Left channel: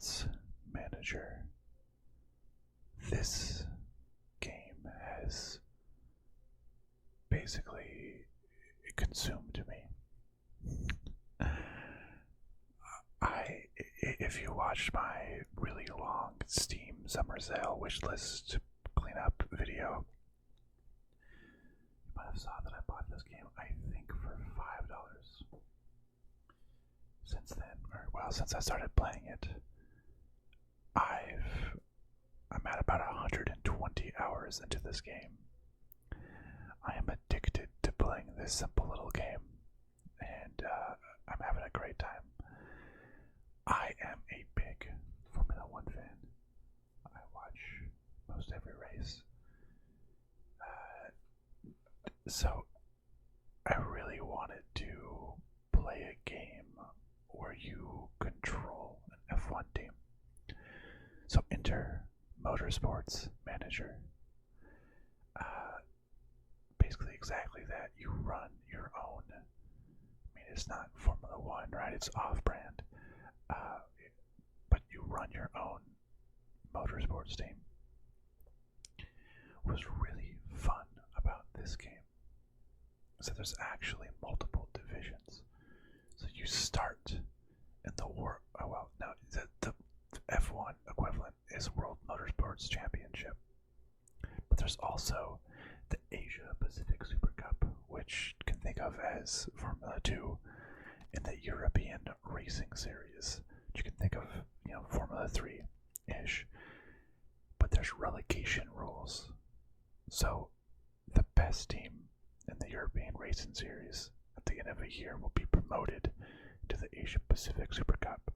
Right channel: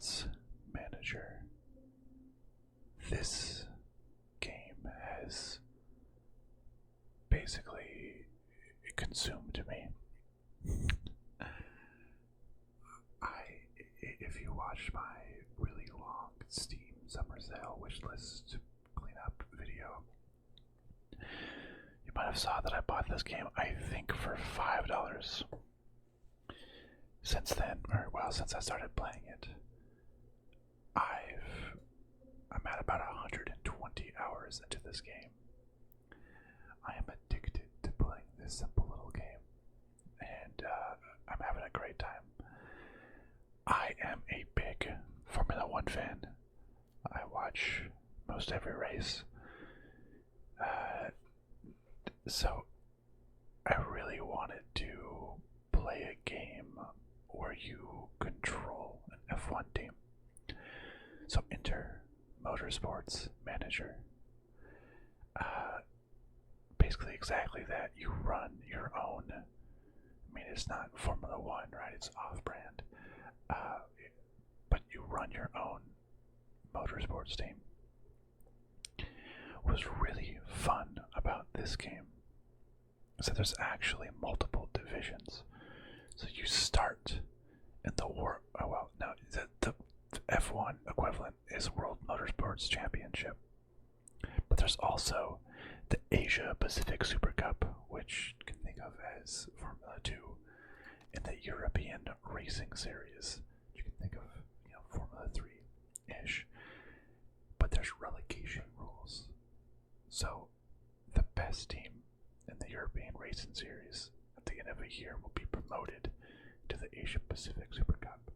Motorsports Manager. This game has basically consumed me. If you watched my really long Steam Summer Sale Wishlist cleanup video, you might have saw that I bought this game, I think, for $5. Since then, since I started playing it, I'm at about 120 hours into this game. I am addicted to playing this simple little game, and I'm having a great time. I am a big Formula One fan. I watch most every race. So I really wanted to play a game where you control an F1 team. So enter Motorsports Manager. Basically exactly that. You run your own. I mean, it's not Formula One, right? It's off-brand. But you run your own motorsports team. What was really fun about this game is that there's actually multiple divisions. So you start in the the F1 equivalent is World Motorsports Championship. But there's also the Asia Pacific Super Cup, which you can think of as Formula 2, and the European Racing Series, which you can think of, Formula 3-ish. But there's relegation rules. So the best team in the European Racing Series at the end of a year will be promoted to the Asia Pacific Super Cup,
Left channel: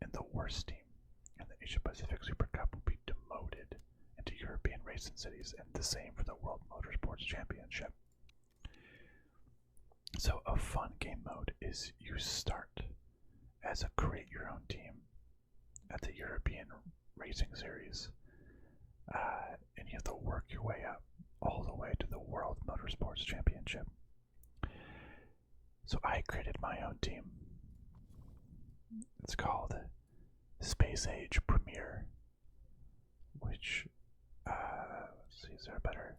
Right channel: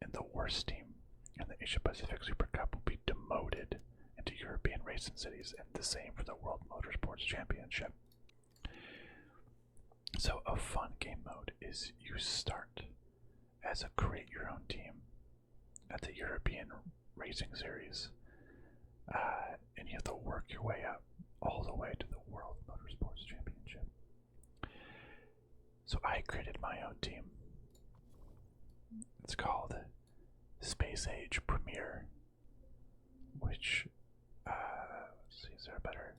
and the worst team in the Asia Pacific Super Cup will be demoted into European Racing Cities, and the same for the World Motorsports Championship. So a fun game mode is you start as a create your own team at the European Racing Series, and you have to work your way up all the way to the World Motorsports Championship. So I created my own team. It's called Space Age Premier, which, let's see, is there a better,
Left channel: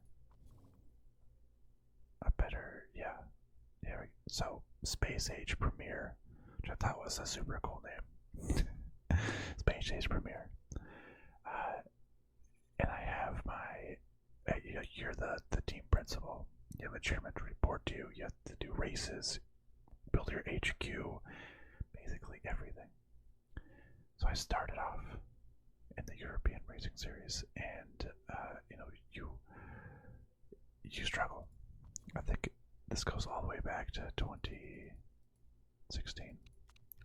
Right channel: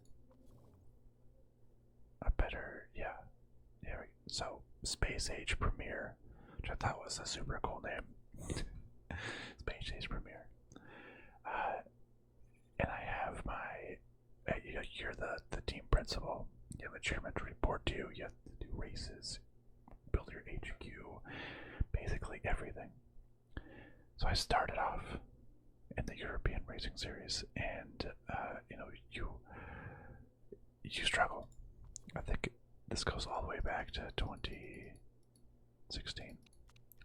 so Space Age Premier, which I thought was a super cool name. Space Age Premier. And I have you're the team principal. You have a chairman to report to. You have to do races, build your HQ, basically everything. So I started off in the European Racing Series, and you struggle. I think this goes all the way back to 2016.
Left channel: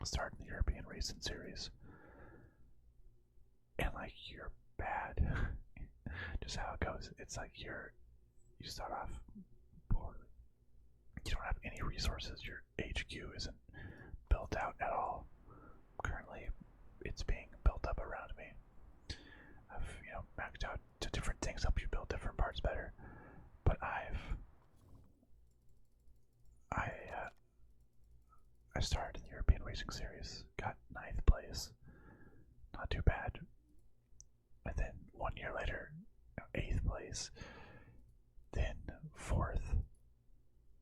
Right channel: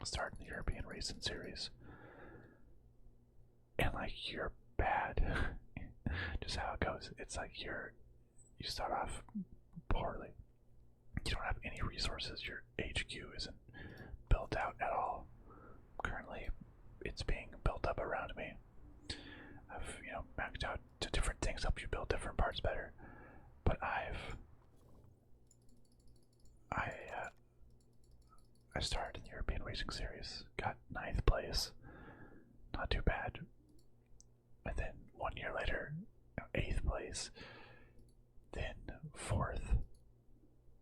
I started in the European Racing Series, and you're bad. Just how it goes. It's like you start off poorly. You don't have any resources. Your HQ isn't built out at all. Currently, it's being built up around me. I've maxed out to different things, help you build different parts better. But I started in the European Racing Series, got 9th place, not too bad. And then 1 year later, 8th place, then 4th,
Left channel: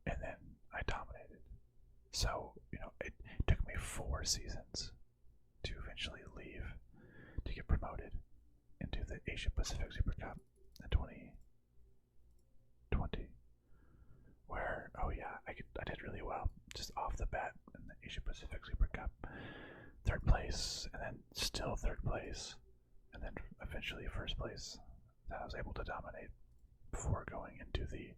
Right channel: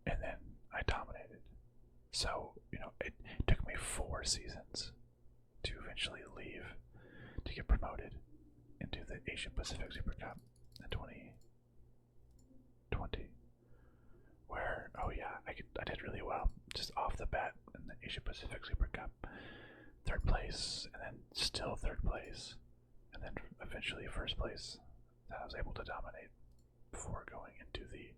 and then I dominated. So, it took me 4 seasons to eventually leave to get promoted into the Asia Pacific Super Cup in 2020, where, I did really well, just off the bat in the Asia Pacific Super Cup. 3rd place, and then still 3rd place, and then eventually 1st place that I was able to dominate before going into the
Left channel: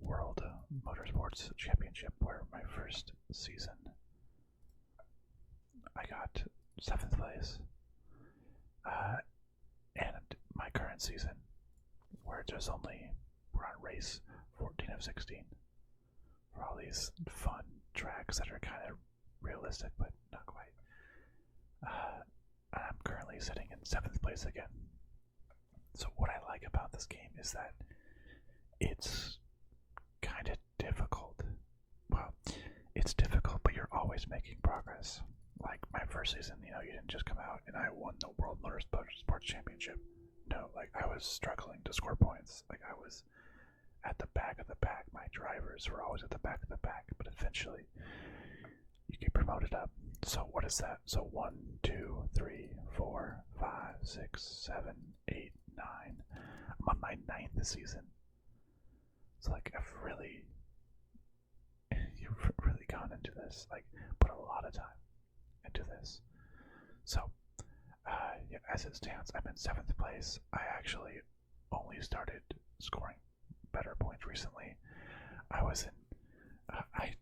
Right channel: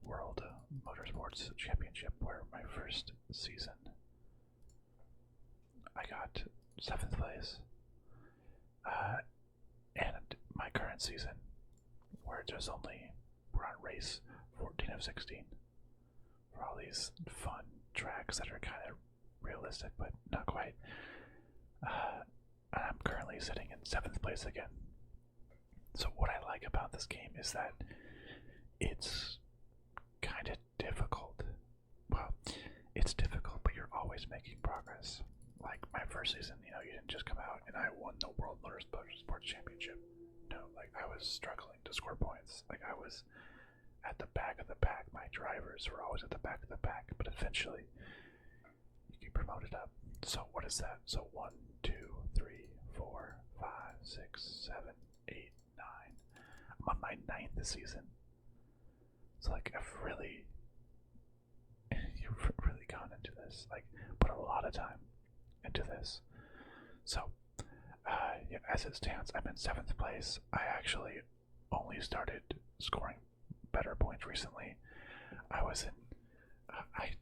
World Motorsports Championship, where my first season I got 7th place. And my current season, where we're on race 14 of 16 for all these fun tracks that are kind of realistic but not quite. And I'm currently sitting in 7th place again. So what I like about this game is that it's kind of difficult. Well, it's difficult, but you're always making progress. Like my first season, you didn't just come out and I won the World Motorsports Championship. No, like I was struggling to score points. Like I was at the back of the pack. My drivers were always at the back of the pack, but eventually you get promoted up. So what is that? So 1, 2, 3, 4, 5, 6, 7, 8, 9. I'm on my 9th season. So like you've really gone into this. Like put a lot of time into this. So yeah, as it stands, I'm in 7th place. I actually only started scoring better points recently. I was in. I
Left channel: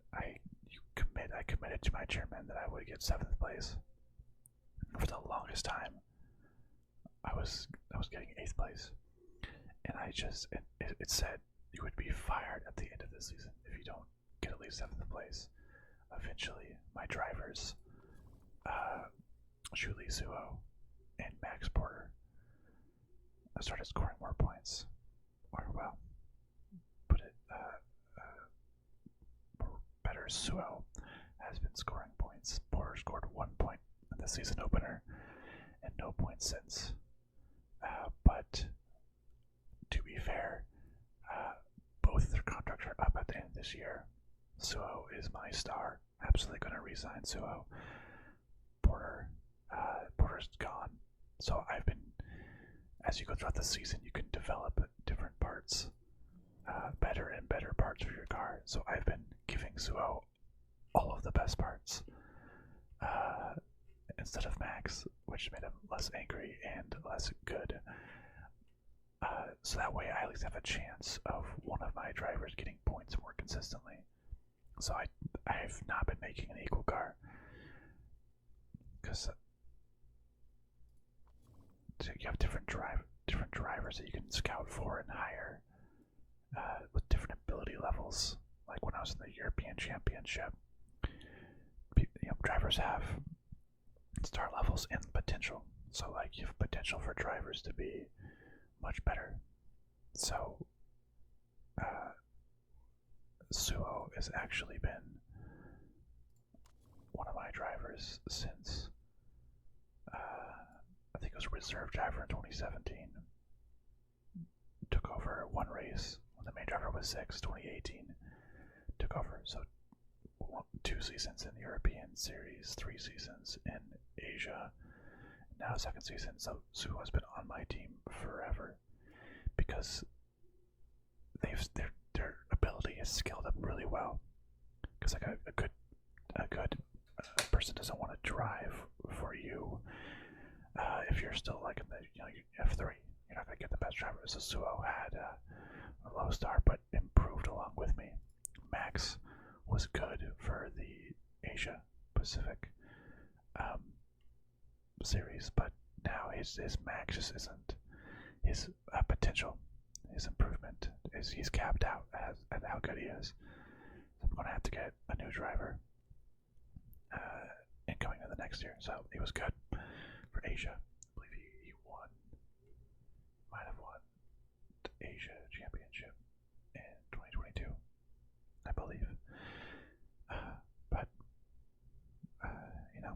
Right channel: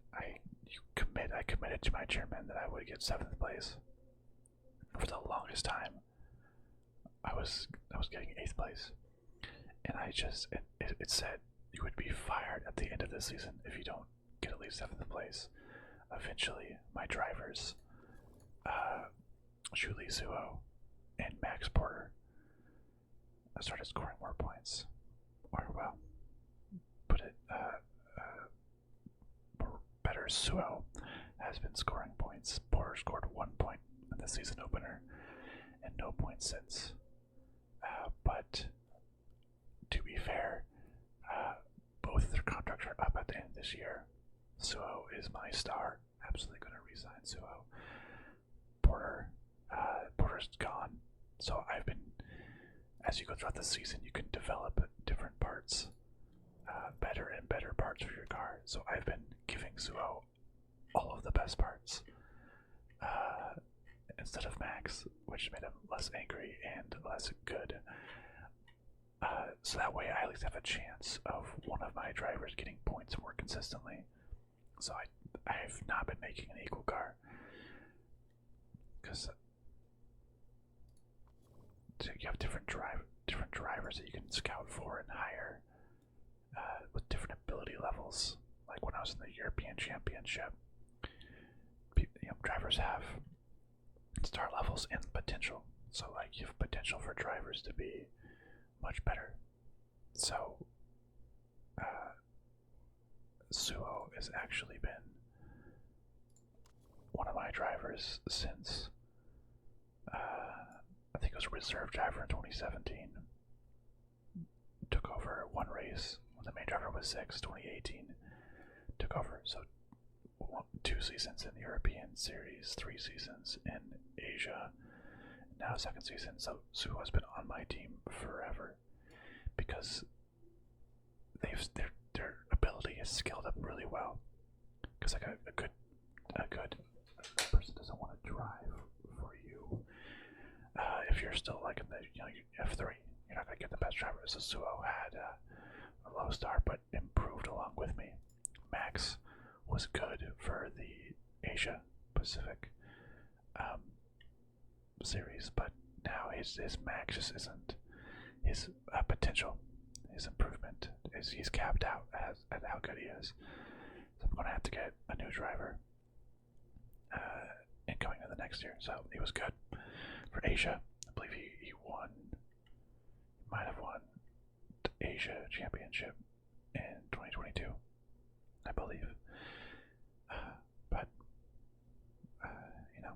committed to my chairman that I would get 7th place. For the longest time, I was getting 8th place, and it said you would be fired at the end of this season if you don't get at least 7th place. Eventually, my drivers, Julie Zuo and Max Porter, started scoring more points. Or, well, put it better, Suo has been scoring points. Porter scored 1 point in the season opener and no points since. But to be fair, both their contracts are up at the end of this year. Suo is my star. Absolutely going to resign Suo. Porter's gone. So I've been, as you go throughout the season, you can develop different parts, better and better parts for your car. So I've been giving Suo all of the best parts instead of Max, which made him less angry and less good. So that way I at least have a chance of one of my drivers getting points more consistently. So I've not been making an equal car because you have different drivers that you can scout for and hire with different ability levels. Like when I was in the European Championship, drivers have star levels and potential. So like you have potential for drivers to be much better. So Suo has actually been one of my drivers since I think it was a reserve driver in 2017. Took over 1 race when the main driver was 6. 2018 took over. So 2 seasons in the European Series, 3 seasons in Asia, now 2nd season. So Suo has been on my team forever because their ability is scaled up really well. Because like a good person doesn't want to drive for you if you're still like in the F3. You're not gonna get the best driver. So Suo had a low star, but improved along with me. Max was good for the Asia Pacific series, but now his Max just isn't. His potential, his improvement he's capped out at how good he is. So I'm gonna have to get a new driver incoming in the next year. So he was good for Asia. I believe he won. Might have won the Asia Championship in 2022, I believe. But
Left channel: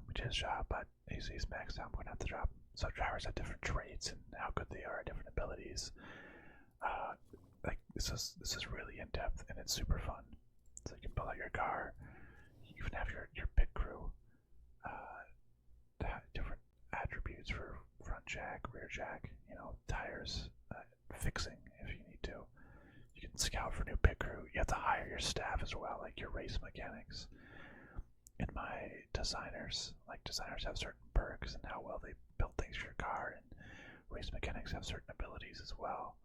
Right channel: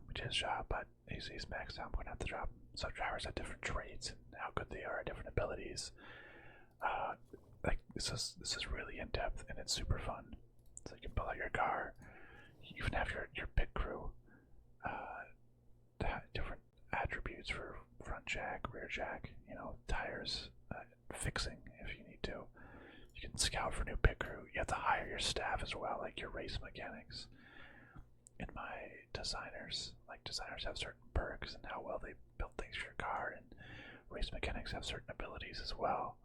we did his job. But he's maxed out. I'm gonna have to drop him. So drivers have different traits and how good they are, different abilities. Like this is really in depth and it's super fun. So you can build out your car. You even have your pit crew. Different attributes for front jack, rear jack. Tires, fixing if you need to. You can scout for new pit crew. You have to hire your staff as well, like your race mechanics. And my designers have certain perks and how well they build things for your car, and race mechanics have certain abilities as well.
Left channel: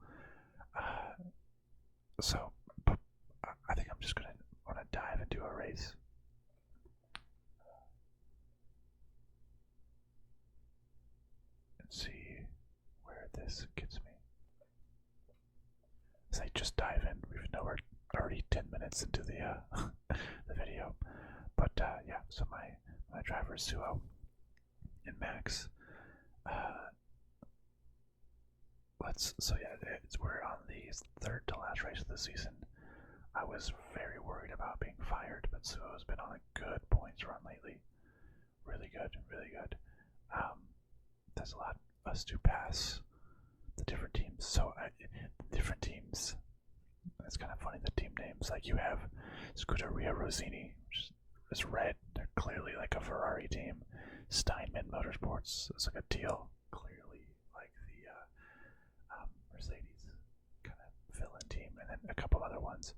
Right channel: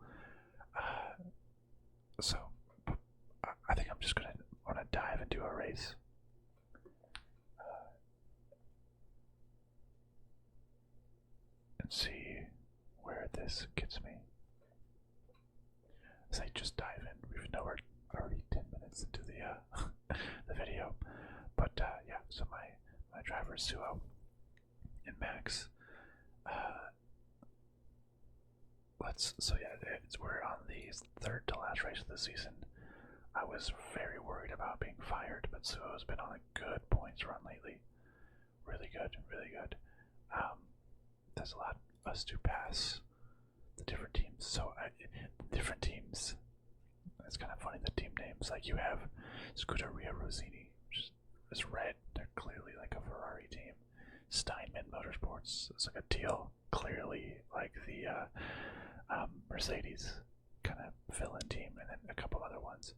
So I think I'm just gonna dive into a race. And see where this gets me. As I just dive in, we're already 10 minutes into the the video. But yeah, so my driver is Suo and Max. We're on the 3rd to last race of the season. I was very worried about being fired, but Suo's been on a good points run lately. really good, really good. There's a lot of us to pass the different teams. So different teams. It's kind of funny the team names. Like you have Scuderia Rossini, which is red. They're clearly like a Ferrari team. Steinman Motorsports is like a teal, clearly like the Mercedes kind of fill-in team, and then a couple other ones.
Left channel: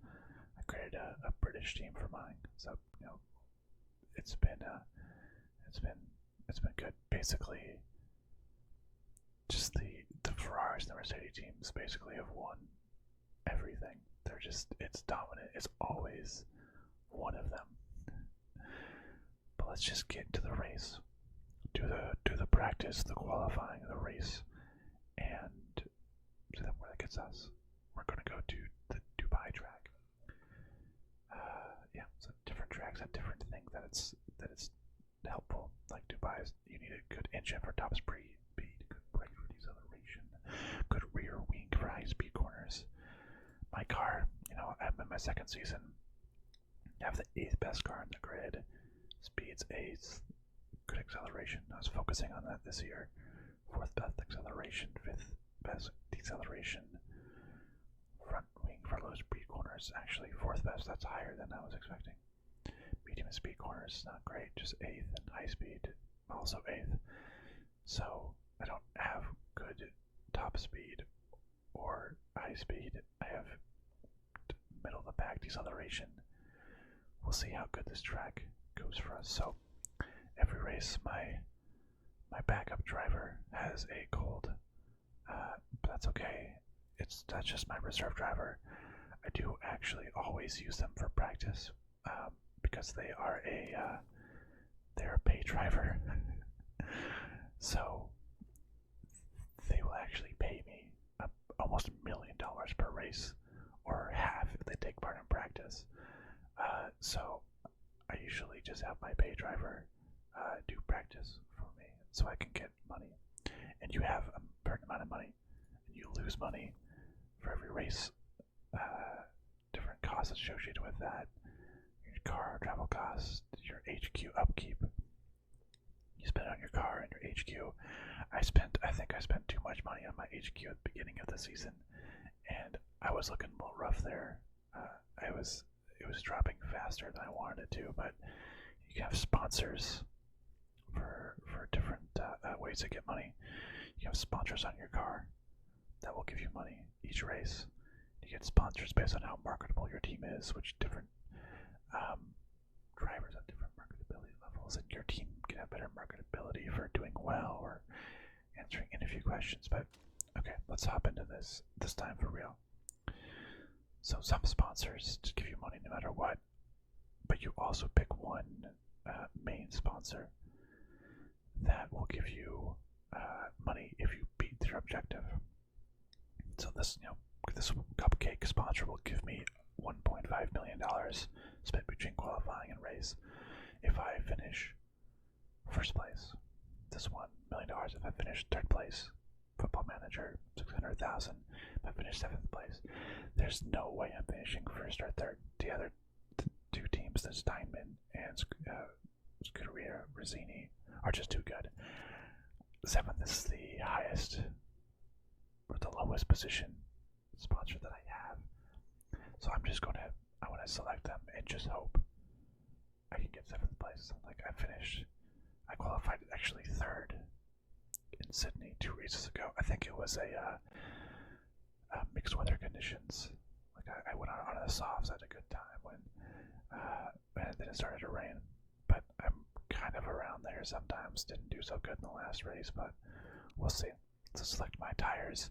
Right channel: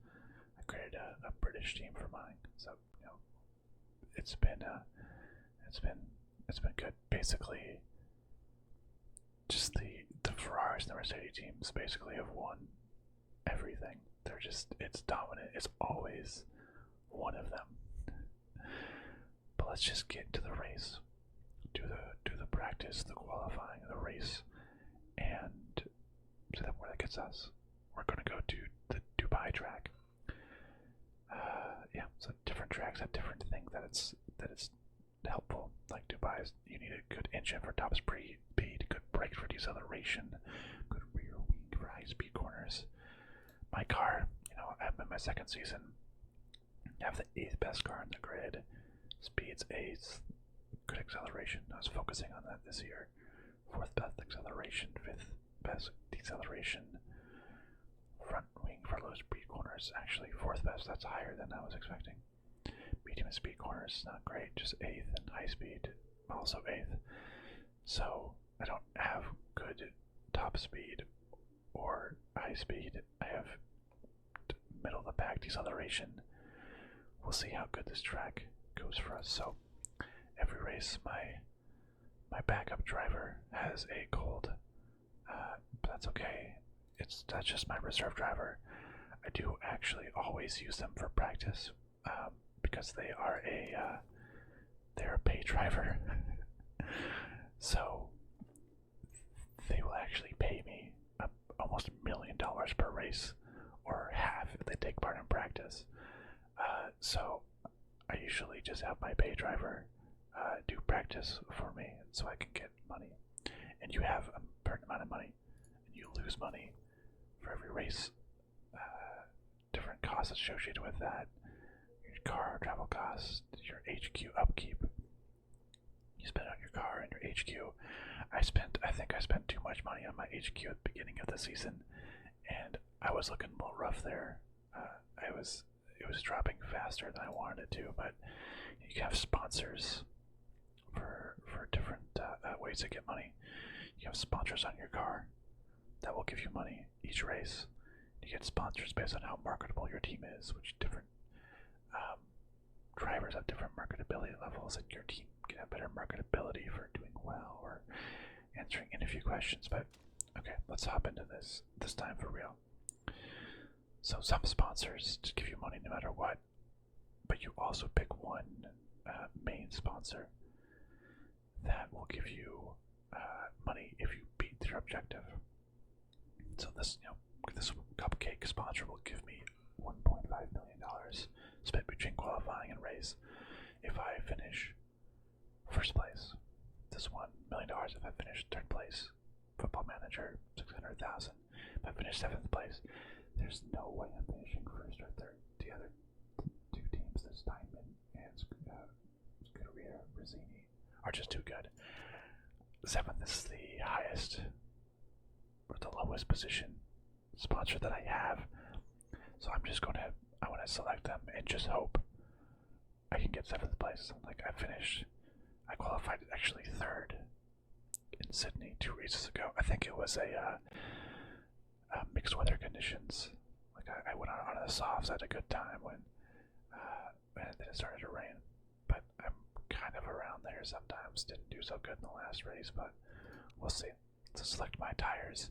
I created a British team for mine, so it's been good. Basically, just the Ferraris and the Mercedes teams basically have won everything. It's dominant. It's always one of them. But let's just get into the race. Do the practice, the qualifying, the race, and see then where that gets us. We're gonna go to the Dubai track. Yeah, so different tracks have different things that it's helpful. Like Dubai, you need a good engine for top speed, good brakes for deceleration, good rear wing for high speed corners. My car, I'm in my second season. I have the 8th best car in the grid. Speed's 8th. Good acceleration. I was focusing on that this year. 4th best acceleration. 5th best deceleration. Front wing for low speed corners. Actually, 4th best. That's higher than I was expecting. Medium speed corners, not great. Just 8th, and high speed, also 8th. So I don't have good top speed or high speed. I have middle of the pack deceleration. We'll see how good this track goes for us. So every race, my backup driver has a cold, but that's okay. That's just my reserve driver. I do actually always use them for practice because they're a pay driver. So they will actually pay me almost $1 million per race, or half if they take part in practice. So I usually just have my pay driver do practice for me so I can get money. And you have a certain amount of money, and you lose money for every race. Different costs associated with that. Your car, travel costs, your HQ upkeep. You spend on your car and your HQ. I think I spent too much money on my HQ at the beginning of the season, and I was looking a little rough there. It was dropping faster than I wanted it to, but you can have sponsors for different ways to get money. You have sponsors on your car that will give you money each race. You get sponsors based on how marketable your team is, which different drivers have different marketability levels, and your team can have better marketability for doing well or answering interview questions. But okay, let's hop into this time for real. So some sponsors just give you money no matter what, but you also pick one main sponsor that will give you money if you beat their objective. So this cupcake sponsor will give me $1.5 million split between qualifying and race if I finish first place. This $1 million if I finish third place. Football Manager, $600,000 if I finish 7th place. There's no way I'm finishing first or third. The other two teams, the Steinman and Scuderia Rossini, are just too good. 7th is the highest, or the lowest position sponsor that I have. So I want to select them and just hope I can get 7th place. Like I qualified actually 3rd in Sydney 2 races ago. I think it was a mixed weather conditions. Like I went on the softs at a good time and then it started to rain. But I'm kind of around there sometimes. Didn't do so good in the last race, but we'll see. So select my tires.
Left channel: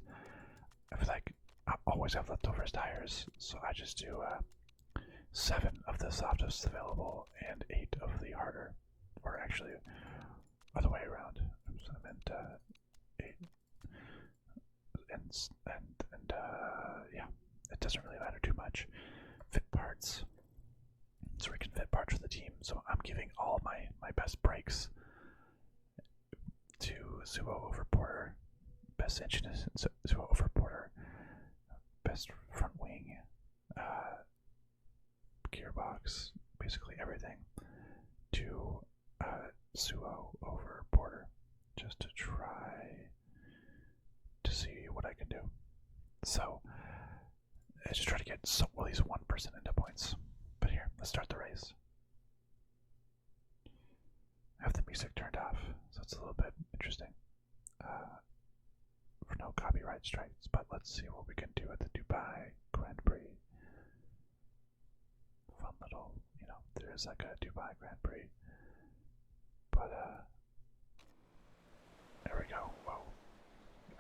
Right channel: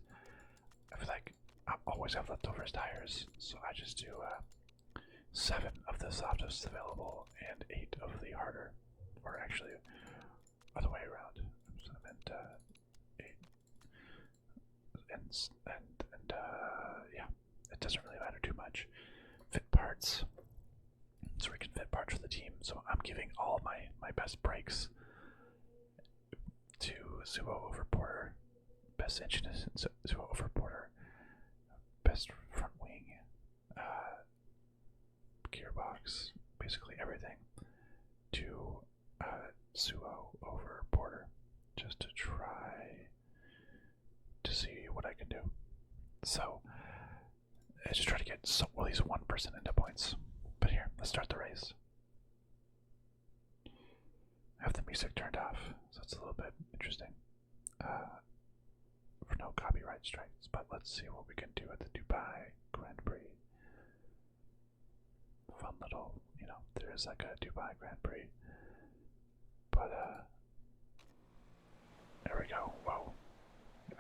I feel like I always have leftovers tires, so I just do 7 of the softest available and 8 of the harder, or actually other way around. So I meant 8 and yeah, it doesn't really matter too much. Fit parts, so we can fit parts for the team. So I'm giving all my best brakes to Suo Overporter, best engine is Suo Overporter, best front wing, gearbox, basically everything to Suo over Porter just to try to see what I can do. So I just try to get at least 1% into points. But here, let's start the race. I have the music turned off, so it's a little bit interesting. For no copyright strikes, but let's see what we can do at the Dubai Grand Prix. Fun little, there's like a Dubai Grand Prix. But, there we go. Whoa.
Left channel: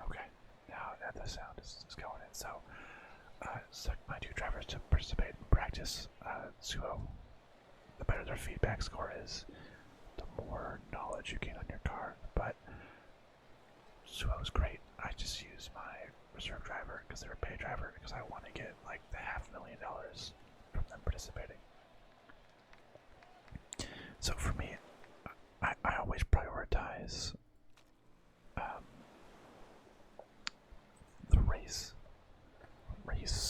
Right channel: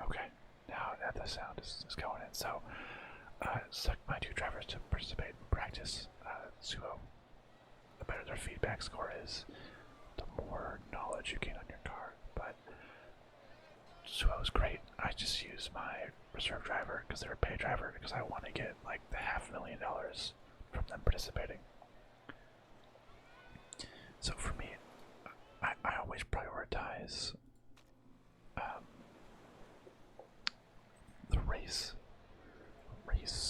Okay, now the sound is going in. So, select my two drivers to participate in practice. Suo, the better their feedback score is, the more knowledge you gain on your car. But Suo is great. I just use my reserve driver because they're a pay driver because I want to get like the $500,000 from them participating. So for me, I always prioritize the race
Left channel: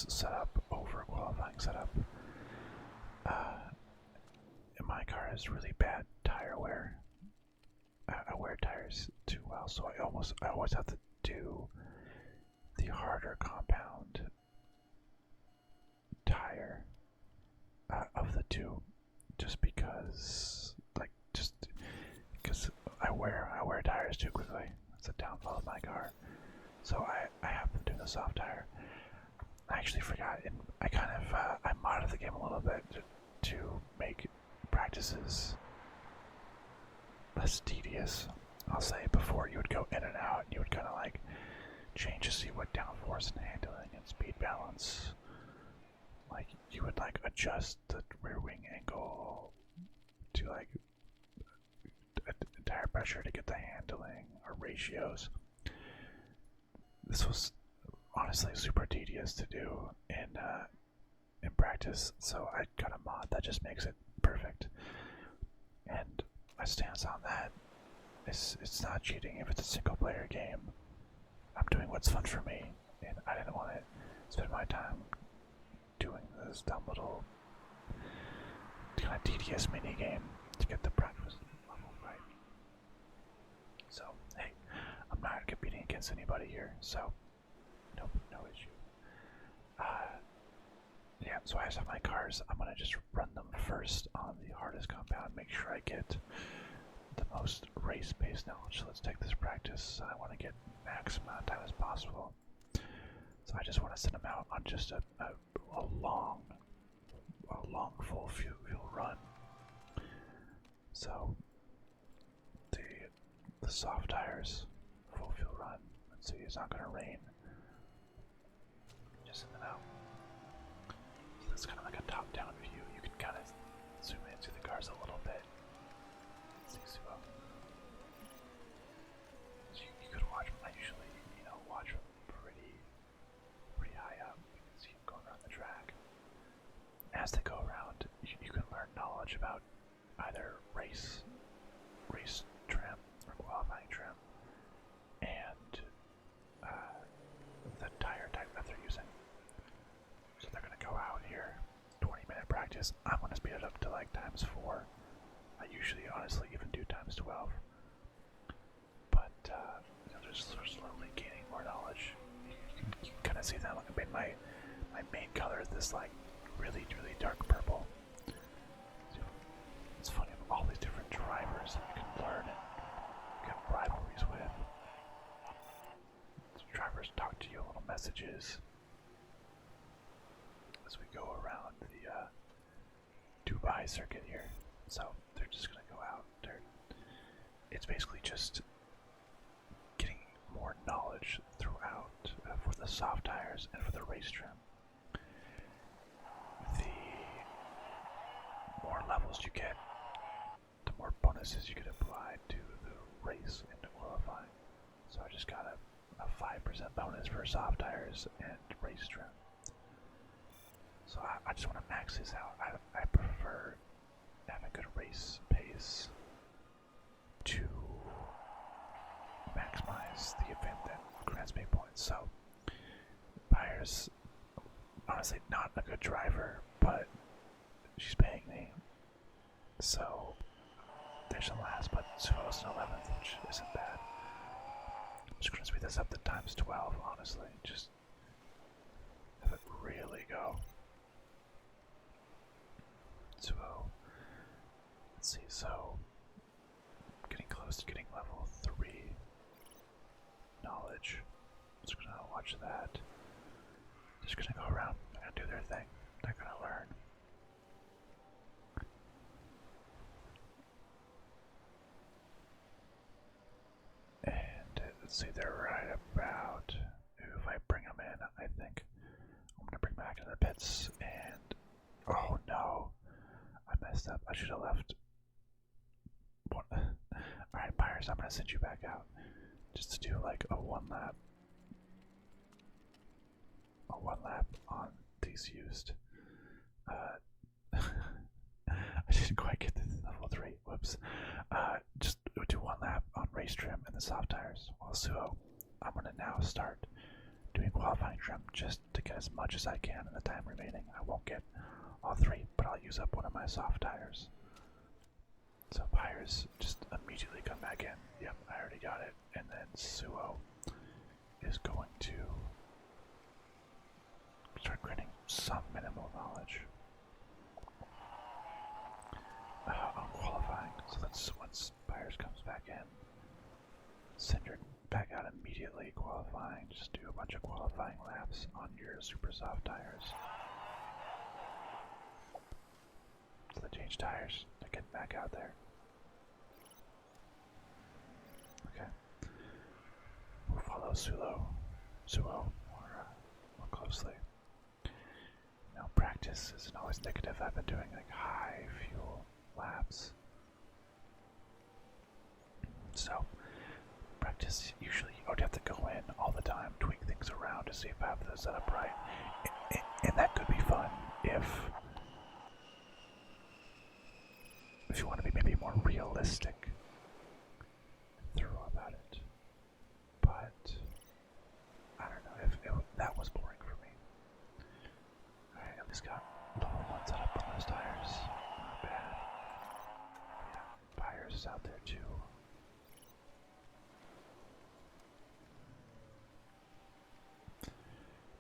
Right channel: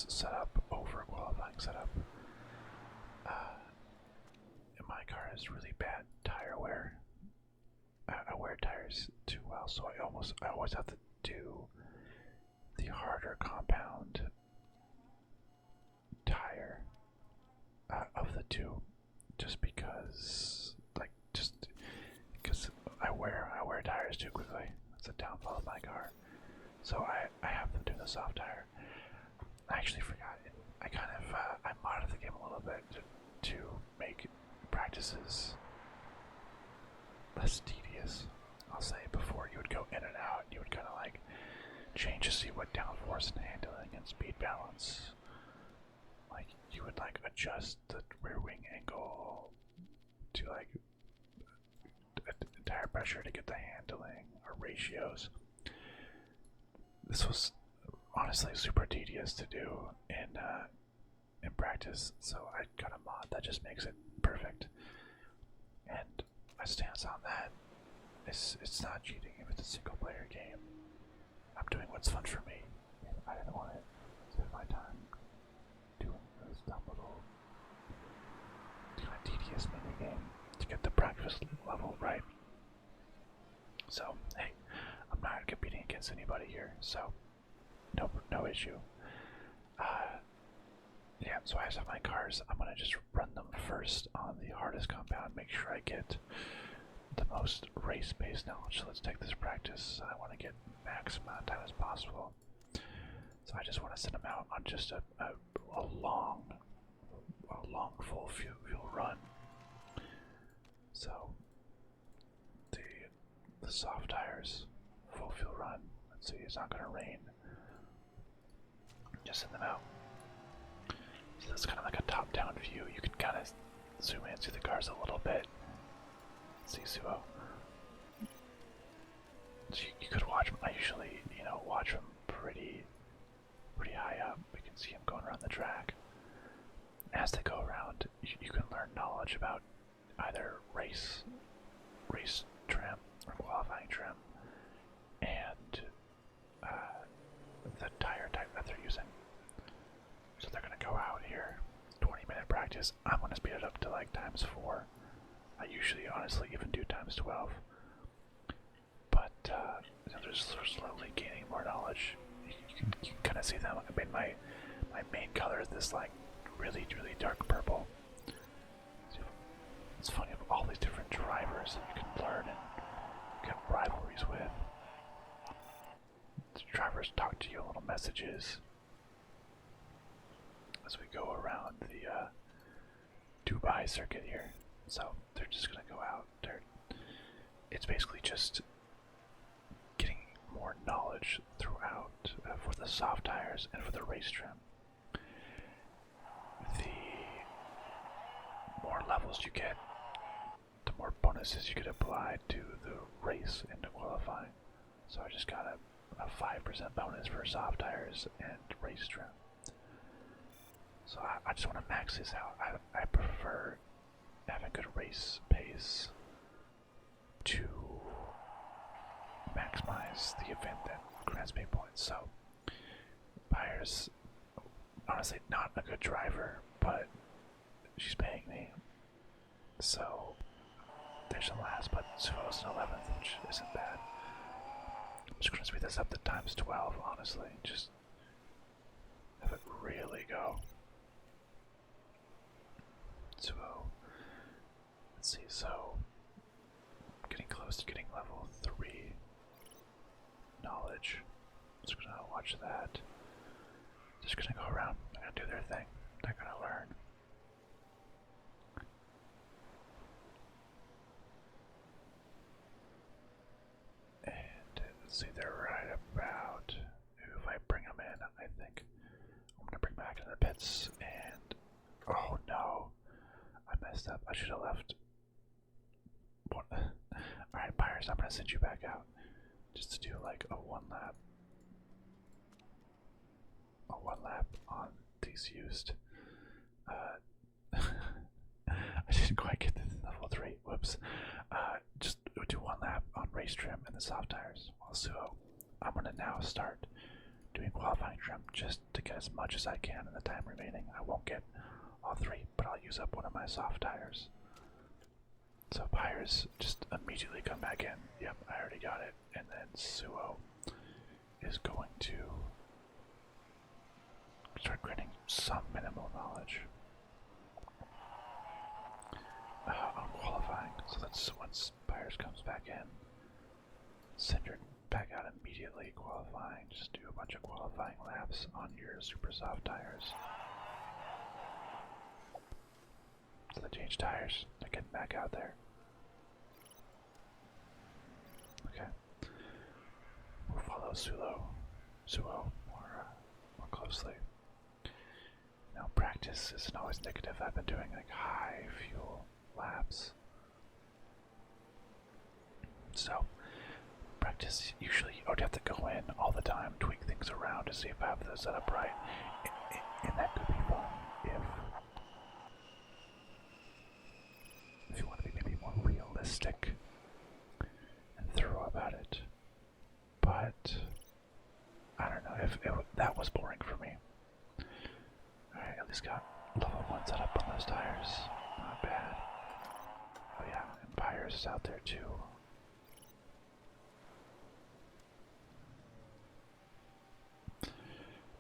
setup over qualifying setup. And my car has really bad tire wear. I wear tires too well, so I always have to do the harder compound tire of the two, just because I wear tires too quickly. That's a downfall of my car. So I have them do the soft tire. I actually forgot. I kind of I modded the game a little bit to make practices less tedious. I'll say before you would go in and out, you would kind of like change to see what downforce and handling and speed balance. Like you would like adjust the rear wing angle to like tire pressure to get the handling or ratios. This was honestly super tedious to do in practice, so I got a mod that just makes it perfect. And my stance on that is it's not cheating if it's a single player game. I'm doing what's fun for me, and I didn't want to spend my time doing this dumb little kind of tedious mini game to get the practice level right. So hey, I'm not competing against anybody here, so no issue. Yeah, so I have my cars. I'm gonna just run them first on the hardest compound, make sure I get the most race-based knowledge. So let's take this practice. I want to get maximum amount of time as possible. So I just want to send them out on just a long full fuel run. So the soft tires, full fuel run. Let's see, it's not gonna rain. Just send them out. So that's kind of like a top-down view. You can kind of zoom in, see the cars a little bit. See Suo. So you could watch them. I usually, watch them pretty high up. We can see them going around the track. As they go around, you can learn knowledge about either race trim or qualifying trim, and the tire type that they're using. So they're gonna go out here, 20-minute practice. I'm gonna speed it up to like ×4. I usually, honestly, even do ×12. But they're slowly gaining more knowledge. You can kind of see them. I mean, my main color is this like really dark purple. It's funny, of all these different drivers that you can learn and get rivalries with. The drivers talk to you little messages as we go around the Dubai circuit here. So they're just gonna go out. It's basically just getting more knowledge throughout for the soft tires and for the race trim. The more levels you get, the more bonuses you can apply to the race and to qualifying. So I just got a 5% bonus for soft tires and race trim. So I just want to max this out. I prefer having good race pace to maximize the event that grants me points. So Byers, honestly, not a good driver, but she's paying me, so division last, but Suo's in 11th, which isn't bad. I'm just gonna speed this up to times 12, honestly. Just have it really go. Suo. Let's see, so getting close to getting level 3 knowledge. Just gonna watch that. Just gonna go around. They're gonna do their thing. They're gonna learn. And let's see, they're right about. If I bring them in, I think I'm gonna bring back to the pits. And oh no, I messed up. I should have left. Alright, Pyres, I'm gonna send you back out just to do like a one lap on these used. I didn't quite get to level 3. Whoops. Just do one lap on race trim and the soft tires. While Suo, I'm gonna now start doing qualifying trim just to get as much as I can in the time remaining. I won't get all 3, but I'll use up one of my soft tires. So Pyres, just immediately come back in. Yep, I already got it. And then Suo is going to start granting some minimal knowledge on qualifying. So that's once Pyres comes back in, send her back out immediately qualifying. Just do a bunch of qualifying laps on your super soft tires. So they change tires. They're getting back out there. Okay. We'll follow Suo more closely. Now, practice isn't always negative. I've been doing like high fuel laps. So, practice usually you don't have to go in all the time, tweak things around to see if I have the setup right. And that could be fun if you want to be maybe more realistic and thorough about it. But I don't know if that was boring for me. Alright, at least got level 1 set up on those tires. Not bad. Oh yeah, and Pyres is out there too.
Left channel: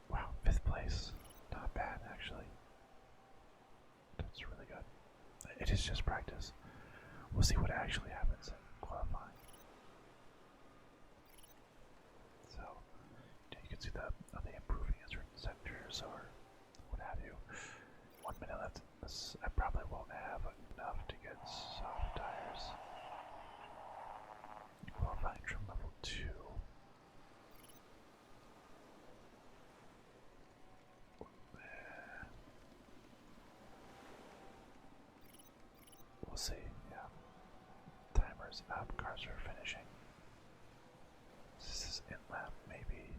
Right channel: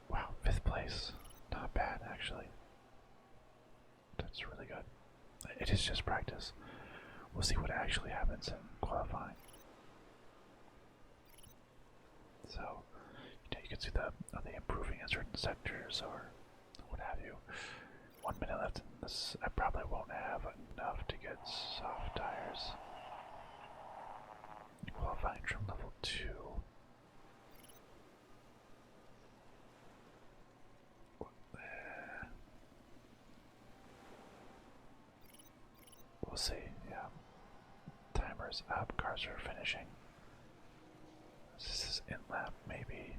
Wow, 5th place. Not bad actually. That's really good. It is just practice. We'll see what actually happens in qualifying. So, you can see the are they improving in certain sectors or what have you. 1 minute left in this. I probably won't have enough to get soft tires. Qualifying trim level 2. We'll see, yeah. Timer's up, cars are finishing. This is in lap, maybe.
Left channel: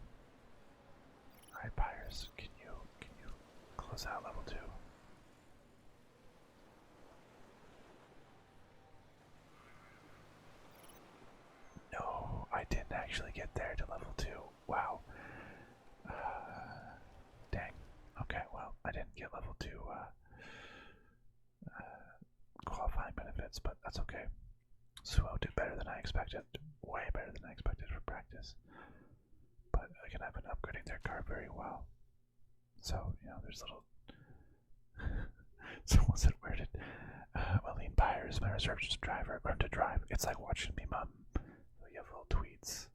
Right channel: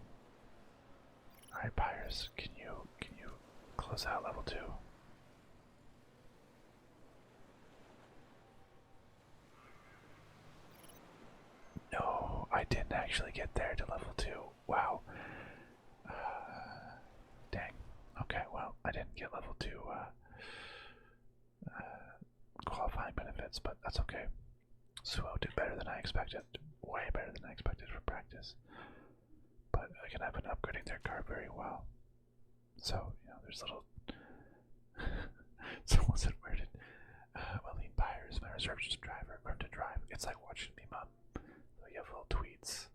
Alright, Pyres, can you close out level 2? No, I didn't actually get there to level 2. Wow. Dang. Okay, well, I didn't get level 2 qualifying benefits, but that's okay. Suo did better than I expected. Way better than I expected for practice. But again, I've been upgrading their car very well. So, there's little... Someone said, where did Aline Pyres, my reserve driver, learn to drive? It's like watching me mom. So you have little tweets.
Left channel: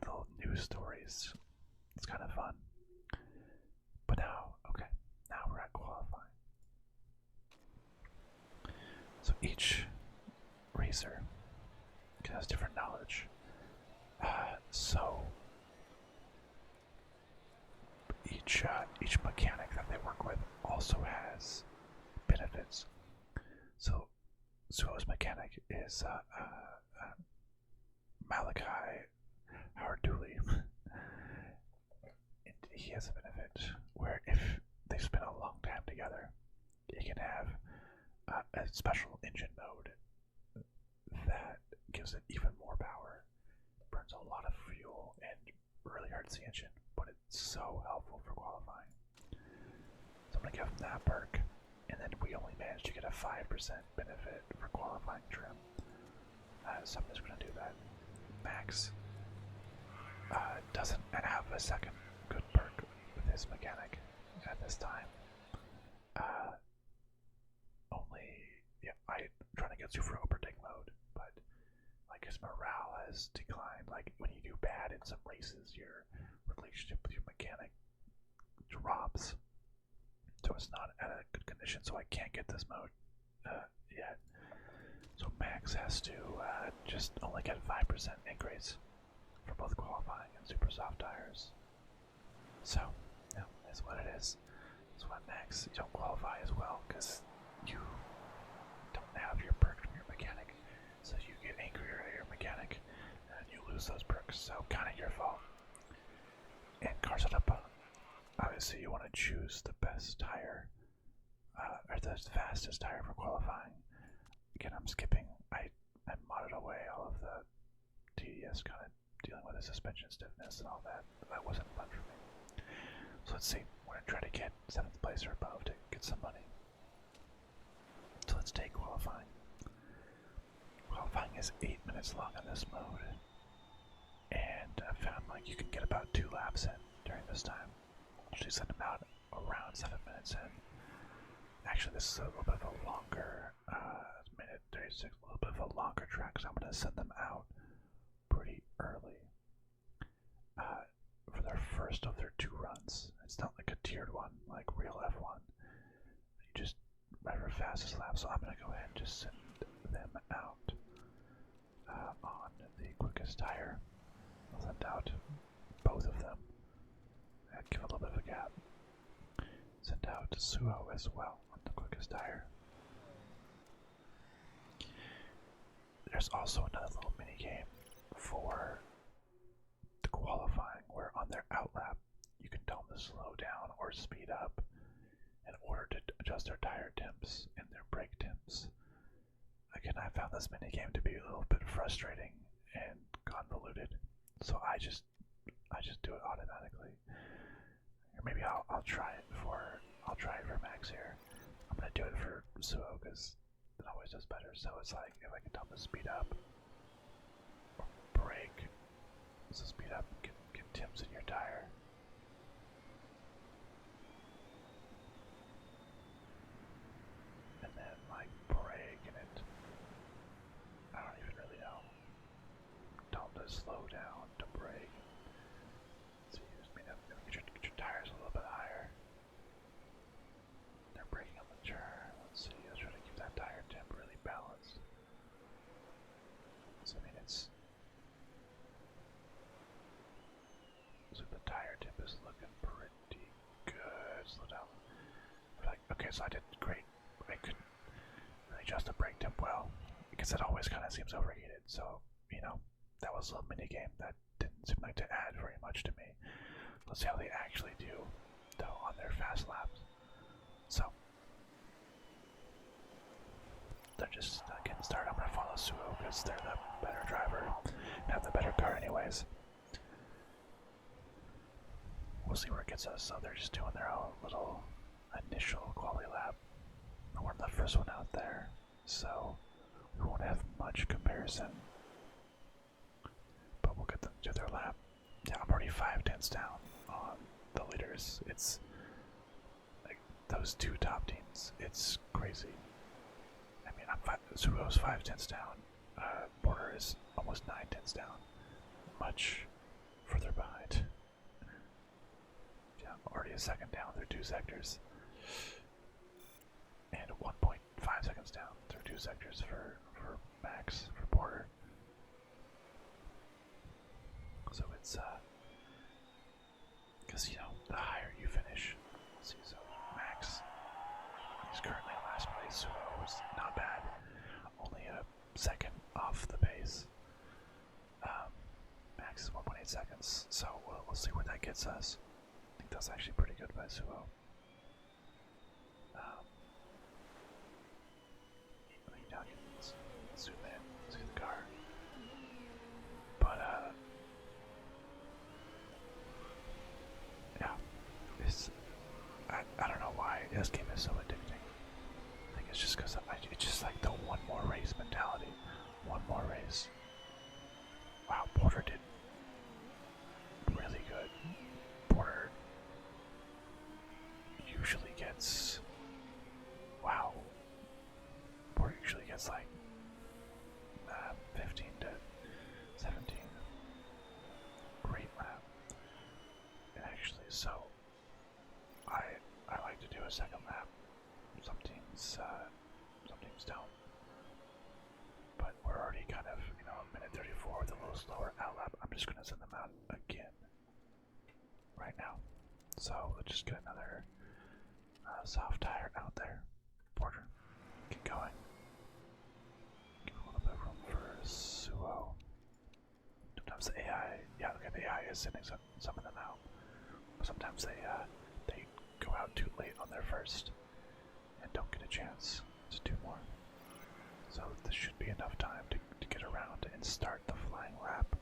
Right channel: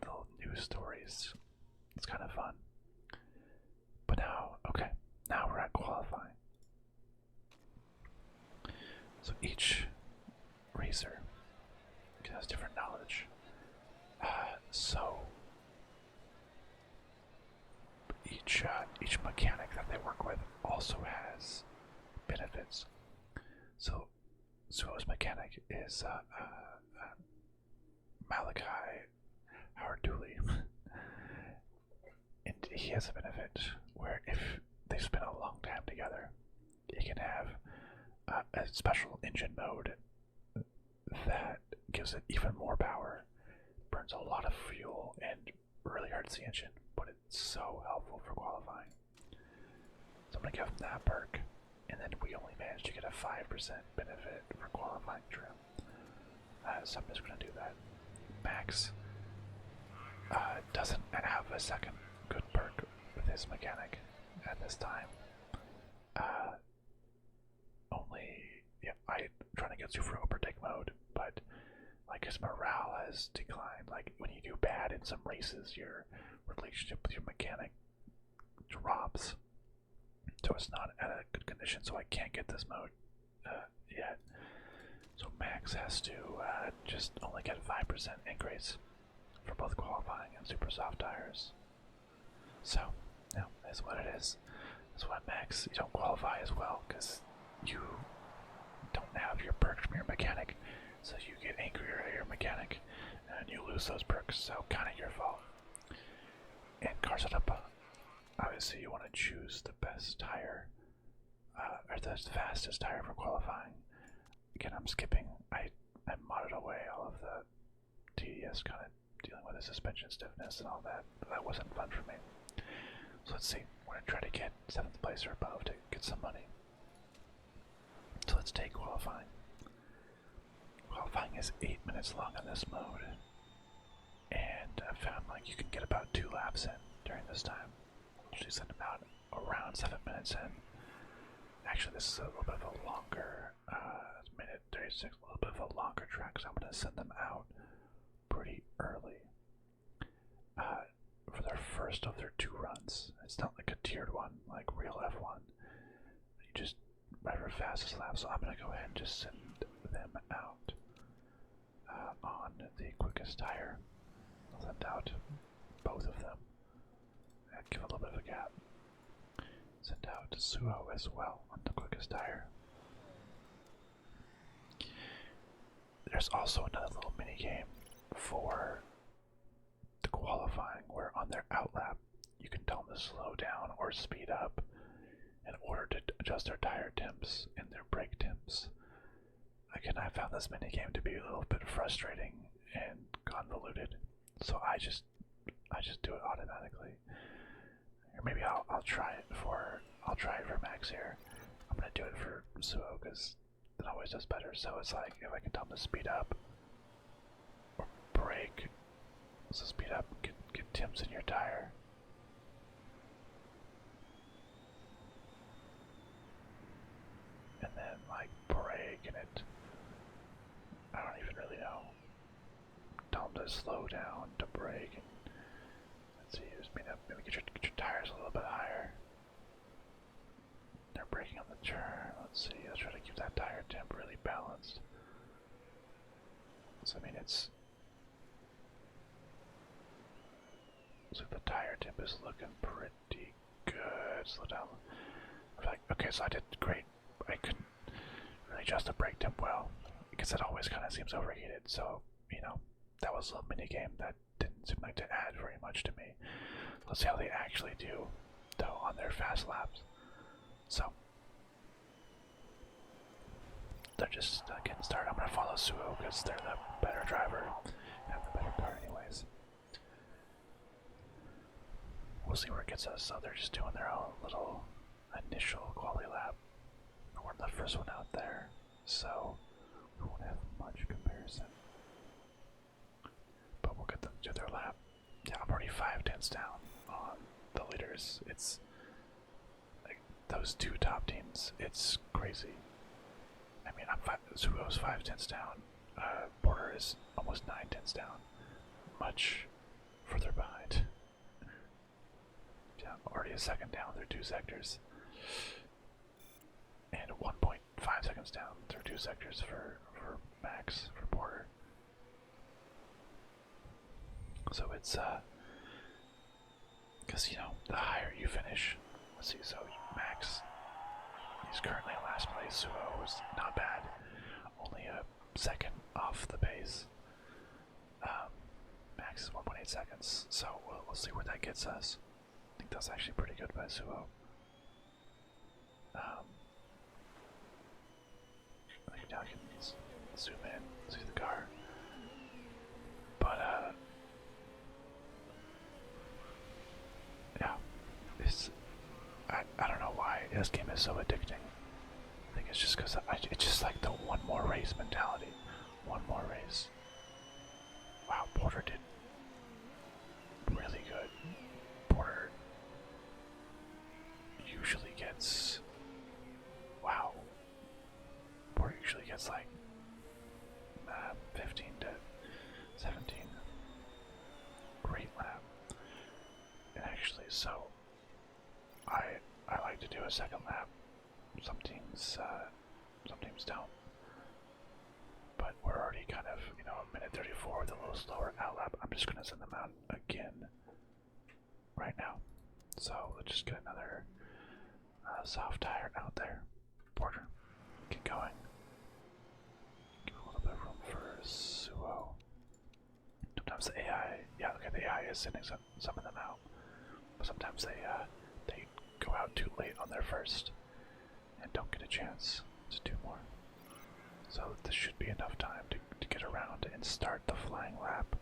Little news stories. It's kind of fun. But now, okay, now we're at qualifying. So each racer has different knowledge. So each mechanic that they work with also has benefits. So Suo's mechanic is Malachi Howard Dooley. And he has a benefit where if they spend a long time together, he can have a special engine mode that gives it even more power, burns a lot of fuel, and really hurts the engine, but it's so helpful for qualifying. So I'm going to give him that perk. and then we only managed to get a 5% benefit for qualifying trim. So I'm just going to do that. Max doesn't have a second good perk with his mechanic at this time. I'm trying to get super overtake mode, but like his morale has declined. Like when you do bad in some races, your relationship with your mechanic drops, so it's not at a good condition. So I can't get this mode yet. So Max has to just only get 5% increase for both qualifying and super soft tires. So, that's what it is. That's why Max, you don't qualify as well because you don't have your perks from your mechanic. So you get angrier at your mechanic and you lose those perks. So kind of your fault. And car setup, obviously you want to choose the best tire or the fastest tire for qualifying. Again, I'm skipping. I modded away all of the tedious kind of dealing with the suspension stiffness and all that. That wasn't fun for me. So let's see. We're going to try to get 7th place or above to get some money. So let's take qualifying. Qualifying is 8 minutes long in this mode. And I found like you can get about 2 laps in during this time. Usually send them out around 7 minutes in. Actually, this is a little bit of a longer, minute 36, a little bit of a longer track, so I'm going to send them out pretty early for their first of their 2 runs. It's not like a tiered one, like real F1. You just ride for fastest lap, so I'm going to go ahead and just send them out on the quickest tire. I'll send out both of them and give a little bit of a gap. Send out Suo as well on the quickest tire. There's also another little mini game for the qualifying where on their outlap you can tell them to slow down or speed up in order to adjust their tire temps and their brake temps. Again, I found this mini game to be a little bit frustrating and convoluted, so I just do it automatically. Or maybe I'll try it for Max here. I'm gonna do it for Suo because it always does better. So it's like if I can tell him to speed up or brake. So speed up, get temps in your tire. And then like brake and it, I don't even really know. Tell him to slow down, to brake. And let's see, just maybe get your tires a little bit higher. They're braking on the turn. Let's see, let's try to keep that tire temp really balanced. So I mean it's, so the tire temp is looking pretty good. Slow down. Like, okay, so I did great. I couldn't really adjust the brake temp well because it always kind of seems overheated. So, you know, that was a little mini game that didn't seem like to add very much to me. Let's see how they actually do, though, on their fast laps. So, they're just getting started. I'm going to follow Suo because they're the better driver and have the better car anyways. We'll see where it gets us. So they're just doing their own little initial quality lap. We're the first one out there, so we won't have much comparison. But we'll get them to their lap. Yeah, I'm already 5/10 down on the leaders. It's like those 2 top teams. It's crazy. I mean, Suo's 5/10 down. Border is almost 9/10 down. Much further behind. Yeah, I'm already a second down. They're 2 sectors. And 1.5 seconds down. They're 2 sectors for Max, for Border. So it's, because, you know, the higher you finish, let's see, so Max, he's currently in last place. Suo was not bad, only a second off the pace. Max is 1.8 seconds, so we'll see where that gets us. I think that's actually pretty good by Suo. I think now I can zoom in, see the car. But, yeah, it's, I don't know why this game is so addicting. it's just because it's just like the one more race mentality. One more race. Wow, Porter did really good. Porter usually gets, wow, Porter usually gets like 15 to 17. Great lap. And actually, so I like to do a second lap. Some teams don't. But we're already kind of, a minute 34 with a little slower out lap. I'm just gonna send them out again right now. So let's just get another soft tire out there. Porter, get going. Give a little bit of room for Suo. Sometimes the AI, yeah, okay, the AI is sending some of them out. But sometimes they go out too late on their first and don't get a chance to do more. So this should be enough time to get around and start the flying lap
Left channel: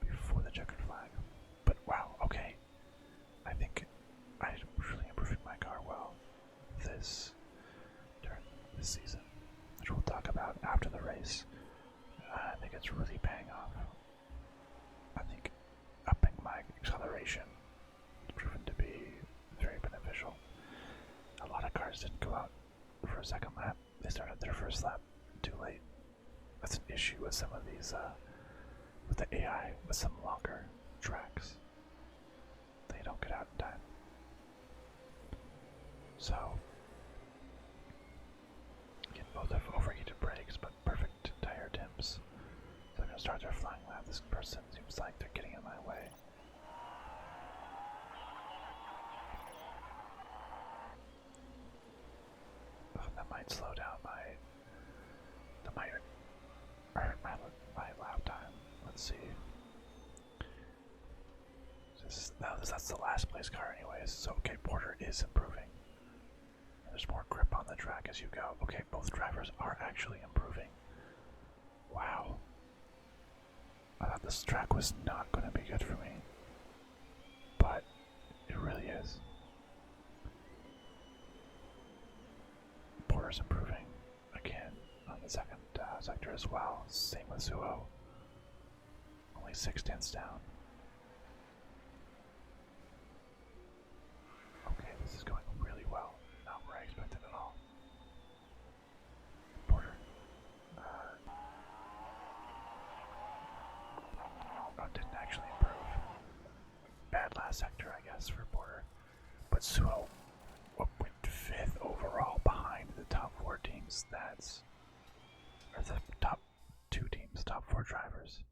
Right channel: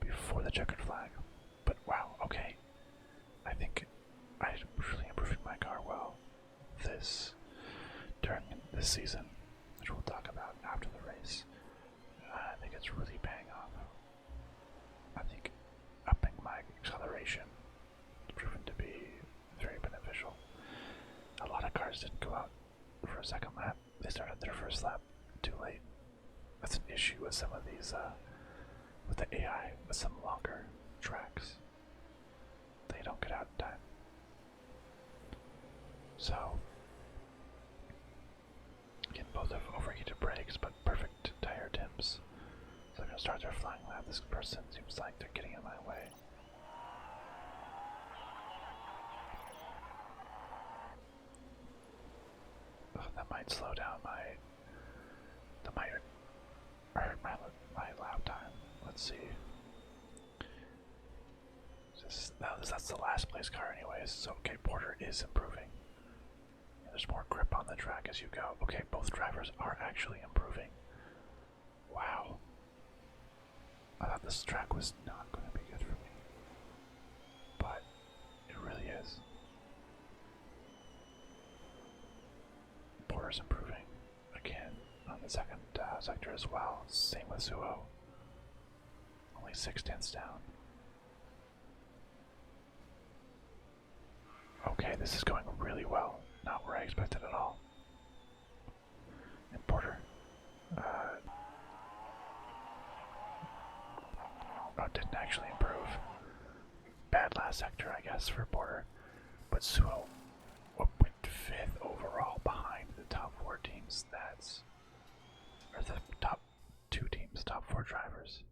before the checkered flag. But wow, okay. I think I'm really improving my car well during this season, which we'll talk about after the race. I think it's really paying off. I think upping my acceleration has proven to be very beneficial. A lot of cars didn't go out for a second lap. They started their first lap too late. That's an issue with some of these, with the AI, with some longer tracks. They don't get out in time. So, again, both have overheated brakes, but perfect tire temps. So they're going to start their flying lap. This person seems like they're getting in my way. Oh, that might slow down that might hurt my lap time. Let's see. That's the last place car anyways, so okay, Porter is improving. There's more grip on the track as you go. Okay, both drivers are actually improving. Wow. I thought this track was not going to be good for me. But it really is. Porter's improving again on the second sector as well. Same with Suo. Only 6/10 down. Okay, this is going really well. Not where I expected at all. And Porter. Didn't actually improve. Bad last sector, I guess, for Porter. But Suo went 5th overall behind the top 4 teams. Or the top 2 teams, top 4 drivers.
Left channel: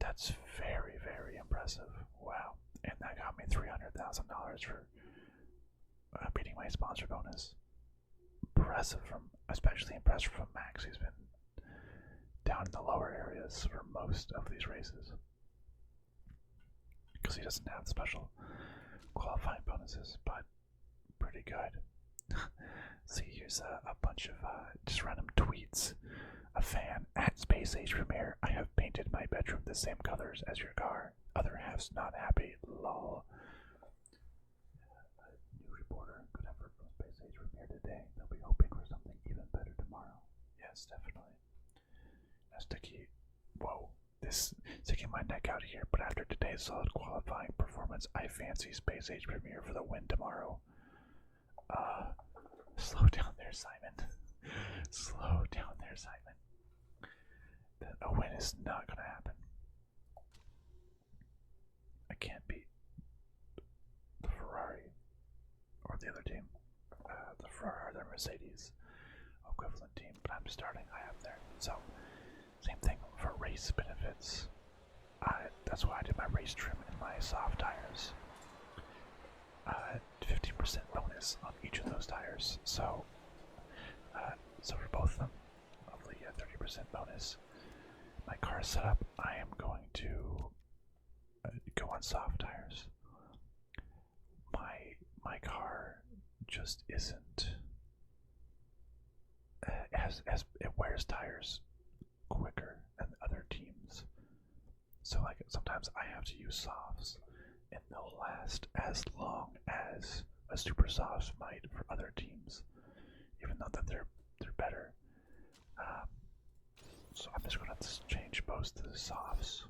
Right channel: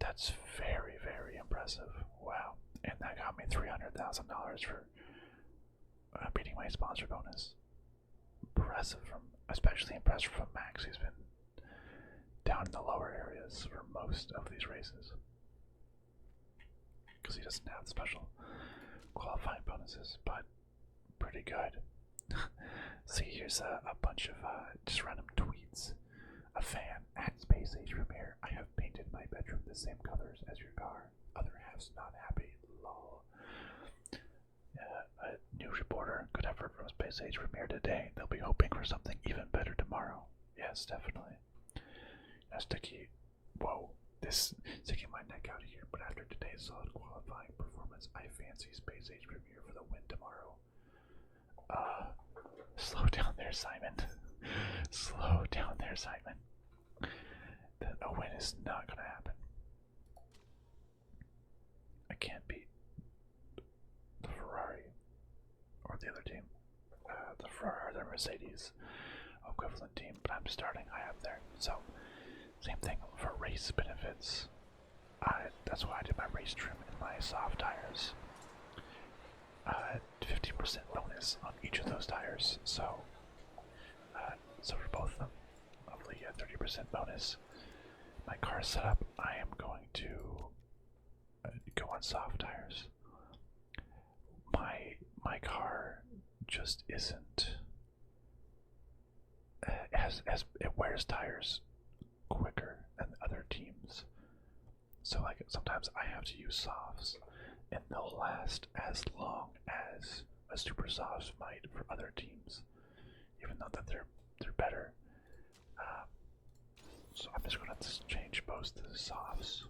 That's very, very impressive. Wow. And that got me $300,000 for beating my sponsor bonus. Especially impressive from Max, who's been down in the lower areas for most of these races. Because he doesn't have the special qualifying bonuses, but pretty good. See, here's a bunch of just random tweets. A fan at Space Age Premiere. I have painted my bedroom the same colors as your car. Other half's not happy. Lol. A new reporter. Good effort from Space Age Premiere today. They'll be hoping for something even better tomorrow. Yes, definitely. Now, Sticky. Whoa. This sticking my neck out here. But after today's solid qualifying performance, I fancy Space Age Premiere for the win tomorrow. Slow down there, Simon. Slow down there, Simon. A win is not going to happen. I can't beat the Ferrari or the other team. The Ferrari or the Mercedes equivalent team, but I'm starting high up there. So, same thing for race benefits. That's why I did my race trim in my soft tires. 15% bonus on each of those tires. So for both of them, hopefully a 30% bonus. My car setup, I am going to go on soft tires. My car just isn't as it wears tires quicker than other teams. So like sometimes I have to use softs, and they'll last as long as a super soft might for other teams. even though that they're better. So I'm just gonna change most to the softs,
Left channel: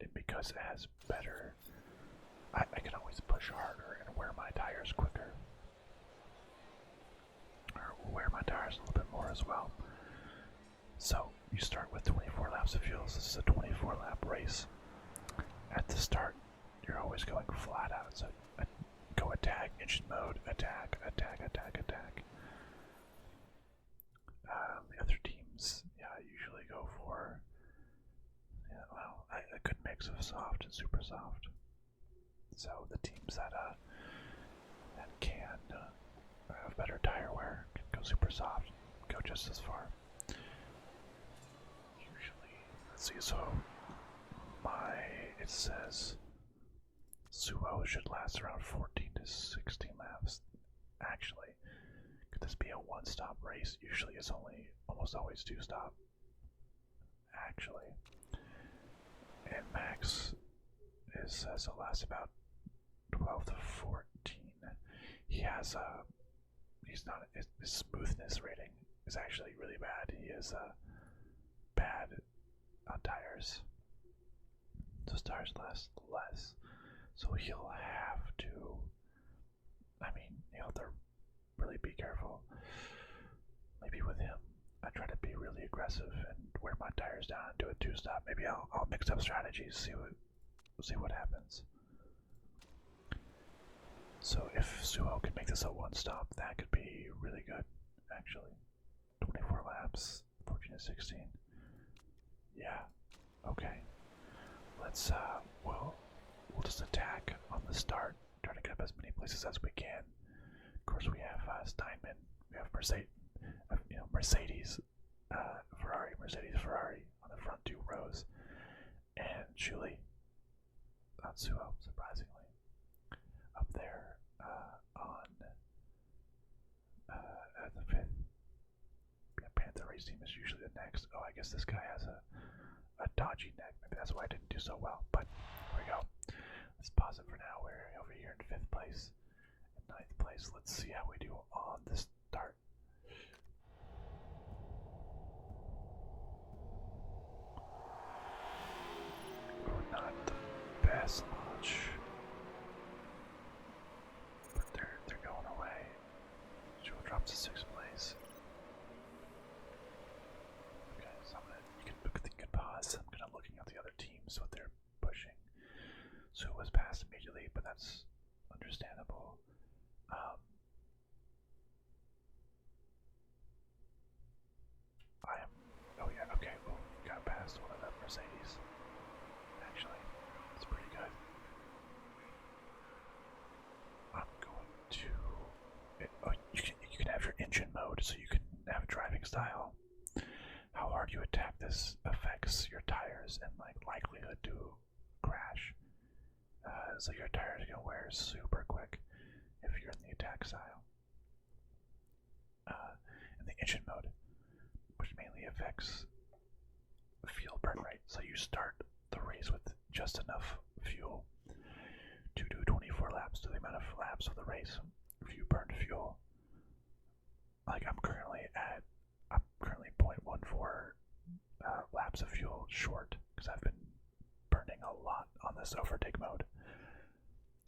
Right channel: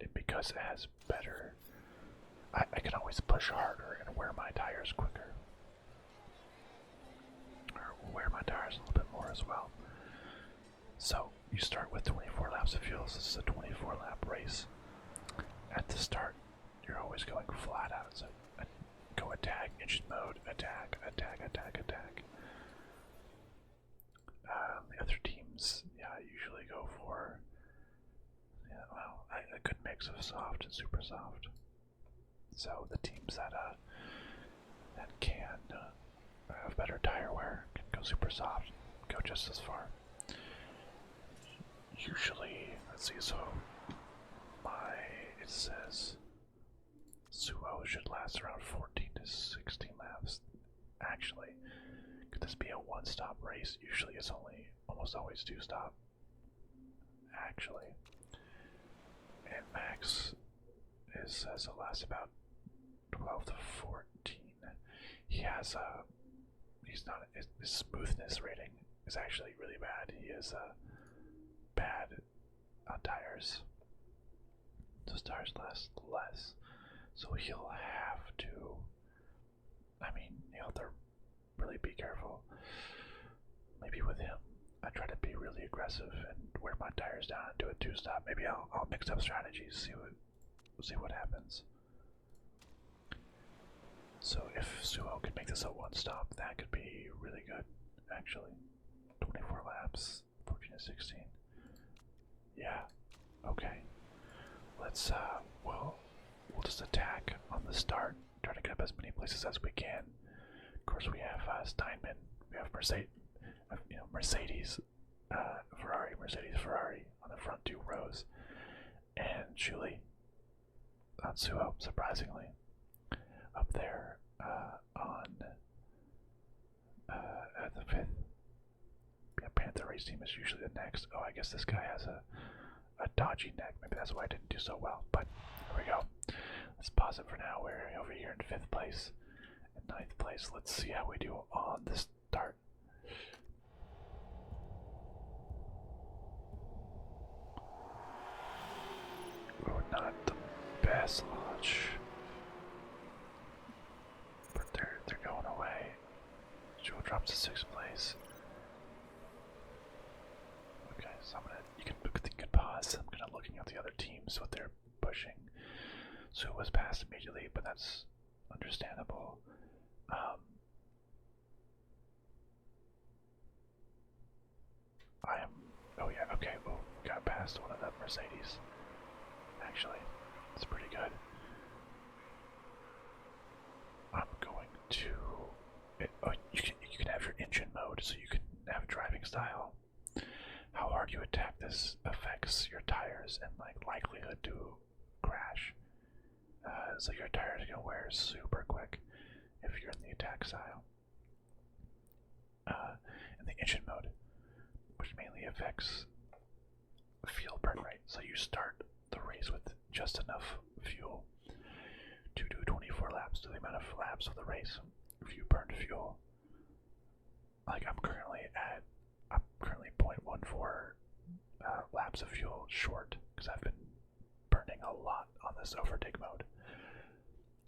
and because it has better, I can always push harder and wear my tires quicker, or wear my tires a little bit more as well. So you start with 24 laps of fuel. So this is a 24 lap race. At the start, you're always going flat out. So go attack, engine mode, attack, attack, attack, attack. The other teams, usually go for, a good mix of soft and super soft. So the teams that can have better tire wear can go super soft, go just as far. Usually, let's see, so it says Suo should last around 14 to 16 laps. Actually, could this be a one-stop race? Usually it's almost always two-stop. Actually. And Max says it lasts about 12 to 14. He has his smoothness rating is actually really bad. He is bad on tires. Those tires last less. So he'll have to, he'll have to really be careful. Maybe with him, I try to be really aggressive and wear my tires down and do a two-stop. Maybe I'll mix up strategies, see what happens. So if Suo can make this a one-stop, that could be really good, actually. 24 laps, 14 to 16. Yeah, okay. Let's, we'll just attack on the start, try to get up as many places as we can. Of course, we have Steinman, we have Mercedes, Ferrari on the front two rows, and Julie on Suo, surprisingly, up there at the fifth. Panther race team is usually the next. Oh, I guess this guy has a dodgy neck. Maybe that's why I didn't do so well. But here we go. Let's pause it for now. We're over here in 5th place and 9th place. Let's see how we do on the start. Oh, not the best launch, but they're going away. Joe drops to 6th place. Okay, so you can pause. I'm gonna looking at the other teams, what they're pushing. So it was passed immediately, but that's understandable. Oh yeah, okay, well, got past one of the Mercedes. Actually, it's pretty good. I'm going to, you can have your engine mode, so you can have driving style. How hard you attack this affects your tires and likelihood to crash. So your tires are gonna wear super quick if you're in the attack style. In the engine mode, which mainly affects fuel burn rate. So you start the race with just enough fuel to do 24 laps, to the amount of laps of the race. If you burn fuel, like I'm currently 0.14 laps of fuel short because I've been burning a lot on this overtake mode.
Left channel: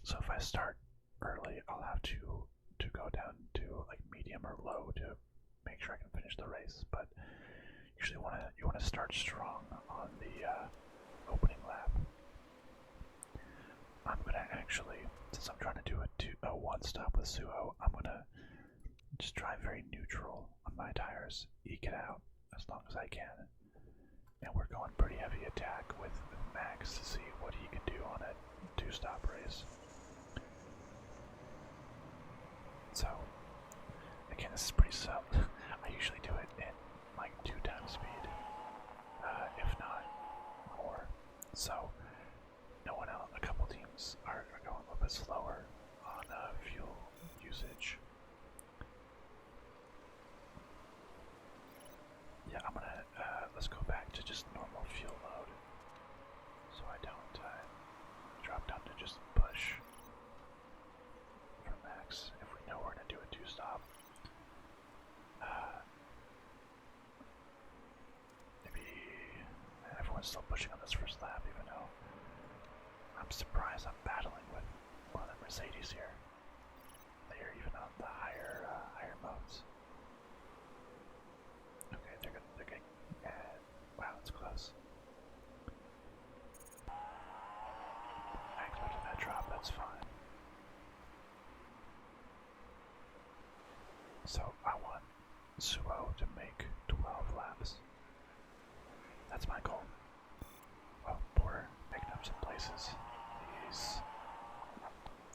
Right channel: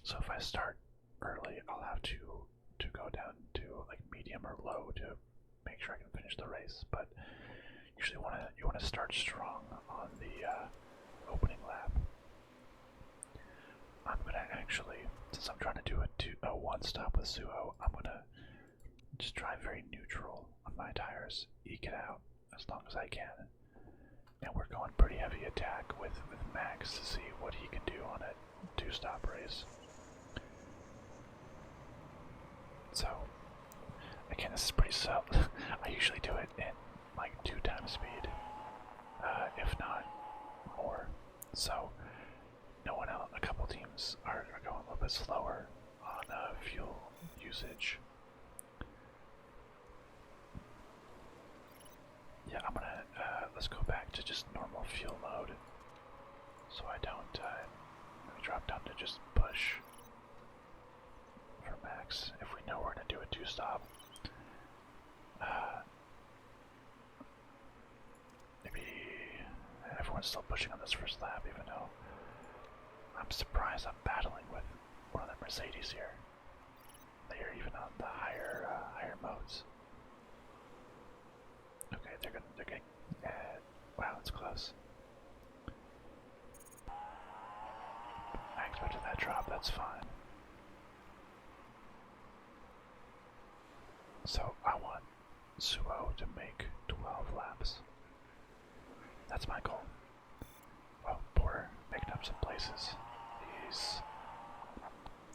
So if I start early, I'll have to go down to medium or low to make sure I can finish the race. But usually you want to start strong on the opening lap. I'm gonna actually, since I'm trying to do a one stop with Suo, I'm gonna just drive very neutral on my tires, eke it out as long as I can. And we're going pretty heavy attack with Max to see what he can do on a two-stop race. So, again, this is pretty subtle. I usually do it in 2 times speed, if not more. So, no one else, a couple teams are going a little bit slower on fuel usage. Yeah, I'm gonna, let's go back to just normal fuel mode, so I don't drop down to just push for max if we know we're gonna do a two-stop. everyone's still pushing on this first lap, even though I'm surprised I'm battling with one of the Mercedes here. They're even on the higher modes. Okay, they're getting. Wow, it's close. I expected that drop. That's fine. So I want Suo to make 12 laps. That's my goal. Oh, Porter making up some places.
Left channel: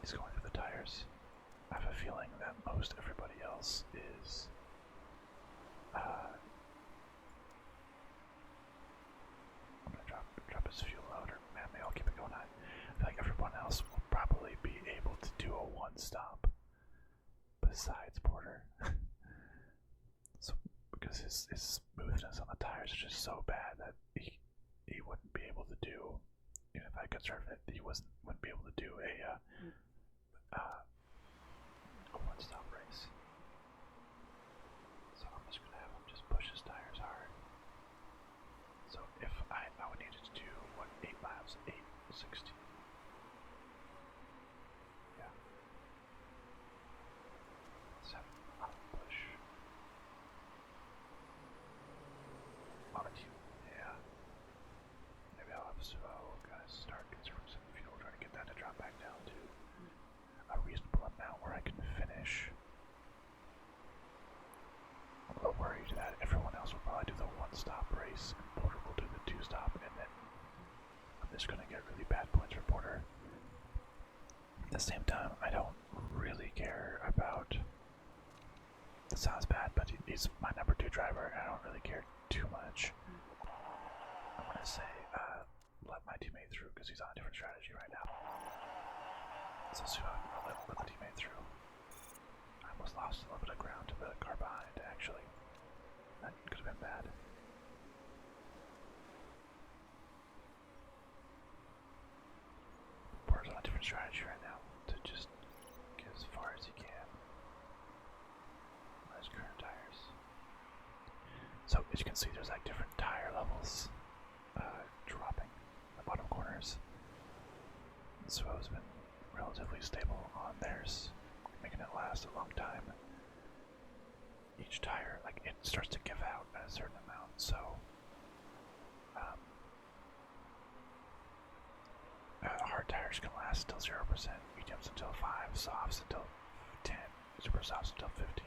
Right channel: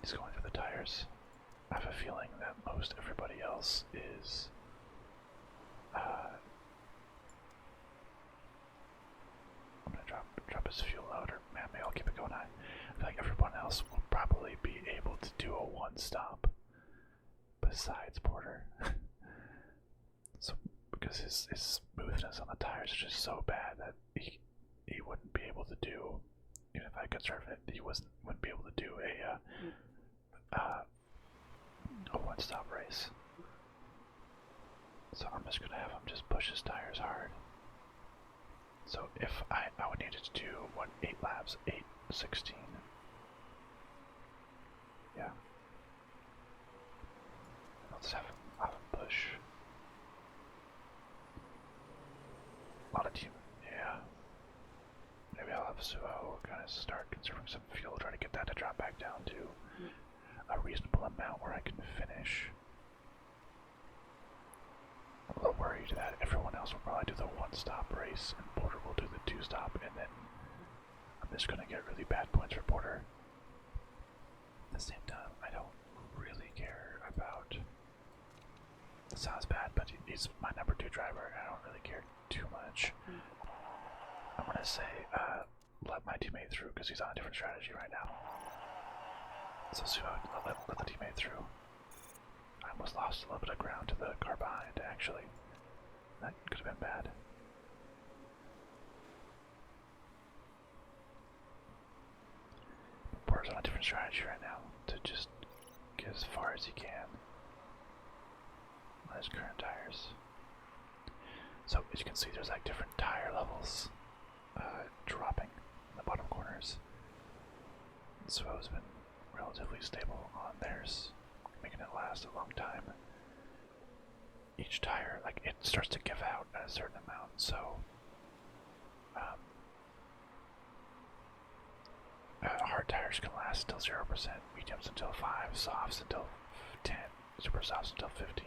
He's going through the tires. I have a feeling that most everybody else is I'm gonna drop his fuel load, or maybe I'll keep it going high. I feel like everyone else will probably be able to do a one stop besides Porter. So because his smoothness on the tires is just so bad that he wouldn't be able to do, even if I conserve it, he wouldn't be able to do a one stop race. So I'm just gonna have him just push his tires hard. So if I would need to do, what, 8 laps? 8, 16. Yeah. Let's have him push. A lot of team. Yeah. Maybe I'll have Suo kind of start conserving some fuel, try to get that to drop back down to a reasonable amount where I can finish. I'm a little worried that everyone else will probably do the one-stop race and Porter will do the two-stop, and then I'm just going to get really bad points for Porter. At the same time, I don't really care about... It sounds bad, but he's my number 2 driver, and I don't really care too much. I'm going to say, let my teammate through, because he's on a different strategy right now. So I'll let the teammate through. I almost lost a little bit of ground to the car behind, actually. That could have been bad. Porter's on a different strategy right now to just get as far as he can on his current tires. So as you can see, there's like different tire levels dropping in the bottom corners. Suo's been relatively stable on theirs, making it last a long time. Each tire, like, it starts to give out at a certain amount, so hard tires can last until 0%, mediums until 5, softs until 10, super softs until 15,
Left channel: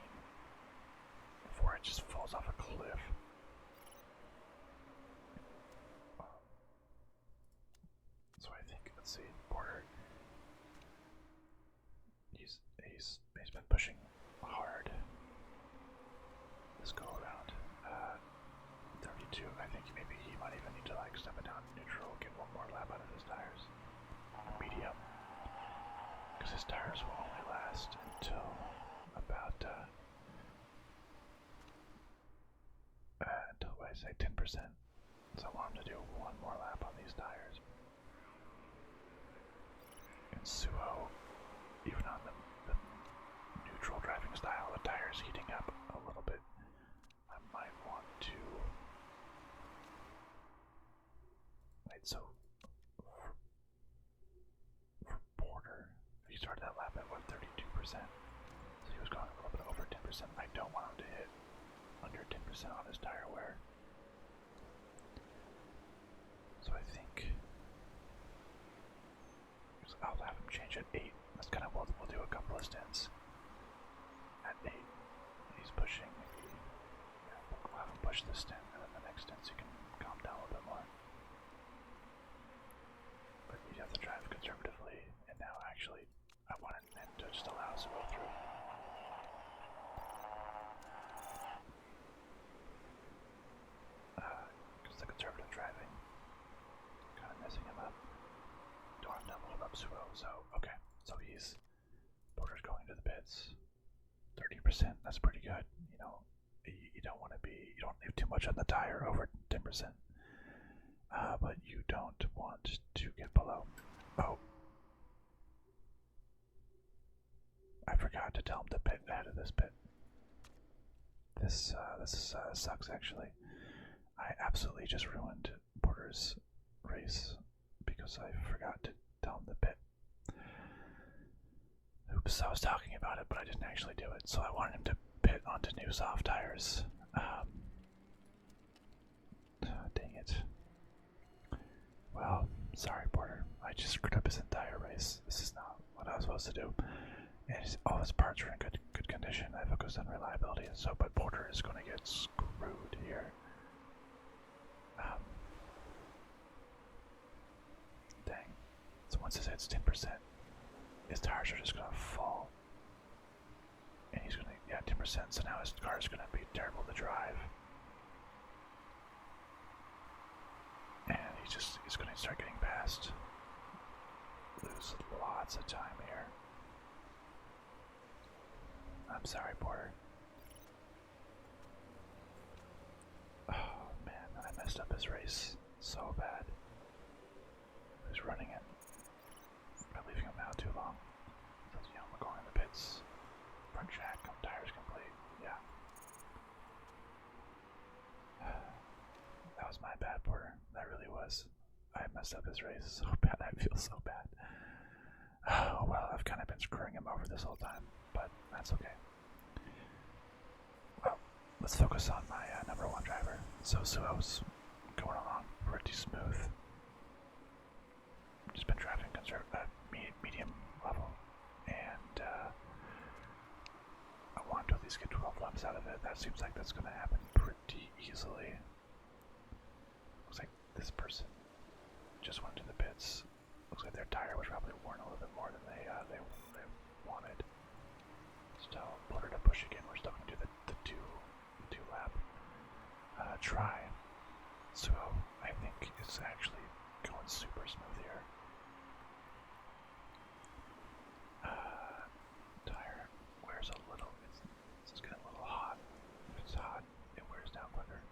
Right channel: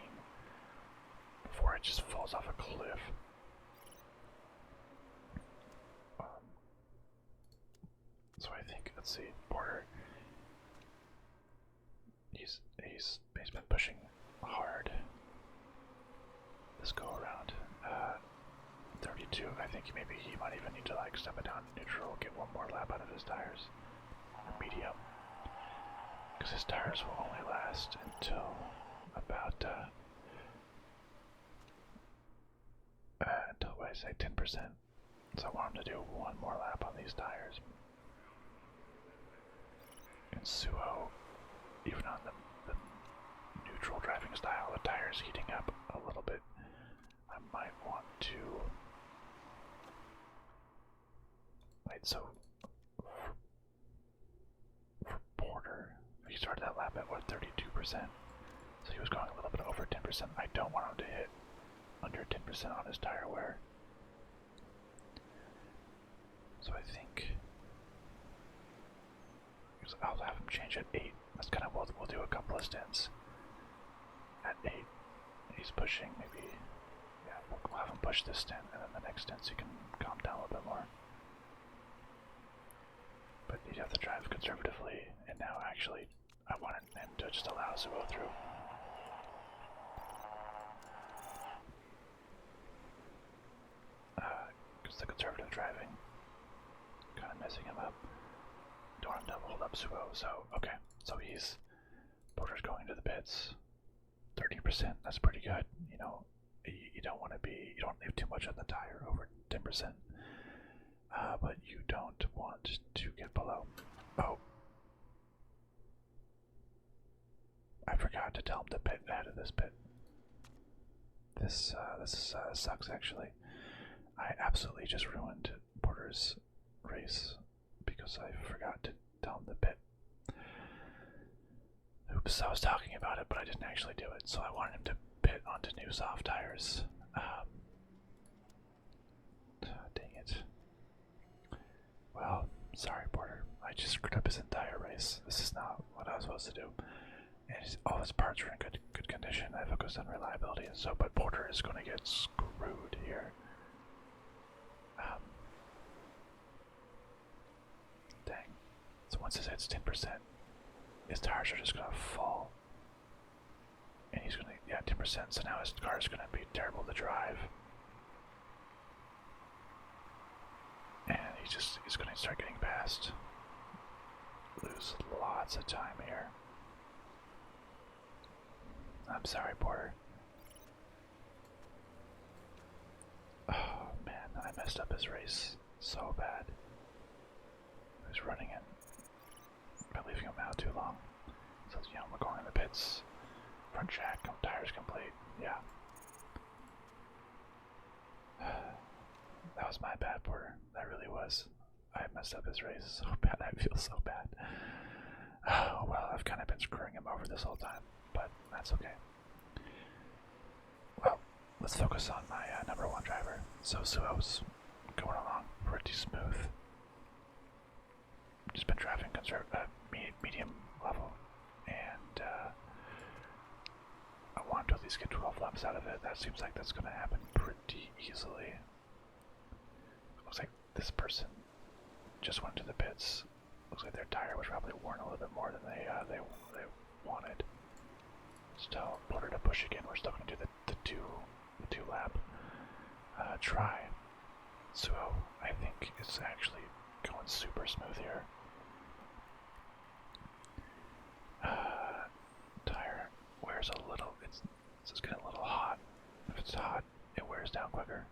before it just falls off a cliff. So I think, let's see, Porter, he's been pushing hard this go around. 32, I think maybe he might even need to like step it down neutral, get one more lap out of his tires. Medium. Because his tires will only last until about until what I say 10%. So I want him to do one more lap on these tires. And Suo, even on the neutral driving style, the tires heating up a little bit, I might want to wait. So for Porter, he started that lap at what, 32%, so he was going a little bit over 10%. I don't want him to hit under 10% on his tire wear, so I think I'll have him change at 8. That's kind of what we'll do, a couple of stints at 8. He's pushing, maybe, yeah, we'll have him push this stint, and then the next stint so he can calm down a little bit more. But you'd have to drive conservatively, and now actually I wanted him to just allow us to go through. Because the conservative driving kind of messing him up. Don't want him to hold up Suo, so okay. So Porter's going to the pits. 30%, that's pretty good. You know, you don't want to be, you don't leave too much on the tire over 10%. But you don't want to get below. Oh. I forgot to tell him to pit out of this pit. This sucks, actually. I absolutely just ruined Porter's Tires race because I forgot to tell him to pit. Oops, I was talking about it, but I didn't actually do it. So I wanted him to pit onto new soft tires. Dang it. Well, sorry, Porter. I just screwed up his entire race. This is not what I was supposed to do. And all his parts are in good condition. I focused on reliability, but Porter is going to get screwed here. Dang. So once it hits 10%, his tires are just going to fall. And he's going to, yeah, 10%, so now his car is going to be terrible to drive. And he's going to start getting past. Lose lots of time here. I'm sorry, Porter. Oh man, I messed up his race so bad. He was running it by leaving him out too long. So, you know, we're going in the pits. Front jack, tires complete. Yeah. That was my bad, Porter. That really was. I messed up his race so bad. I feel so bad. Oh, well, I've kind of been screwing him over this whole time, but that's okay. Well, let's focus on my number one driver. So Suo's going along pretty smooth. Just been driving medium level, and I want to at least get 12 laps out of it. That seems like that's going to happen pretty easily. Looks like this person just went to the pits. Looks like their tire was probably worn a little bit more than they wanted. Still, Porter to push again. We're still going to do the two lap try. Suo, I think, is actually going super smooth here. Tire wears a little. It's getting a little hot. If it's hot, it wears down quicker.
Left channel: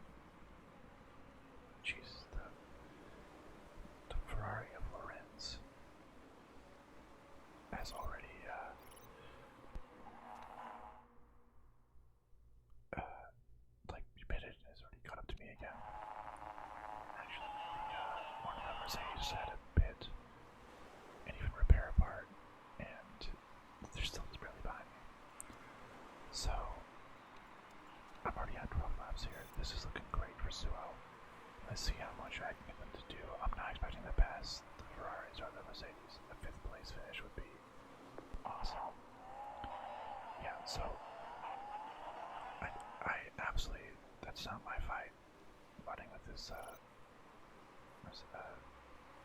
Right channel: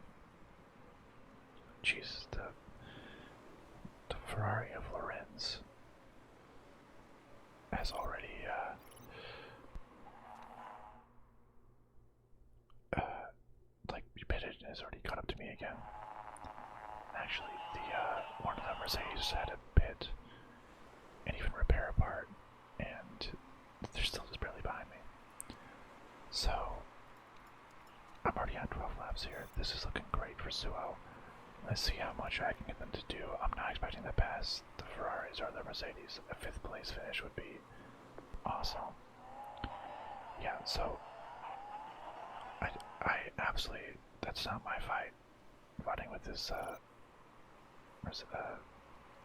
Jesus, the Ferrari of Lorenz has already pitted and has already caught up to me again. Actually, one of the Mercedes had a pit and even repair a part, and they're still just barely behind me. So I'm already on 12 laps here. This is looking great for Suo. Let's see how much I can get them to do. I'm not expecting to pass the Ferraris or the Mercedes. A 5th place finish would be awesome. Yeah, so I absolutely, that's not my fight. Running with this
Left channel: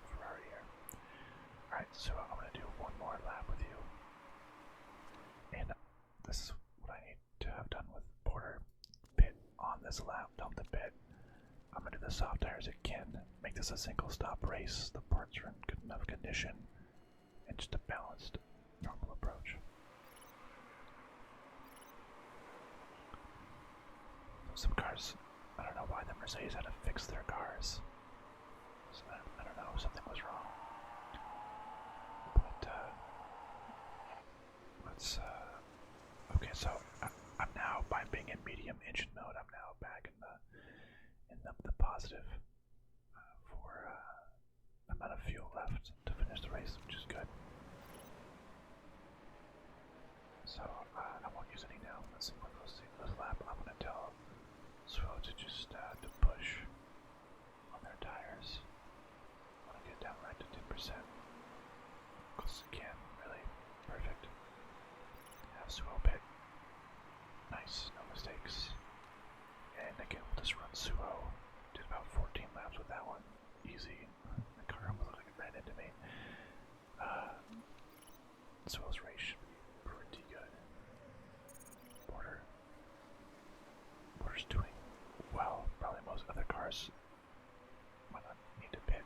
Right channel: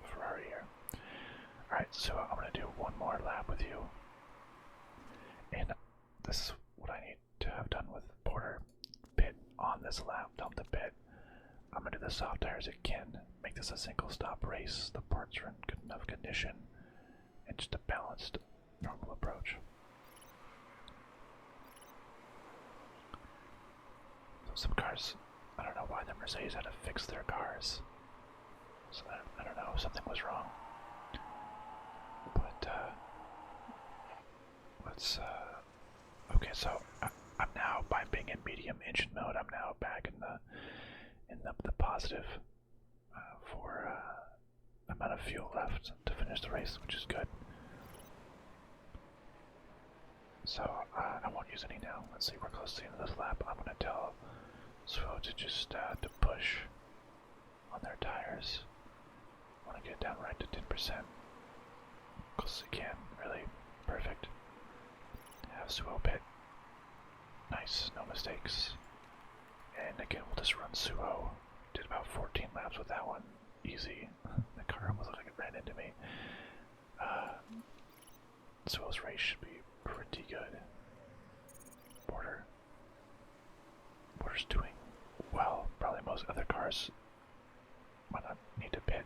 Ferrari here. Alright, so I'm going to do one more lap with you. And this is what I need to have done with Porter. Pit on this lap, dump the pit. I'm going to do the soft tires again, make this a single stop race. The parts are in good enough condition, and just a balanced, normal approach. So some cars, I don't know why the Mercedes had to fix their cars. So I don't know, something was wrong. But, let's, okay, so I'm now, by being in medium engine mode, I'm now back in the positive for amount of fuel left to finish the race, which is good. So I won't use any now. Let's see, we're close to the end of this lap. I'm going to tell Suo to just to push on their tires. I want to get down right to 10%. Close as I can, really perfect. Have Suo pit. Nice, no mistakes. And again, we'll just run Suo. Did about 14 laps with that one. Easy. The car almost looked like it ran into me. Suo's race should be pretty good. Porter's doing well. Probably most other cars might not need to pit.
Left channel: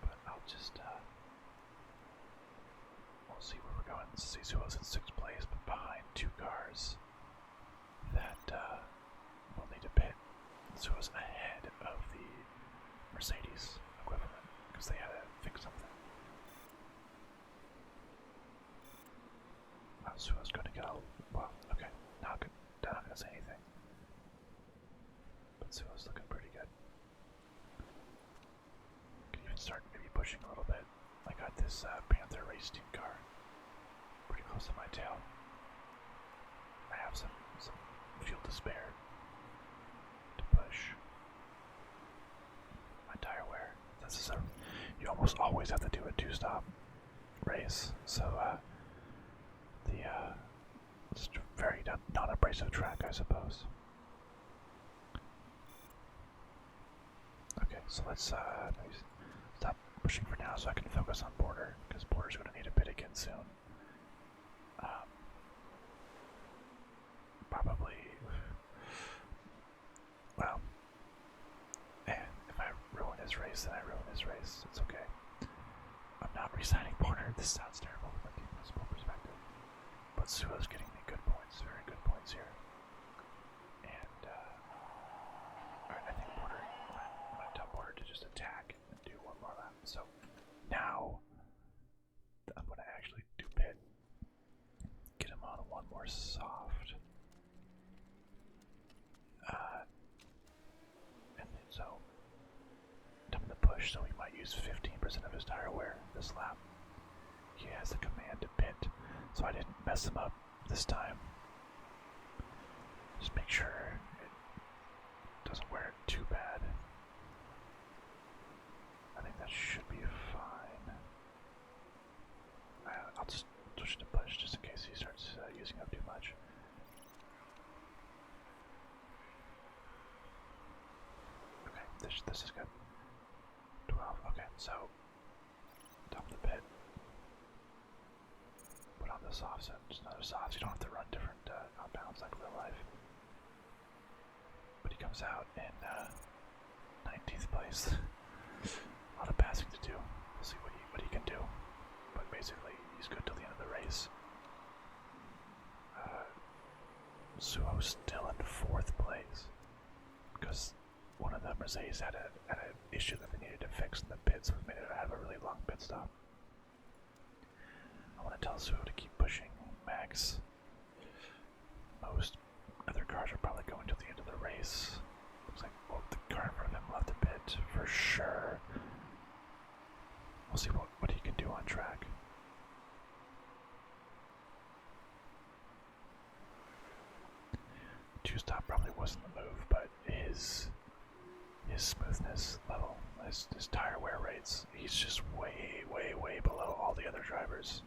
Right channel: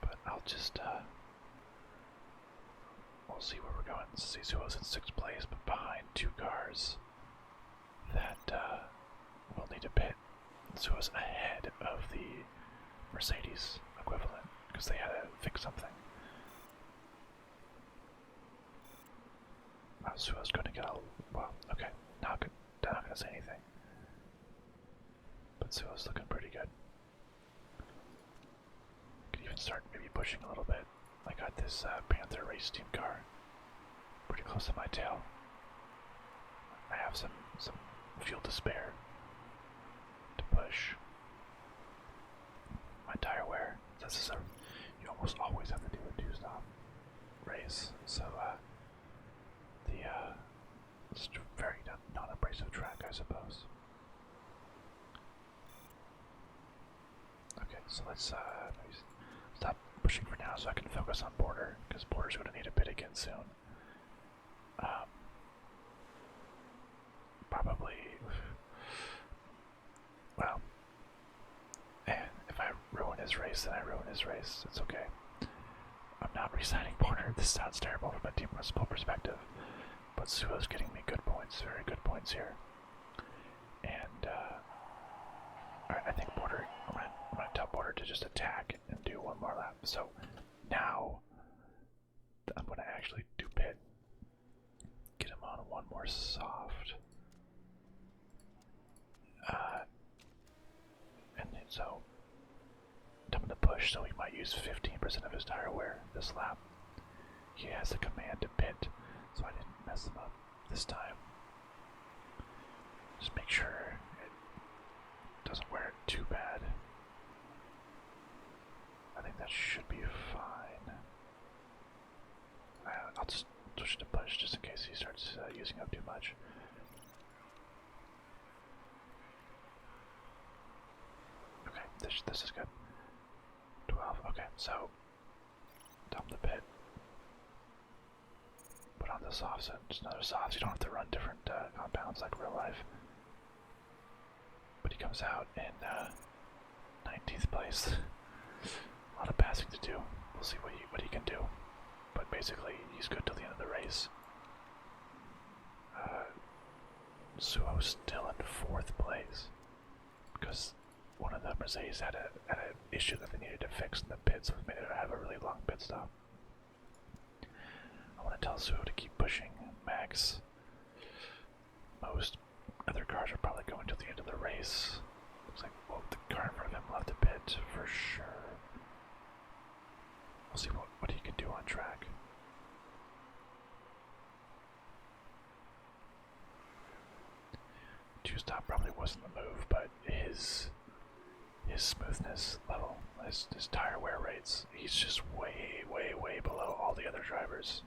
But I'll just, we'll see where we're going. See, Suo's in 6th place, but behind 2 cars that will need to pit. Suo's ahead of the Mercedes equivalent because they had to fix something. Suo's going to get a, well, okay, not going to say anything. But Suo's looking pretty good. Could even start maybe pushing a little bit. I got this Panther race team car pretty close to my tail. I have some fuel to spare to push. My tire wear. This is you almost always have to do a two-stop race, so it's a very non-abrasive track, I suppose. Okay, so let's maybe stop pushing for now so I can focus on Border, because Border's going to need a pit again soon. Probably, well, and if I ruin his race, then I ruin his race. It's okay. I'm not re-signing Border. This sounds terrible from a team municipal perspective, but Suo's getting me good points, very good points here. And I think Border, I'm gonna tell Border to just attack and do one more lap. So now I'm gonna actually do pit, get him on one more soft. And then so I'm gonna push, so he might use 15% of his tire wear this lap. He has the command to pit, so I didn't mess him up this time. Just make sure it doesn't wear it too bad. I think that should be fine. I'll just switch to push just in case he starts using up too much. Okay, this is good. 12, okay, so dump the pit. Put on the softs, just another soft. You don't have to run different compounds like real life. But he comes out in 19th place. A lot of passing to do. We'll see what he can do. But basically, he's good till the end of the race. Suo's still in 4th place because one of the Mercedes had an issue that they needed to fix in the pit, so it made it have a really long pit stop. I want to tell Suo to keep pushing Max. Most other cars are probably going to the end of the race. Looks like the car in front of him left a pit for sure. We'll see what he can do on track. Two-stop probably wasn't the move, but his smoothness level, his tire wear rates, he's just way below all the other drivers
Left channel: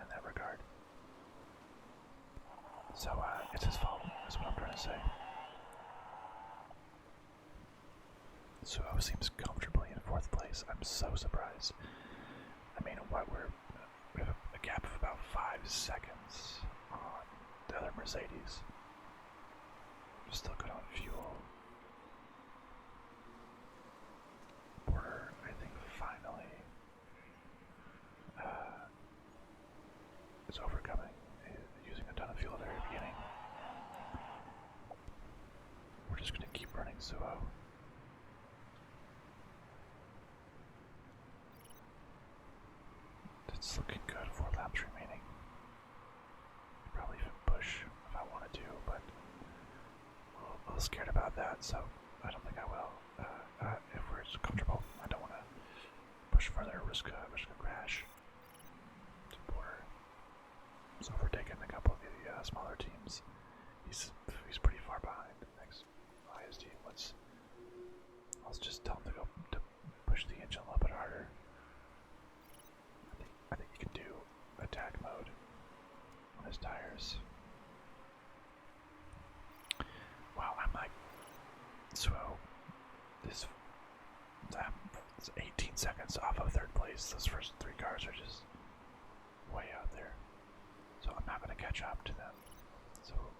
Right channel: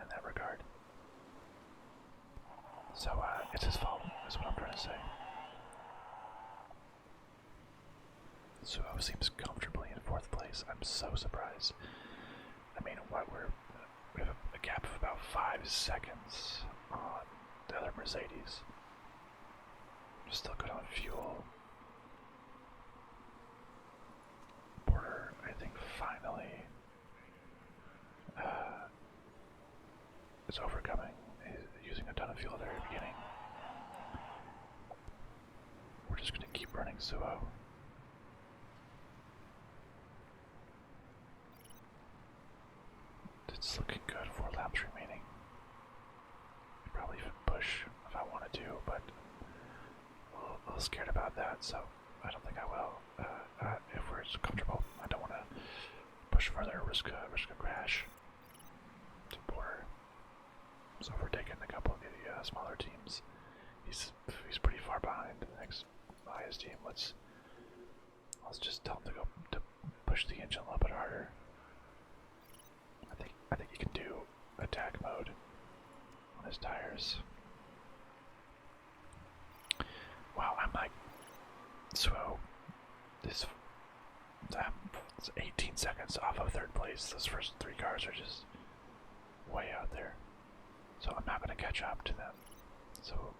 in that regard. So it's his fault, is what I'm trying to say. Suo seems comfortably in 4th place. I'm so surprised. I mean, we have a gap of about 5 seconds on the other Mercedes. Still good on fuel. Border, I think, finally is overcoming. He's using a ton of fuel at the very beginning. We're just going to keep running Suo. It's looking good. 4 laps remaining. Could probably even push if I wanted to, but a little scared about that, so I don't think I will. If we're comfortable, I don't want to push further, risk a crash. To Border. So if we're taking a couple of the smaller teams, he's pretty far behind the next highest team. Let's just tell him to push the engine a little bit harder. I think he can do attack mode on his tires. Wow, I'm like, Suo, it's 18 seconds off of 3rd place. Those first 3 cars are just way out there. So I'm not going to catch up to them. So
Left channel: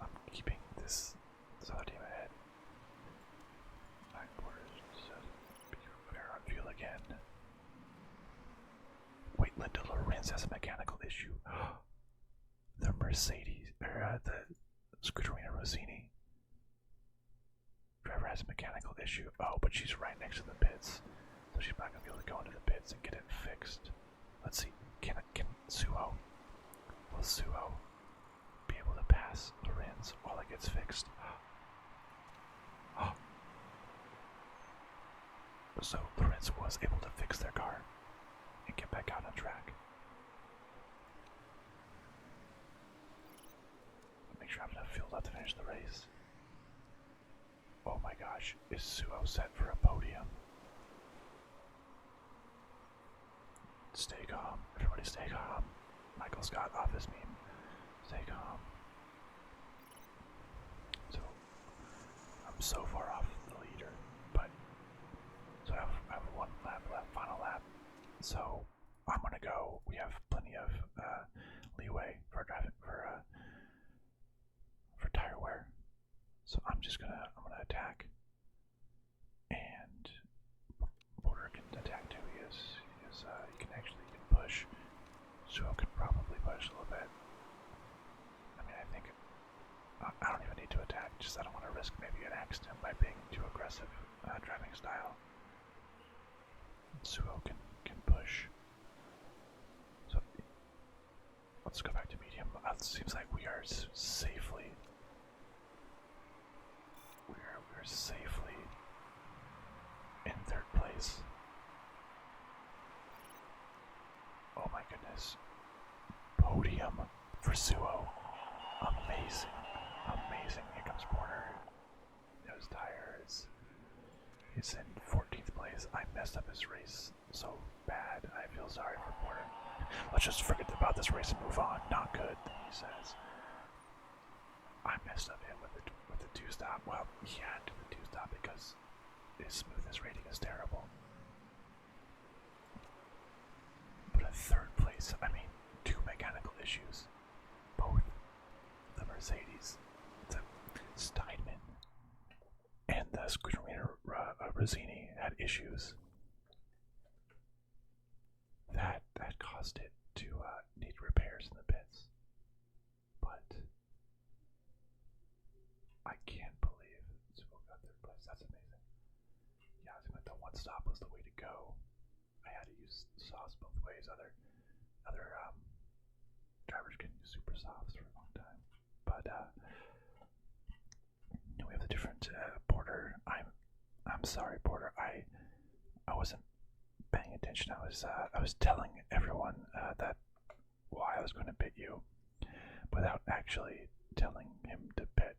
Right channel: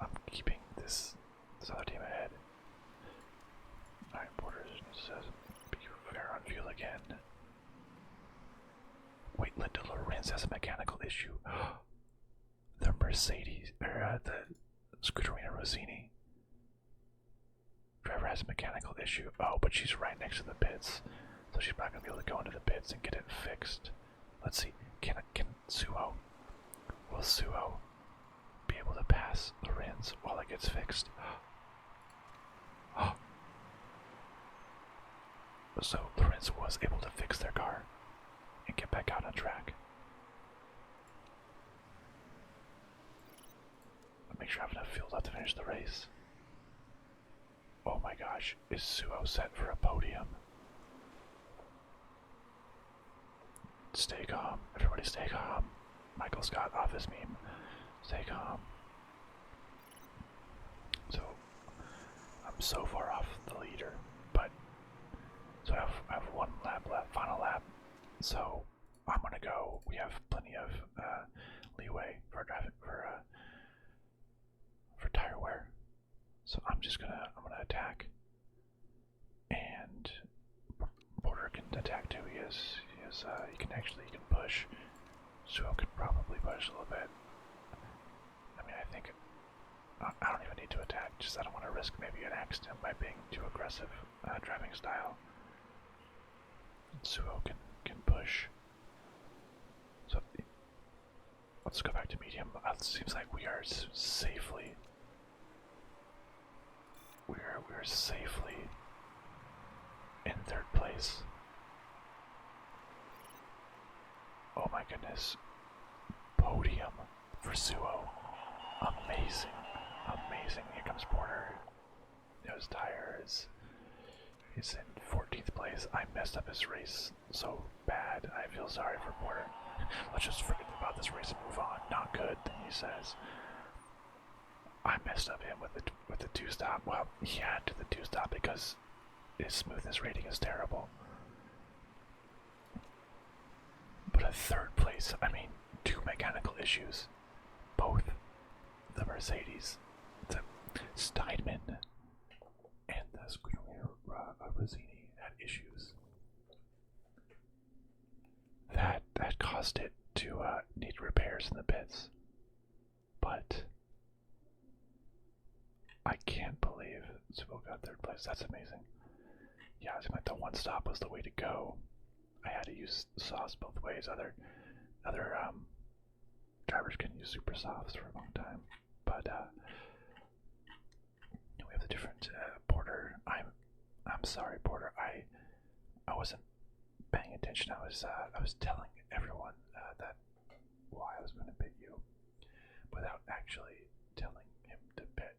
I'm keeping this other team ahead. Alright, Border says, be fair on fuel again. Wait, Linda Lorenz has a mechanical issue. The Mercedes, or the Scuderia Rossini driver has a mechanical issue. Oh, but she's right next to the pits, so she's not going to be able to go into the pits and get it fixed. Let's see, will Suo be able to pass Lorenz while it gets fixed? So Lorenz was able to fix their car and get back out on track. Make sure I have enough fuel left to finish the race. Oh my gosh, is Suo set for a podium? Stay calm, everybody stay calm. Michael Scott office meme. Stay calm. So, I'm so far off the leader, but so I have one lap left, final lap. So I'm gonna go. We have plenty of leeway for driving for tire wear. So I'm gonna attack, and Porter can attack too. He can push. Suo can probably push a little bit. I mean, I think I don't even need to attack. Just I don't want to risk maybe an accident by being too aggressive driving style. Suo can push. So let's go back to medium. It seems like we are safely. We're safely in third place. Oh my goodness. Podium for Suo. Amazing. Amazing. Here comes Porter. His tires. He's in 14th place. I messed up his race so bad. I feel sorry for Porter. Let's just forget about this race and move on. Not good, he says. I messed up him with the two-stop. Well, he had to the two-stop because his smoothness rating is terrible. But a third place, I mean, 2 mechanical issues. Both the Mercedes, the Steinman, and the Scuderia Rosini had issues. That caused it to need repairs in the pits. But I can't believe Suo got third place. That's amazing. Yeah, I think like the one stop was the way to go. I had to use softs both ways. Other drivers can use super softs for a long time. But we have the different Porter. I'm sorry, Porter. I wasn't paying attention. I was telling everyone that why I was going to pit you, without actually telling him to pit.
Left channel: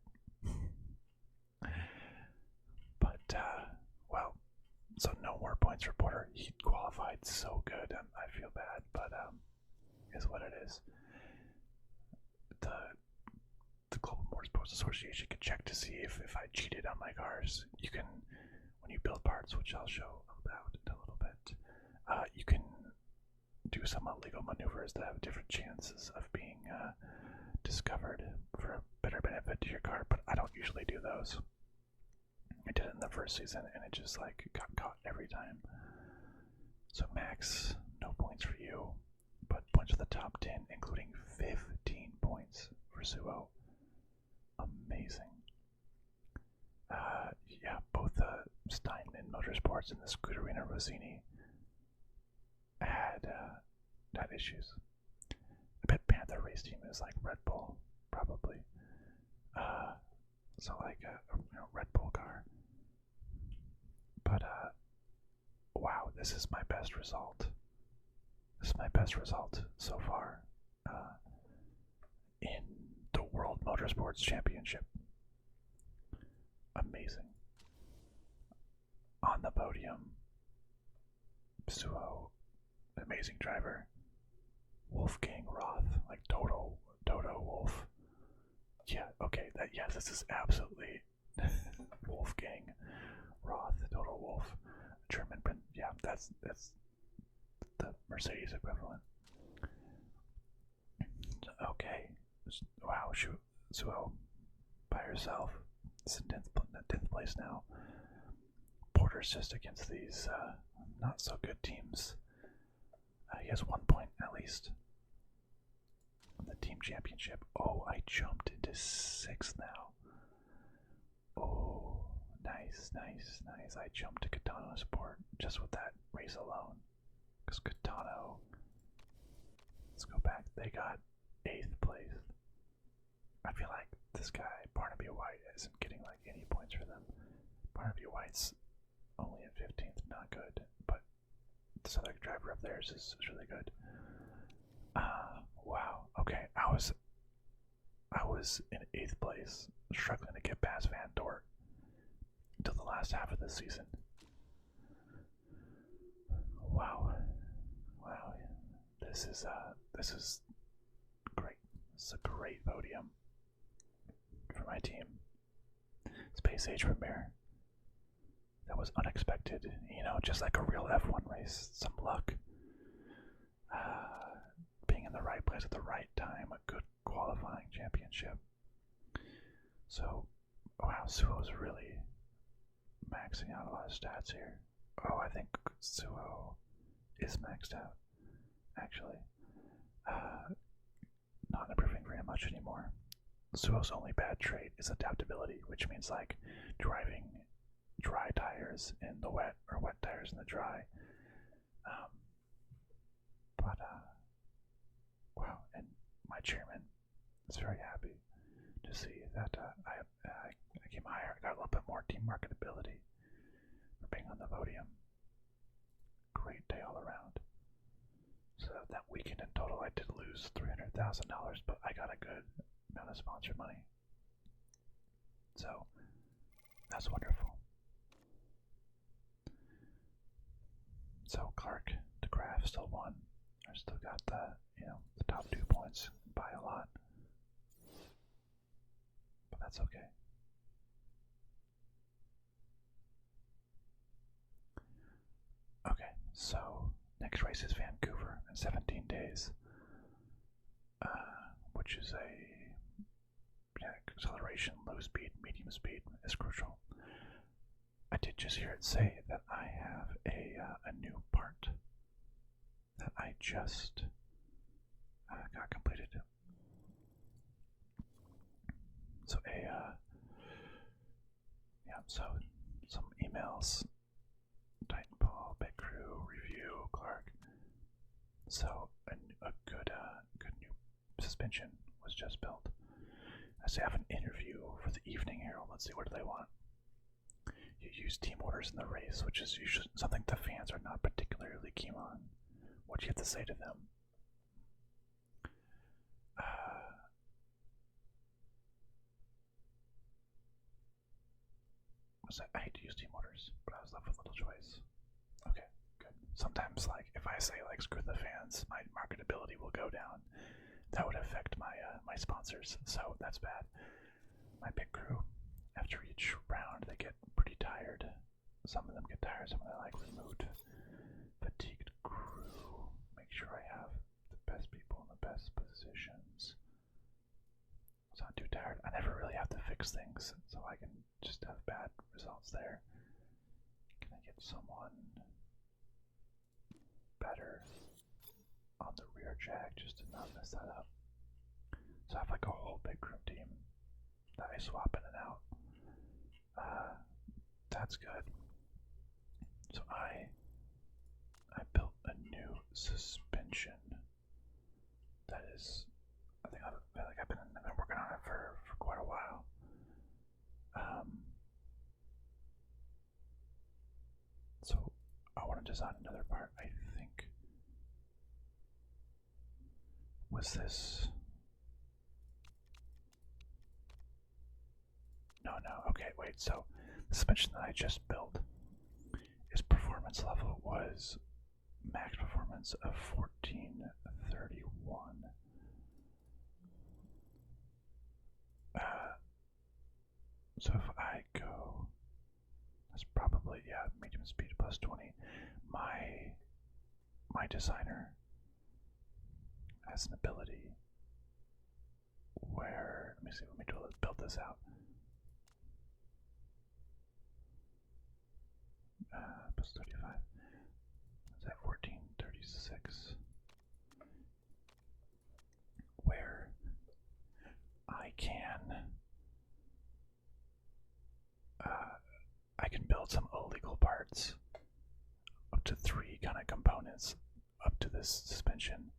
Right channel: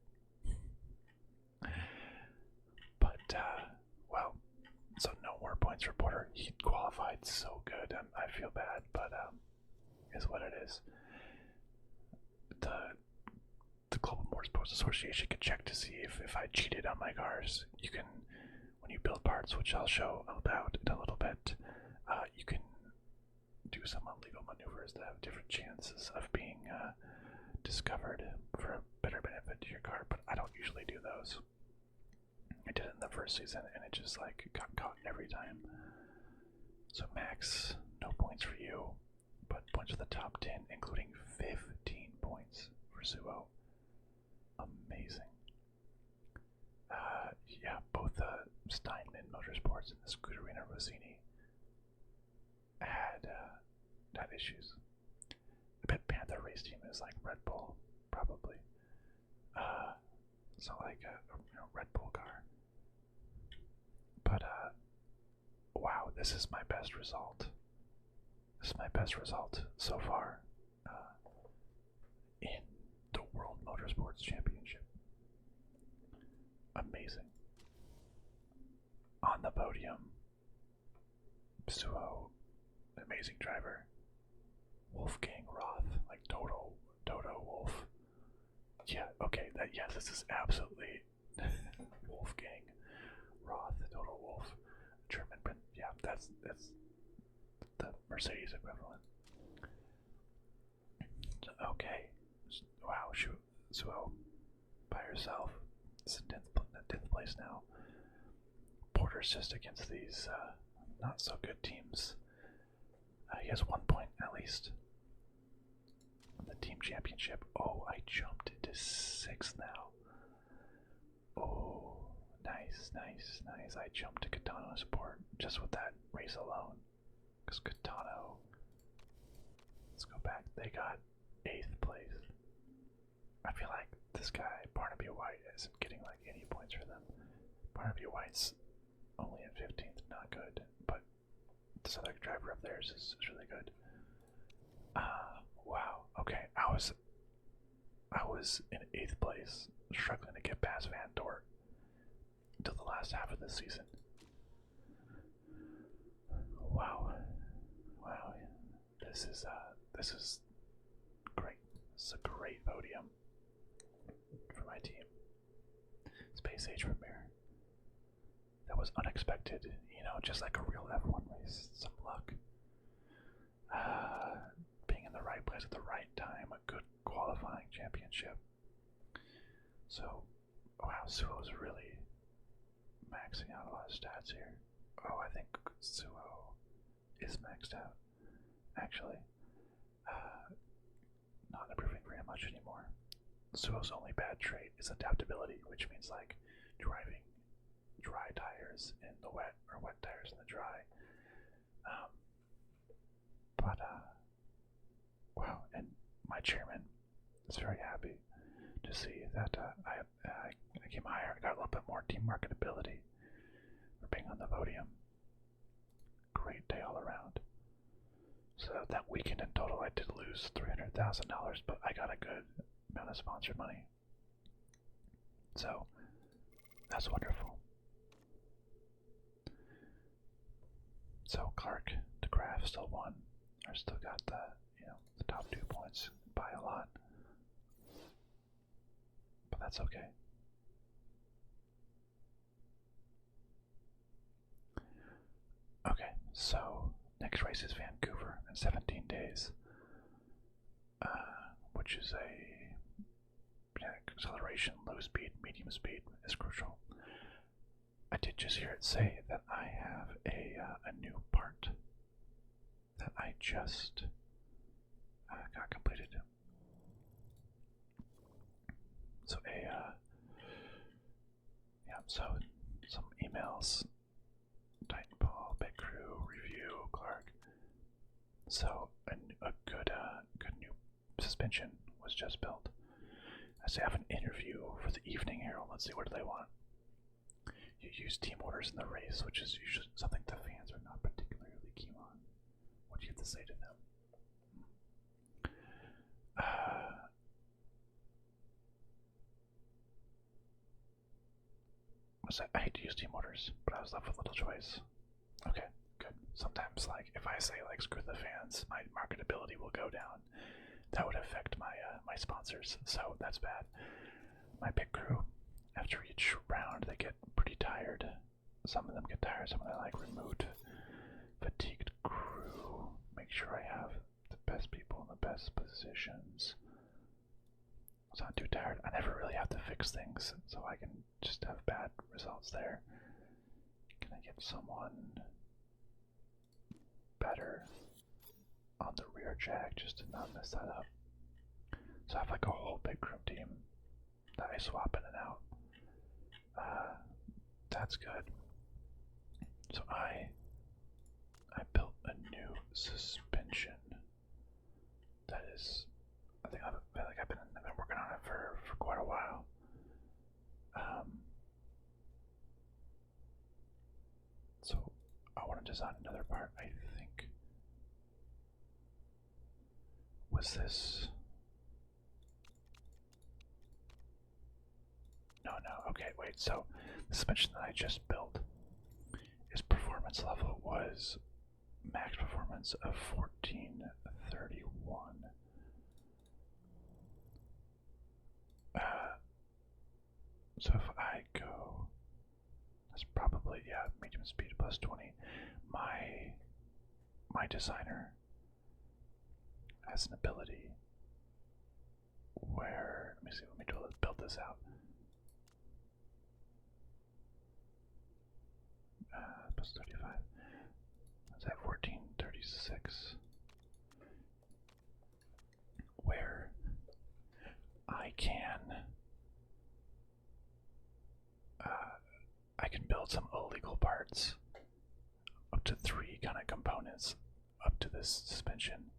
But well, so no more points for Porter. He qualified so good. I feel bad, but is what it is. The Global Motorsports Association can check to see if I cheated on my cars. You can, when you build parts, which I'll show about in a little bit, you can do some illegal maneuvers that have different chances of being discovered for a better benefit to your car, but I don't usually do those. I did it in the first season and it just like got caught every time. So Max, no points for you, but points for the top 10, including 15 points for Suo. Amazing. Yeah, both Steinman Motorsports and the Scuderia Rosini had issues. I bet Panther race team is like Red Bull, probably. So like a Red Bull car. But wow, this is my best result. This is my best result so far in the World Motorsports Championship. Amazing. On the podium, Suo, amazing driver. Wolfgang Roth, like Toto Wolf. Yeah, okay, this is absolutely Wolfgang Roth, Toto Wolf, German. Yeah, that's the Mercedes equivalent. Okay, wow, Suo by herself. It's in 10th place now. Porter's just against these not so good teams. He has 1 point at least on the team championship. Oh, I jumped into 6th now. Oh, nice. I jumped to Catano Sport just with that race alone. Because Catano, let's go back, they got 8th place. I feel like this guy, Barnaby White, isn't getting like any points for them. Point of view white's only at 15th, not good, but this other driver of theirs is really good. Wow. Okay, I was in 8th place, struggling to get past Van Dort until the last half of the season. Wow. Wow. This is great. This is a great podium for my team. Space Age premiere. That was unexpected, just like a real F1 race. Some luck. Being in the right place at the right time, a good qualifying championship. So, wow, Suo's really maxing out a lot of stats here. Oh, I think Suo is maxed out, actually. Not improving very much anymore. Suo's only bad trait is adaptability, which means like driving dry tires in the wet or wet tires in the dry. Wow, and my chairman is very happy to see that I came higher. I got a little bit more team marketability for being on the podium. Great day all around. So that weekend in total, I did lose $300,000, but I got a good amount of sponsored money. So that's wonderful. So Clark, DeGraff still won. I still got the top 2 points by a lot, but that's okay. Okay, so next race is Vancouver in 17 days, which is acceleration, low speed, medium speed is crucial. I did just hear it say that I have a new part that I just got completed. So so some emails. Titanfall, Big Crew, Review, Clark. So a good new suspension was just built. I say I have an interview for the evening here. Let's see, what do they want? You use team orders in the race, which is usually something the fans are not particularly keen on. What do you have to say to them? I hate to use team orders, but I was left with little choice. Okay, good. Sometimes, like, if I say, like, screw the fans, my marketability will go down. That would affect my my sponsors, so that's bad. My pit crew, after each round, they get pretty tired. Some of them get tired, some of them like removed, fatigued crew. Make sure I have the best people in the best positions. It's not too tired. I never really have to fix things, so I can just have bad results there. Can I get someone better on the rear jack just to not mess that up? So I have like a whole big crew team that I swap in and out. That's good. So I built a new suspension that is, I think I've been working on it for quite a while. So I want to design another part. I think was this. No. Okay, wait. So the suspension that I just built, its performance level was max performance of 1431. So if I go, that's probably, medium speed plus 20. My designer has an ability where, let me build this out. Plus 35. That's at 1436. Where I can build some illegal parts, up to 3 kind of components, up to this suspension,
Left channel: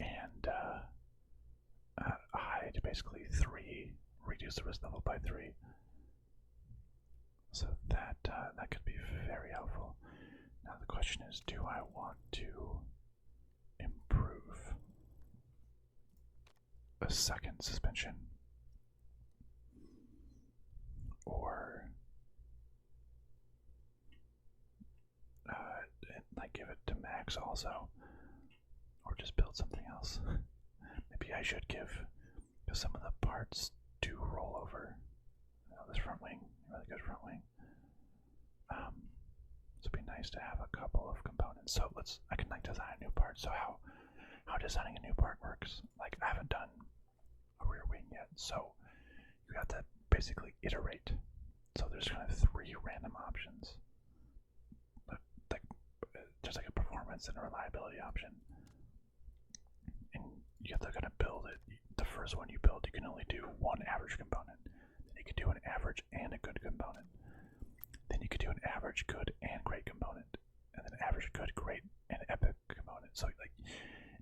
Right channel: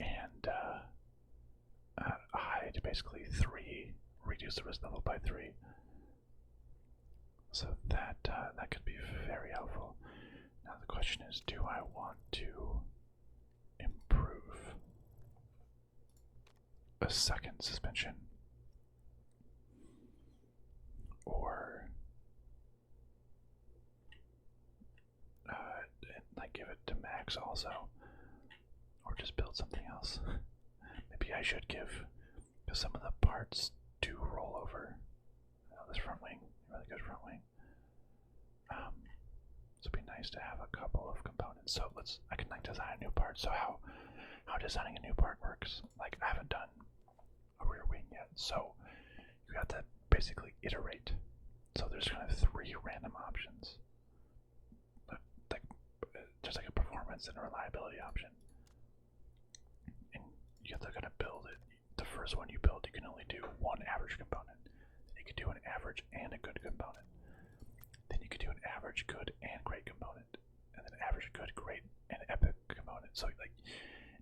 and hide basically 3, reduce the risk level by 3. So that could be very helpful. Now the question is, do I want to improve a second suspension, or like give it to max also, or just build something else? Maybe I should give, because some of the parts do roll over. This front wing, really good front wing. So it'd be nice to have a couple of components. So I can like design a new part. So how designing a new part works? Like I haven't done a rear wing yet, so you have to basically iterate. So there's kind of 3 random options. Like there's like a performance and a reliability option, and you have to kind of build it. The first one you build, you can only do one average component. Then you could do an average and a good component. Then you could do an average, good, and great component, and then average, good, great, and epic component. So like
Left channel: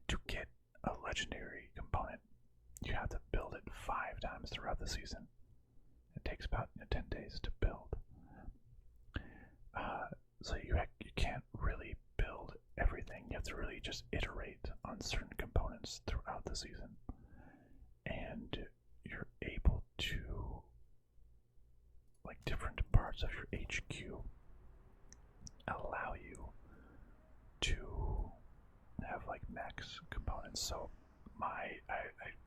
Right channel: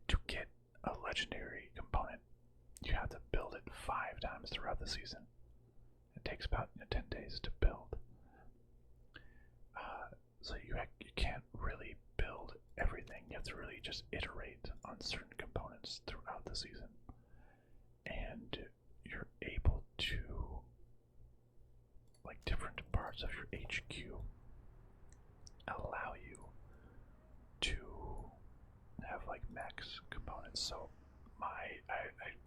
to get a legendary component, you have to build it 5 times throughout the season. It takes about 10 days to build. So you can't really build everything. You have to really just iterate on certain components throughout the season, and you're able to, like, different parts of your HQ allow you to have like max components. So I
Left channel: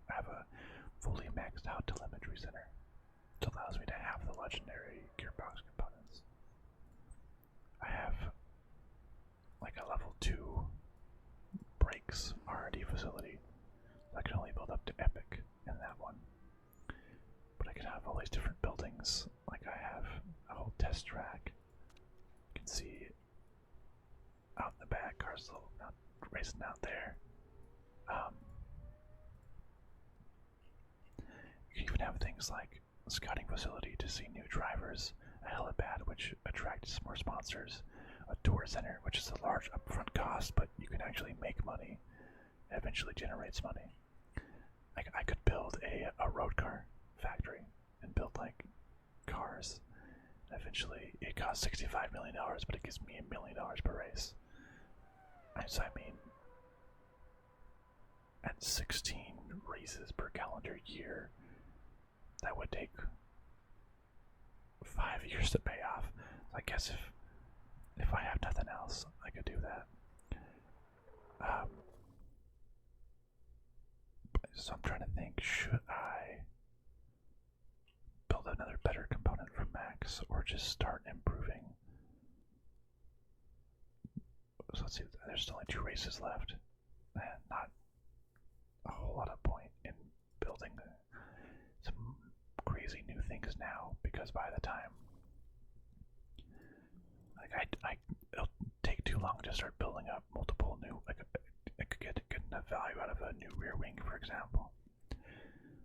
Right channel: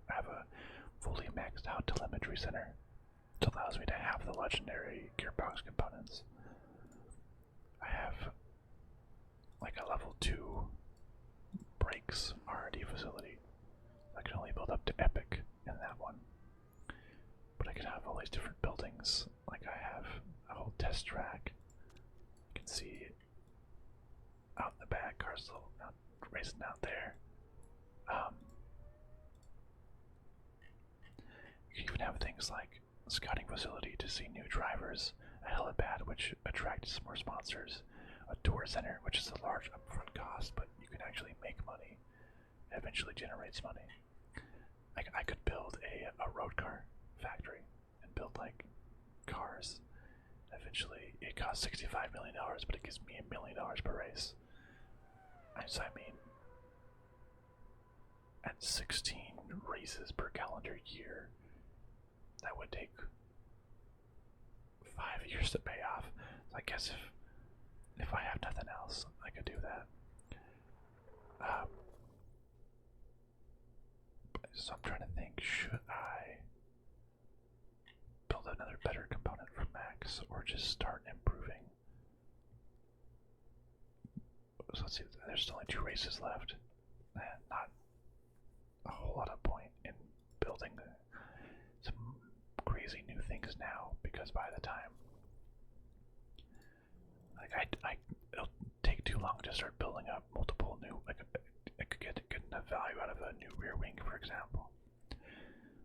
have a fully maxed out telemetry center, which allows me to have the legendary gearbox components. I have like a level 2 brakes R&D facility. I can only build up to epic in that one, but I can have all these different buildings. Like I have a whole test track. You can see out in the back, cars still racing out there. You can even have things like a scouting facility to see new drivers, a helipad which attracts more sponsors, a tour center which is a large upfront cost but you can actually make money and eventually generates money. I could build a road car factory and build like cars. Eventually it costs $65 million, but it gives me $1 million per race. So I mean, at 16 races per calendar year, that would take 5 years to pay off. So I guess if I have nothing else, I could do that. So I'm trying to think, should I build another better component for Max, or just start improving? So let's see, there's only 2 races left, and not a whole lot of point in building some crazy new things now, because by the time, like it'll take too long to start building up multiple new, like I could get enough value out of a new rear wing, for example.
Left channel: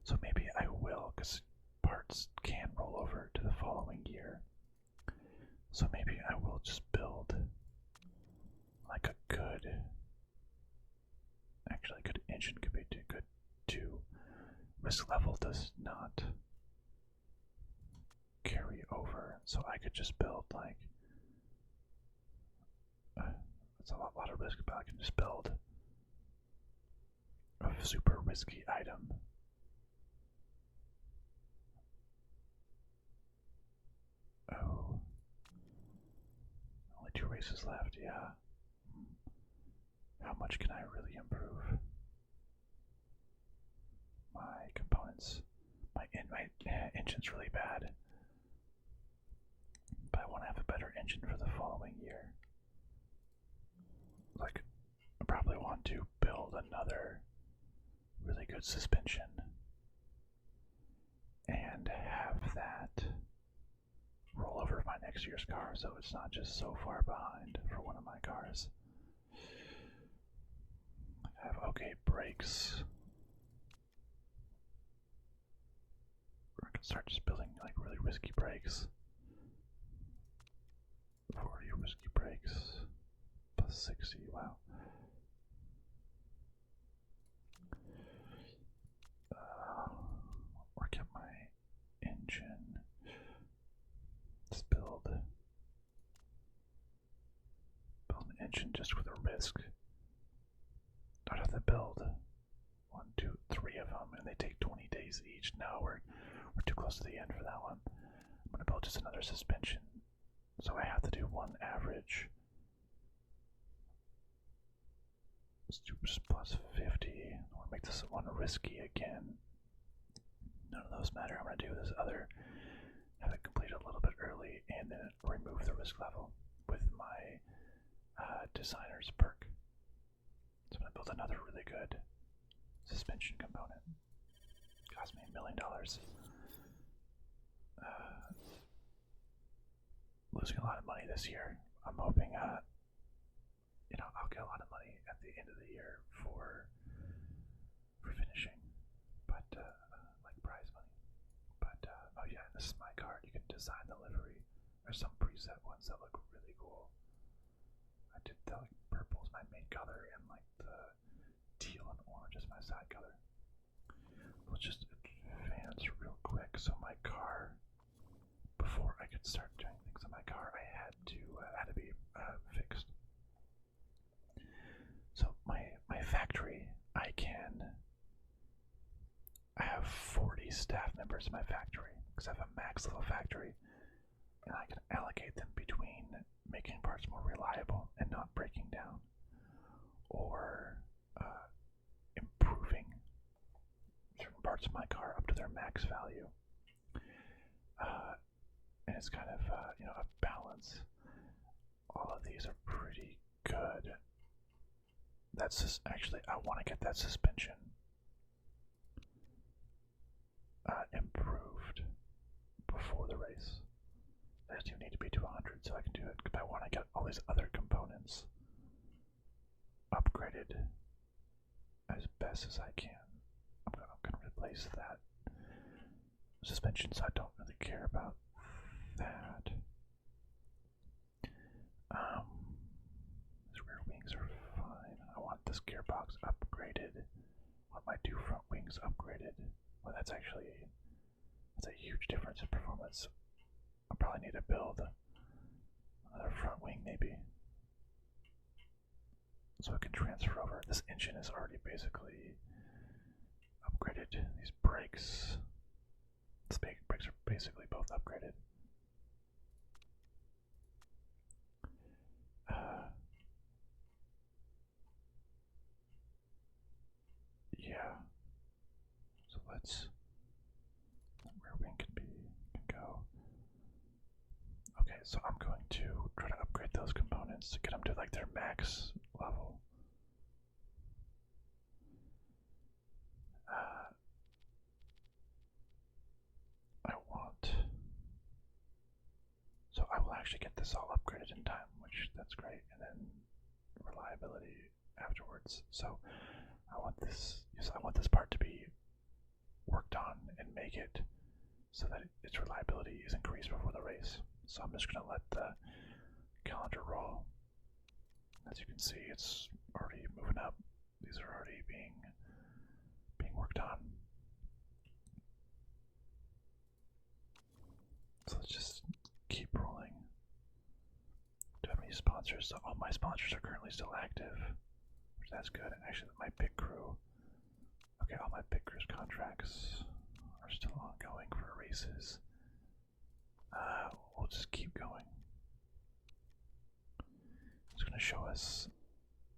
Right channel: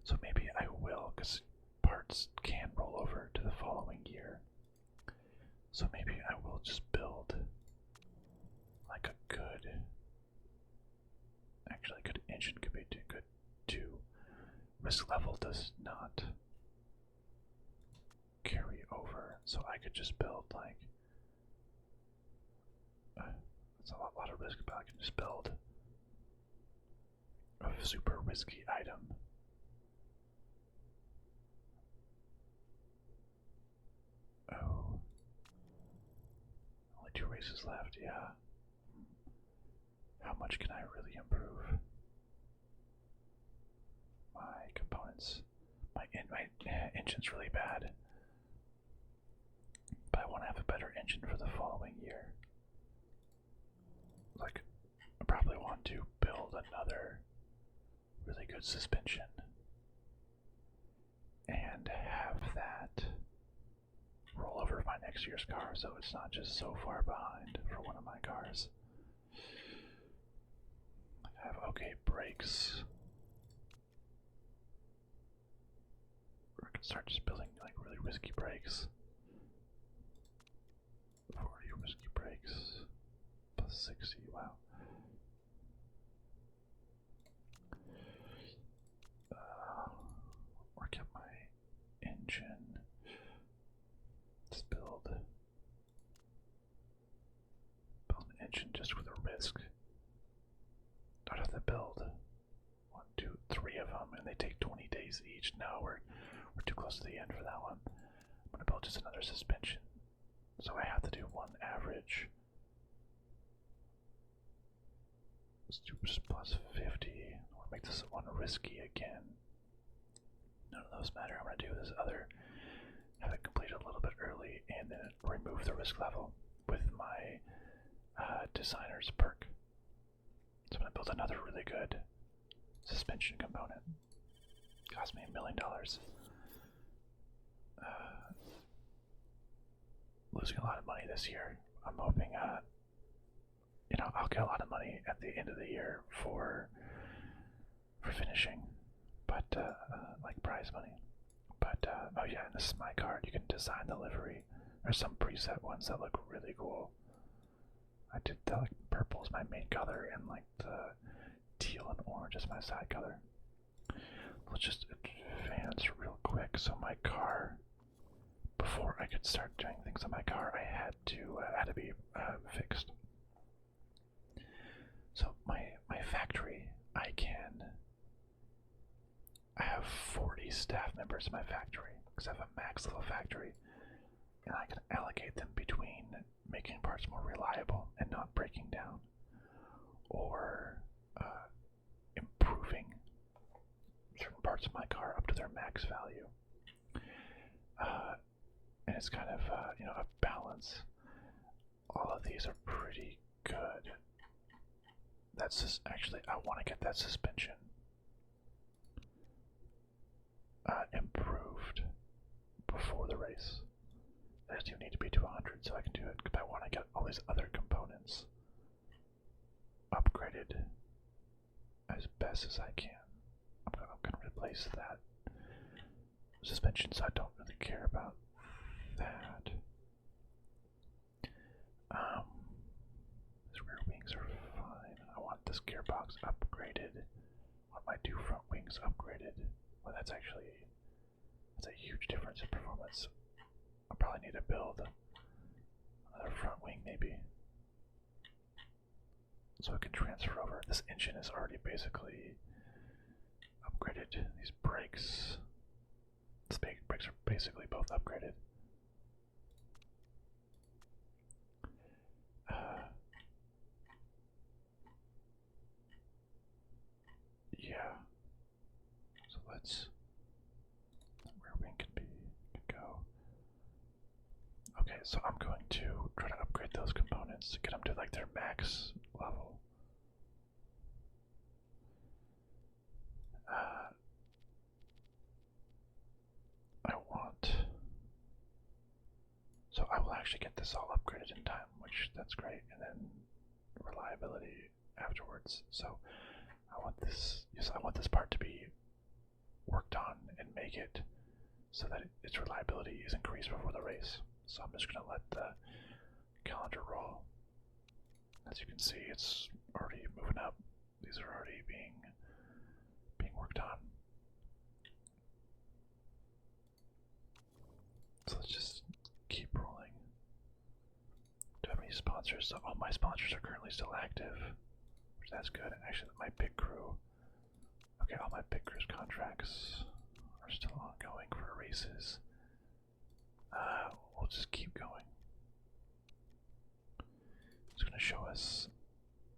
So maybe I will, because parts can roll over to the following year. So maybe I will just build like a good, actually a good engine could be good too. Risk level does not carry over, so I could just build like, it's a lot of risk, but I can just build a super risky item. Oh, only 2 races left, yeah. How much can I really improve my components? My engine's really bad, but I want to have a better engine for the following year. Like, I probably want to build another really good suspension and have that roll over my next year's car, so it's not just so far behind for one of my cars. I have okay brakes. I can start just building like really risky brakes. 40 risky brakes plus 60, wow. Work out my engine. Let's build suspension just with a risk. I'd have to build 1, 2, 3 of them, and they take 20 days each. No, we're too close to the end for that one. I'm gonna build just another suspension, so I have to do one average. Let's do just plus 50. I want to make this one risky again. None of those matter. I'm gonna do this other, have it completed a little bit early, and then remove the risk level with my designer's perk. So I'm gonna build another really good suspension component. Cost me $1 million. Losing a lot of money this year. I'm hoping, I'll get a lot of money at the end of the year for finishing, but like prize money. But oh yeah, this is my card. You can design the livery. There's some preset ones that look really cool. I did the like purple is my main color, and like the teal and orange is my side color. Let's just advance real quick. So my car, before I could start doing things on my car, I had to be fixed. So my factory, I have 40 staff members in my factory because I have a max level factory, and I can allocate them between making parts more reliable and not breaking down, or improving certain parts of my car up to their max value. And it's kind of a balance. All of these are pretty good. That's just actually, I want to get that suspension improved before the race. I just even need to be to 100 so I can do it, because I want to get all these other components upgraded as best as I can. I'm going to replace that suspension, so I don't really care about that. These rear wings are fine. I want this gearbox upgraded. I want my 2 front wings upgraded. Well, that's a huge difference in performance. I'll probably need to build another front wing maybe, so it can transfer over. This engine is already basically upgraded. These brakes, brakes are basically both upgraded. Yeah. So let's, where wing can go. Okay, so I'm going to try to upgrade those components to get them to like their max level. So I will actually get this all upgraded in time, which that's great, and then reliability afterwards. So I want this part to be worked on and make it so that its reliability is increased before the race. So I'm just gonna let the calendar roll. As you can see, it's already moving up. These are already being worked on. So let's just keep rolling. Do I have any sponsors? So all my sponsors are currently still active, which that's good. And actually, my pit crew. Okay, all my pit crew's contracts are still ongoing for races. We'll just keep going. It's going to show us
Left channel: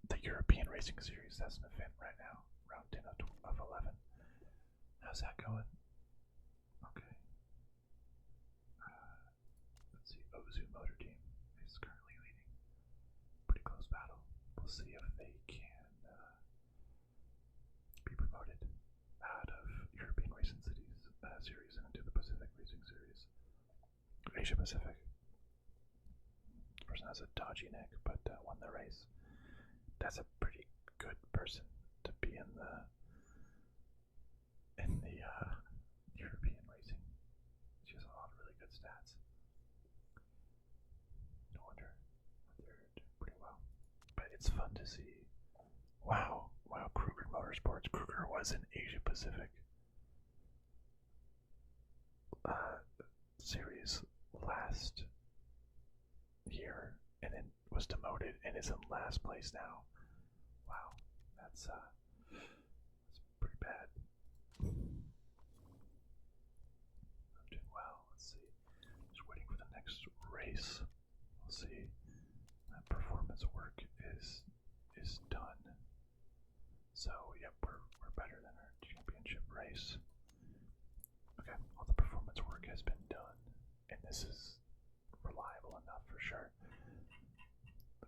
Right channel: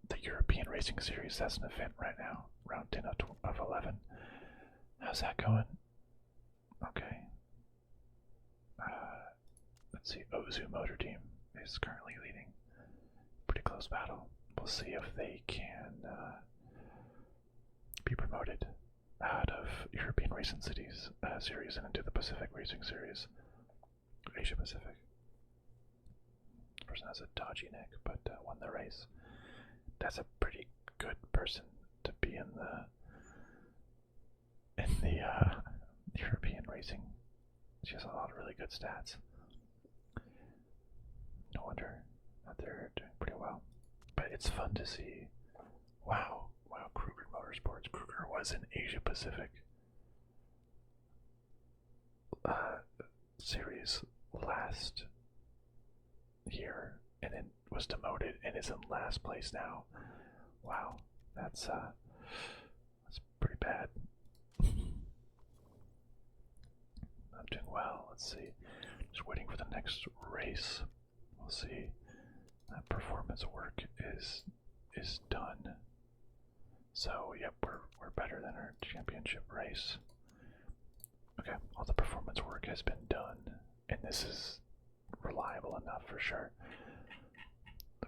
the European Racing Series. That's an event right now, round 10 of 11. How's that going? Okay. Let's see, Ozu Motor Team is currently leading. Pretty close battle. We'll see if they can be promoted out of European Racing Cities series and into the Pacific Racing Series. Asia Pacific. This person has a dodgy neck, but won the race. That's a pretty good person to be in the European racing. She has a lot of really good stats. No wonder that they're doing pretty well. But it's fun to see. Wow, Kruger Motorsports. Kruger was in Asia Pacific series last year, and then was demoted and is in last place now. Wow, that's pretty bad. I'm doing well. Let's see. Just waiting for the next race. We'll see. That performance work is done. So yep, we're better than our championship race. Okay, all the performance work has been done, and this is reliable enough for sure.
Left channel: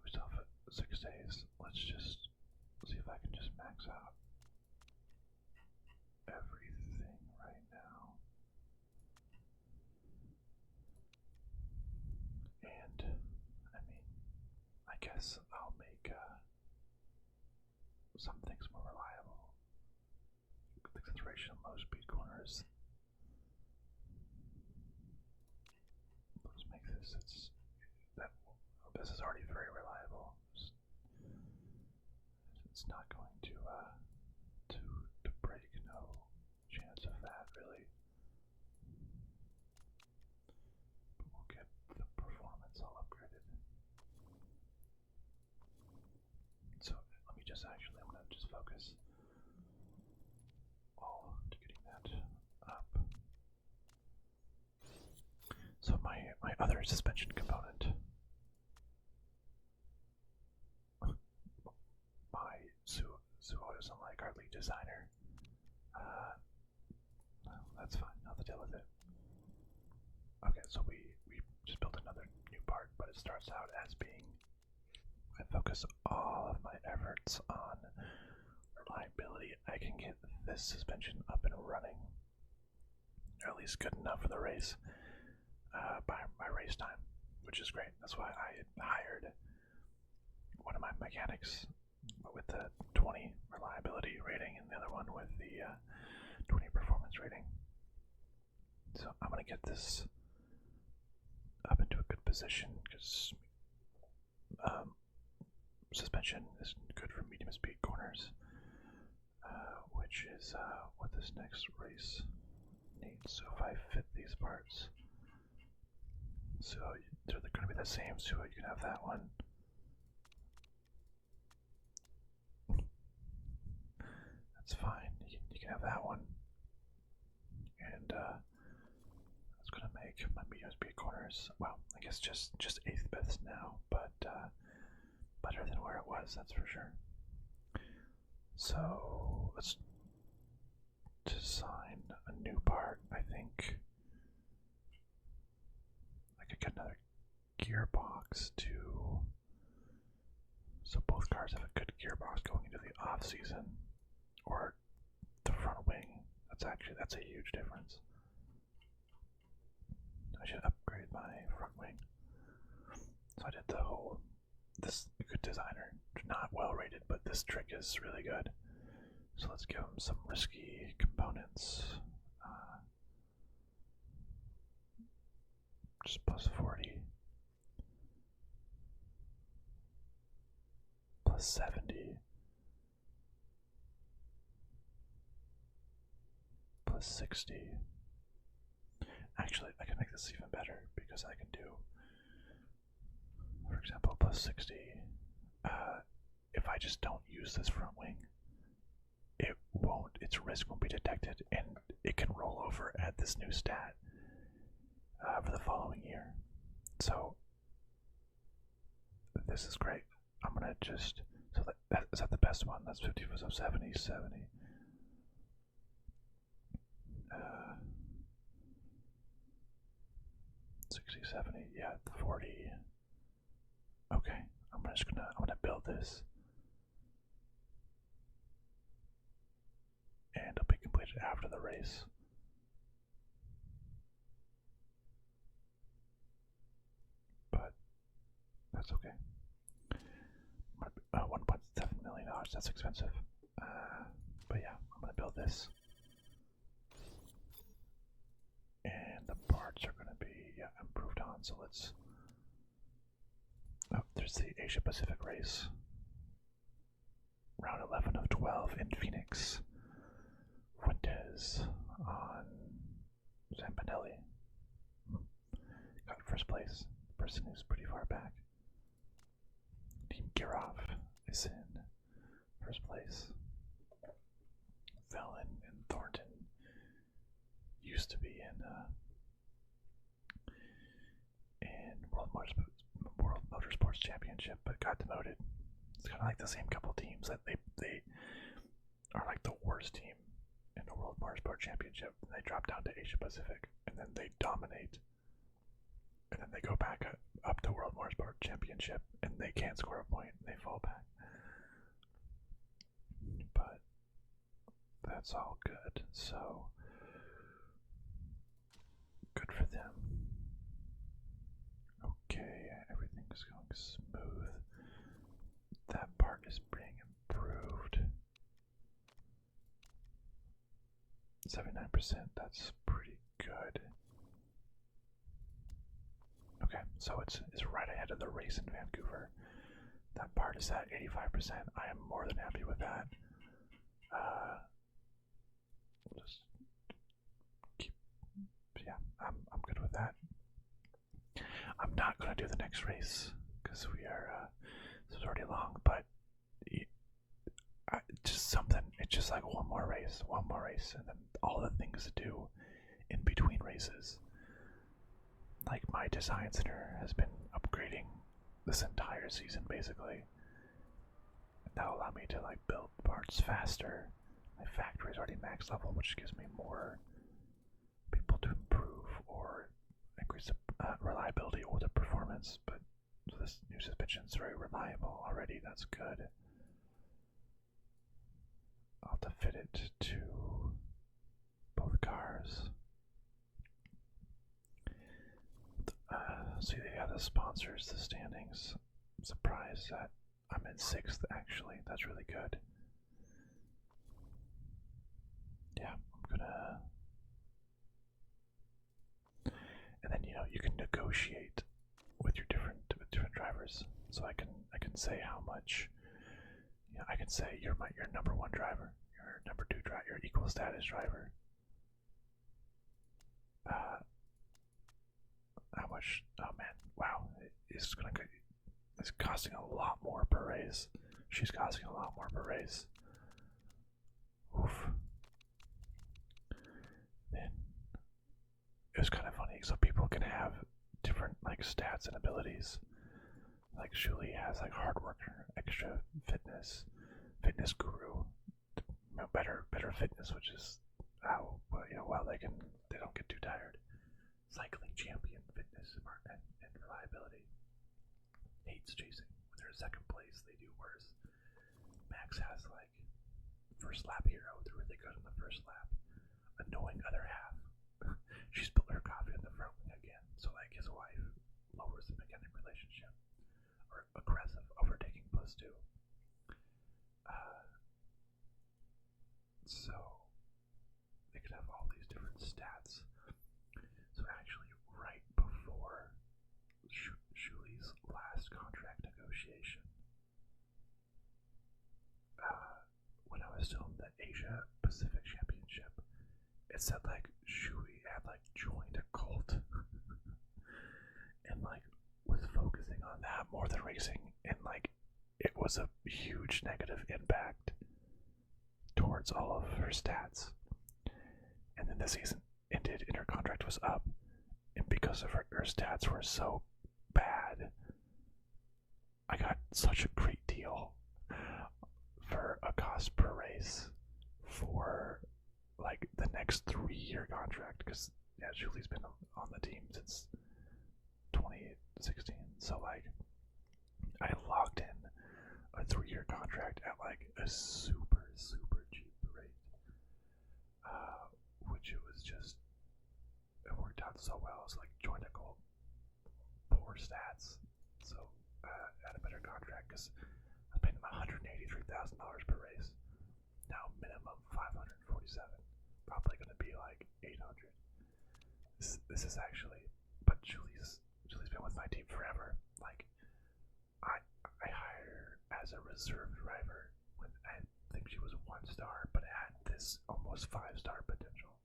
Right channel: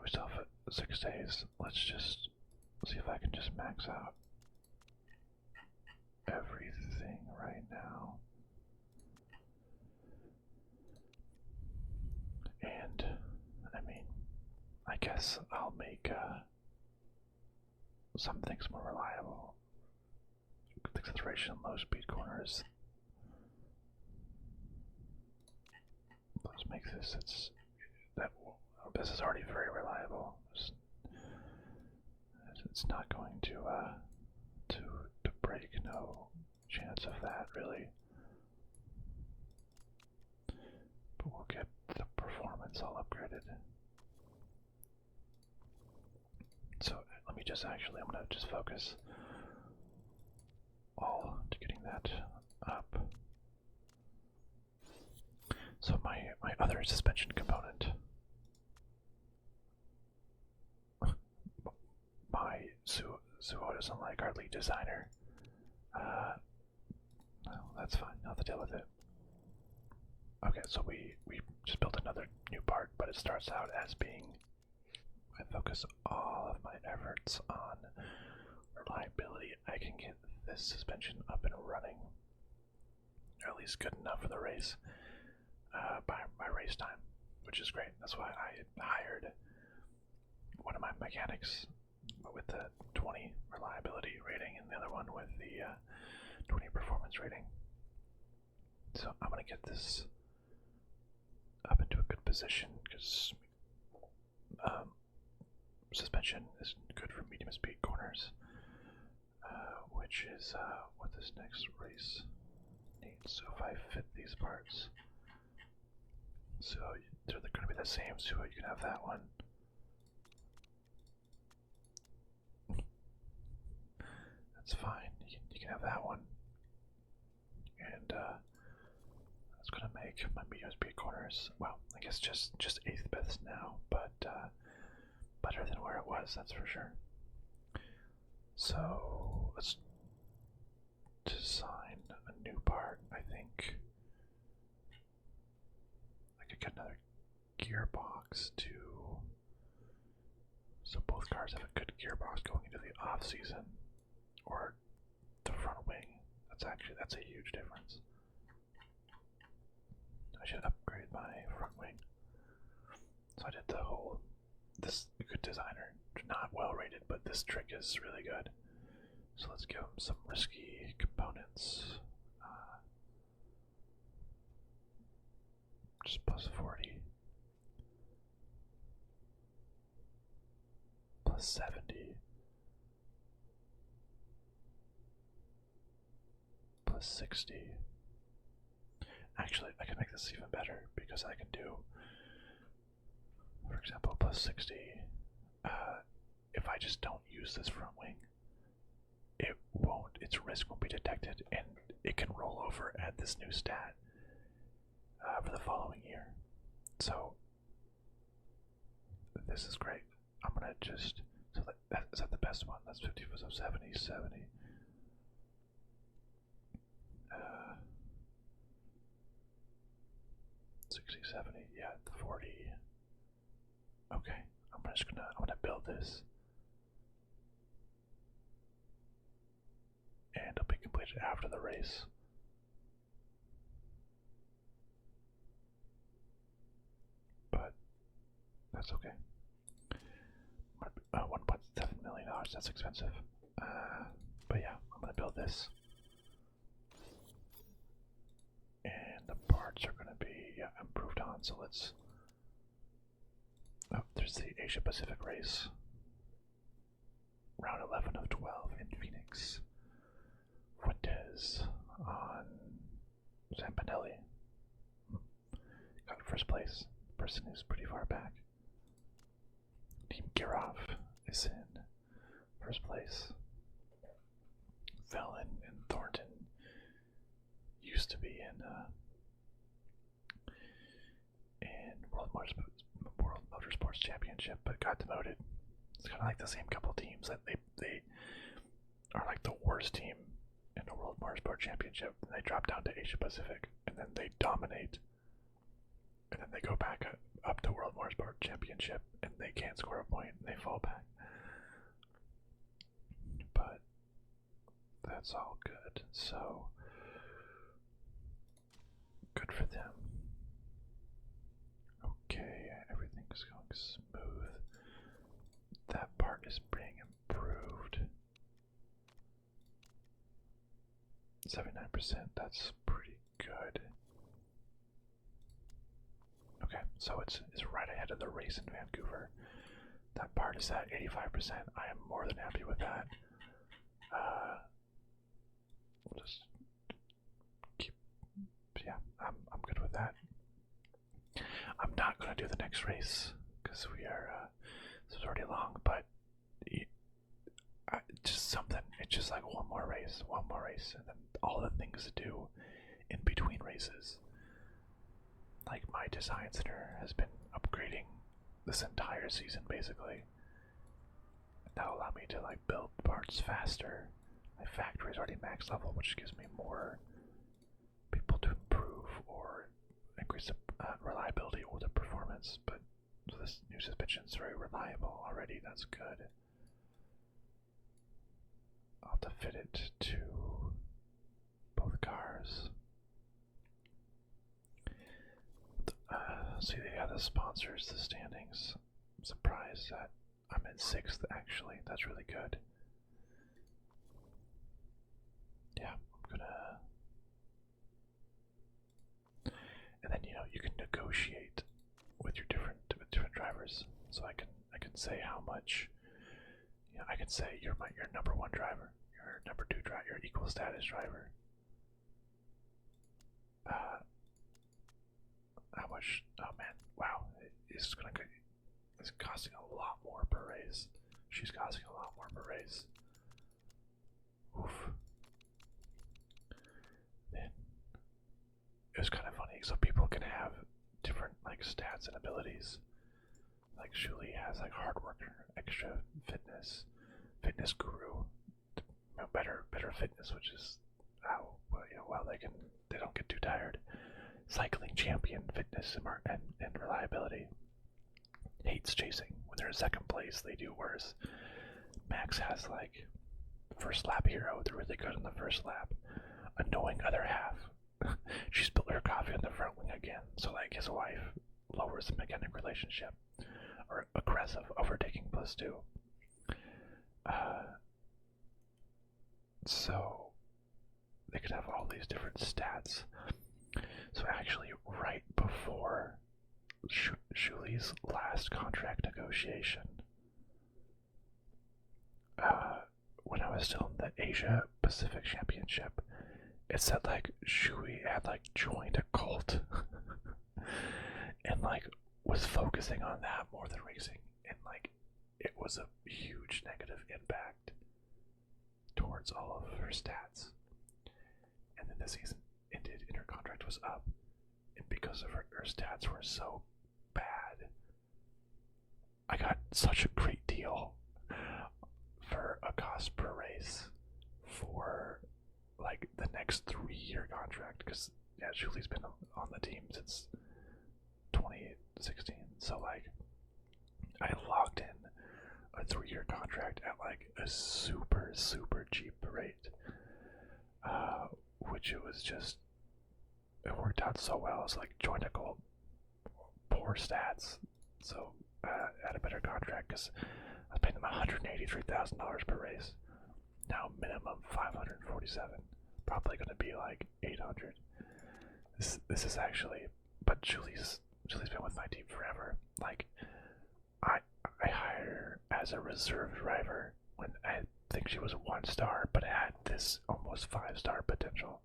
We still have 6 days. Let's just see if I can just max out everything right now. And I mean, I guess I'll make some things more reliable. Acceleration in low speed corners. Let's make this. This is already very reliable. It's not going to break. No chance of that really. But we'll get the performance all upgraded. So let me just I'm gonna just focus all to getting that up. So my other suspension component, my Suo doesn't like our lead designer. No, that's fine. I'll have to deal with it. Okay, so we just built another new part, but it starts out as being, I focus all of my efforts on reliability. I can get this suspension up and running, or at least good enough for the race, by my race time, which is great. That's why I hired one of my mechanics with the 20 reliability rating and the other one with the 20 performance rating. So I'm going to get this up into a good position because suspension is good for medium speed corners, which is what this next race needs. So if I fit these parts, so they're going to be the same, so you can have that one. That's fine. You can have that one, and that's going to make my medium speed corners, well, I guess just 8th best now, but better than where it was, that's for sure. So let's design a new part. I think I could get another gearbox too, so both cars have a good gearbox going into the off season, or the front wing. That's a huge difference. I should upgrade my front wing. So I did this good designer, not well rated, but this trick is really good. So let's give him some risky components. Just plus 40. Plus 70. Plus 60. Actually, I can make this even better because I can do, for example, plus 60. If I just don't use this front wing, its risk won't be detected, and it can roll over at this new stat for the following year. So this is great. I'm gonna just, so is that the best one? That's 50, so 70, 70. 60, 70, yeah, 40. Okay, I'm gonna build this, and it'll be completed after the race. But that's okay. $1.7 million, that's expensive. But yeah, I'm gonna build this. And the parts are gonna be improved on, so let's, there's the Asia Pacific race. Round 11 of 12 in Phoenix. Fuentes on Zampanelli. Got first place. Person who's pretty far back. Team Kirov is in first place. Felon and Thornton used to be in World Motorsports Championship, but got demoted. It's kind of like the same couple teams that they are like the worst team in the World Motorsport Championship, and they drop down to Asia Pacific, and then they dominate, and then they go back up to World Motorsport Championship, and they can't score a point, and they fall back. But that's all good, so good for them. Okay, everything's going smooth. That part is being improved. 79%, that's pretty good. Okay, so it's right ahead of the race in Vancouver. That part is at 85%. I am more than happy with that. We'll just keep, yeah, I'm good with that. I'm not gonna do the next race because we are this is already long, but just something. It's just like one more race, and then all the things to do in between races. Like my design center has been upgrading this entire season basically. That'll allow me to like build parts faster. My factory is already max level, which gives me more people to improve or increase the reliability or the performance. But so this new suspension is very reliable already. That's good. I'll have to fit it to both cars. See, they got the sponsors, the standings. I'm surprised that I'm in 6th actually. That's really good. Yeah, I'm gonna. And then you can negotiate with your different drivers. So I can say how much. I can say you're your number 1 driver, your number 2 driver, your equal status driver. How much? Oh man, wow! It's costing a lot more per race. She's costing a lot more per race. Oof. Then it was kind of funny, so people can have different like stats and abilities. Like Julie has like hard worker, extra fitness guru, better fitness, which is how well they don't get too tired. Cycling champion, fitness and reliability. Hates chasing. When they're in 2nd place, they do worse. Max has like first lap hero. They're really good on the first lap. Annoying other half. She spilled her coffee on the front wing again. So like his wife lowers the mechanic relationship. Or aggressive overtaking +2. So they could have all these different stats. So actually, right before Shuli's last contract negotiation, when I was still in the Asia Pacific Championship, it said like Shui had like joined a cult and like was focusing on that more than racing, and like it was a huge negative impact towards all of her stats. And then the season ended and her contract was up, and because of her stats were so bad, I got such a great deal for a cost per race for like the next 3-year contract, because yeah, Julie's been on the team since 2016, so like I locked in a 3-year contract at like a super cheap rate, which it worked out so well. It's like joined a goal, poor stats, so had a better contract because I was paying them $183,000 per race. Now minimum $547, probably going to be like $800. This is actually, but Julie's been with my team forever. Like I hired her as a reserve driver when I think she was 1 star, but had this almost 5-star potential.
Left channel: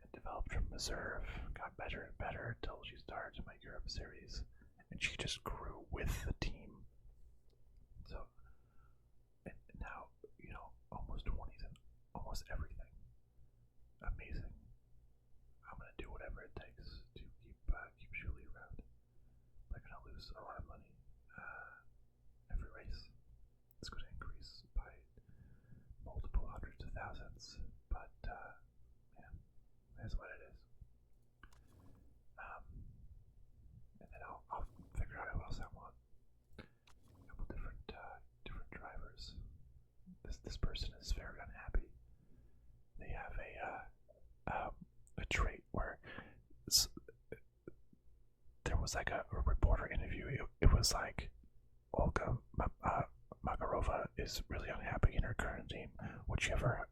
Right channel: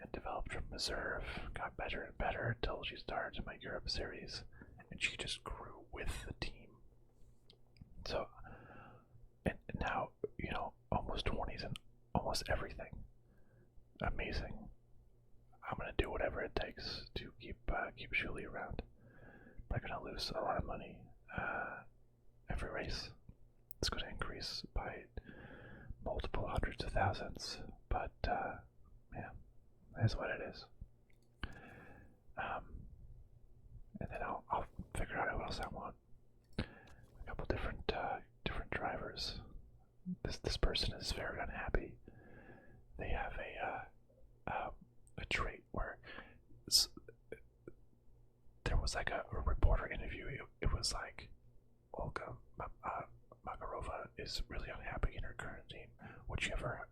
And developed from reserve, got better and better until she started my Europe series, and she just grew with the team. So, and now, almost 20s and almost everything. Amazing. I'm gonna do whatever it takes to keep Julie around. I'm gonna lose a lot of money every race. It's gonna increase by multiple hundreds of thousands, but yeah, that's what it is. And then I'll figure out who else I want. A couple different drivers. This person is very unhappy. They have a trait where there was like a reporter interview. It was like Olga Makarova is really unhappy in her current team. Would you ever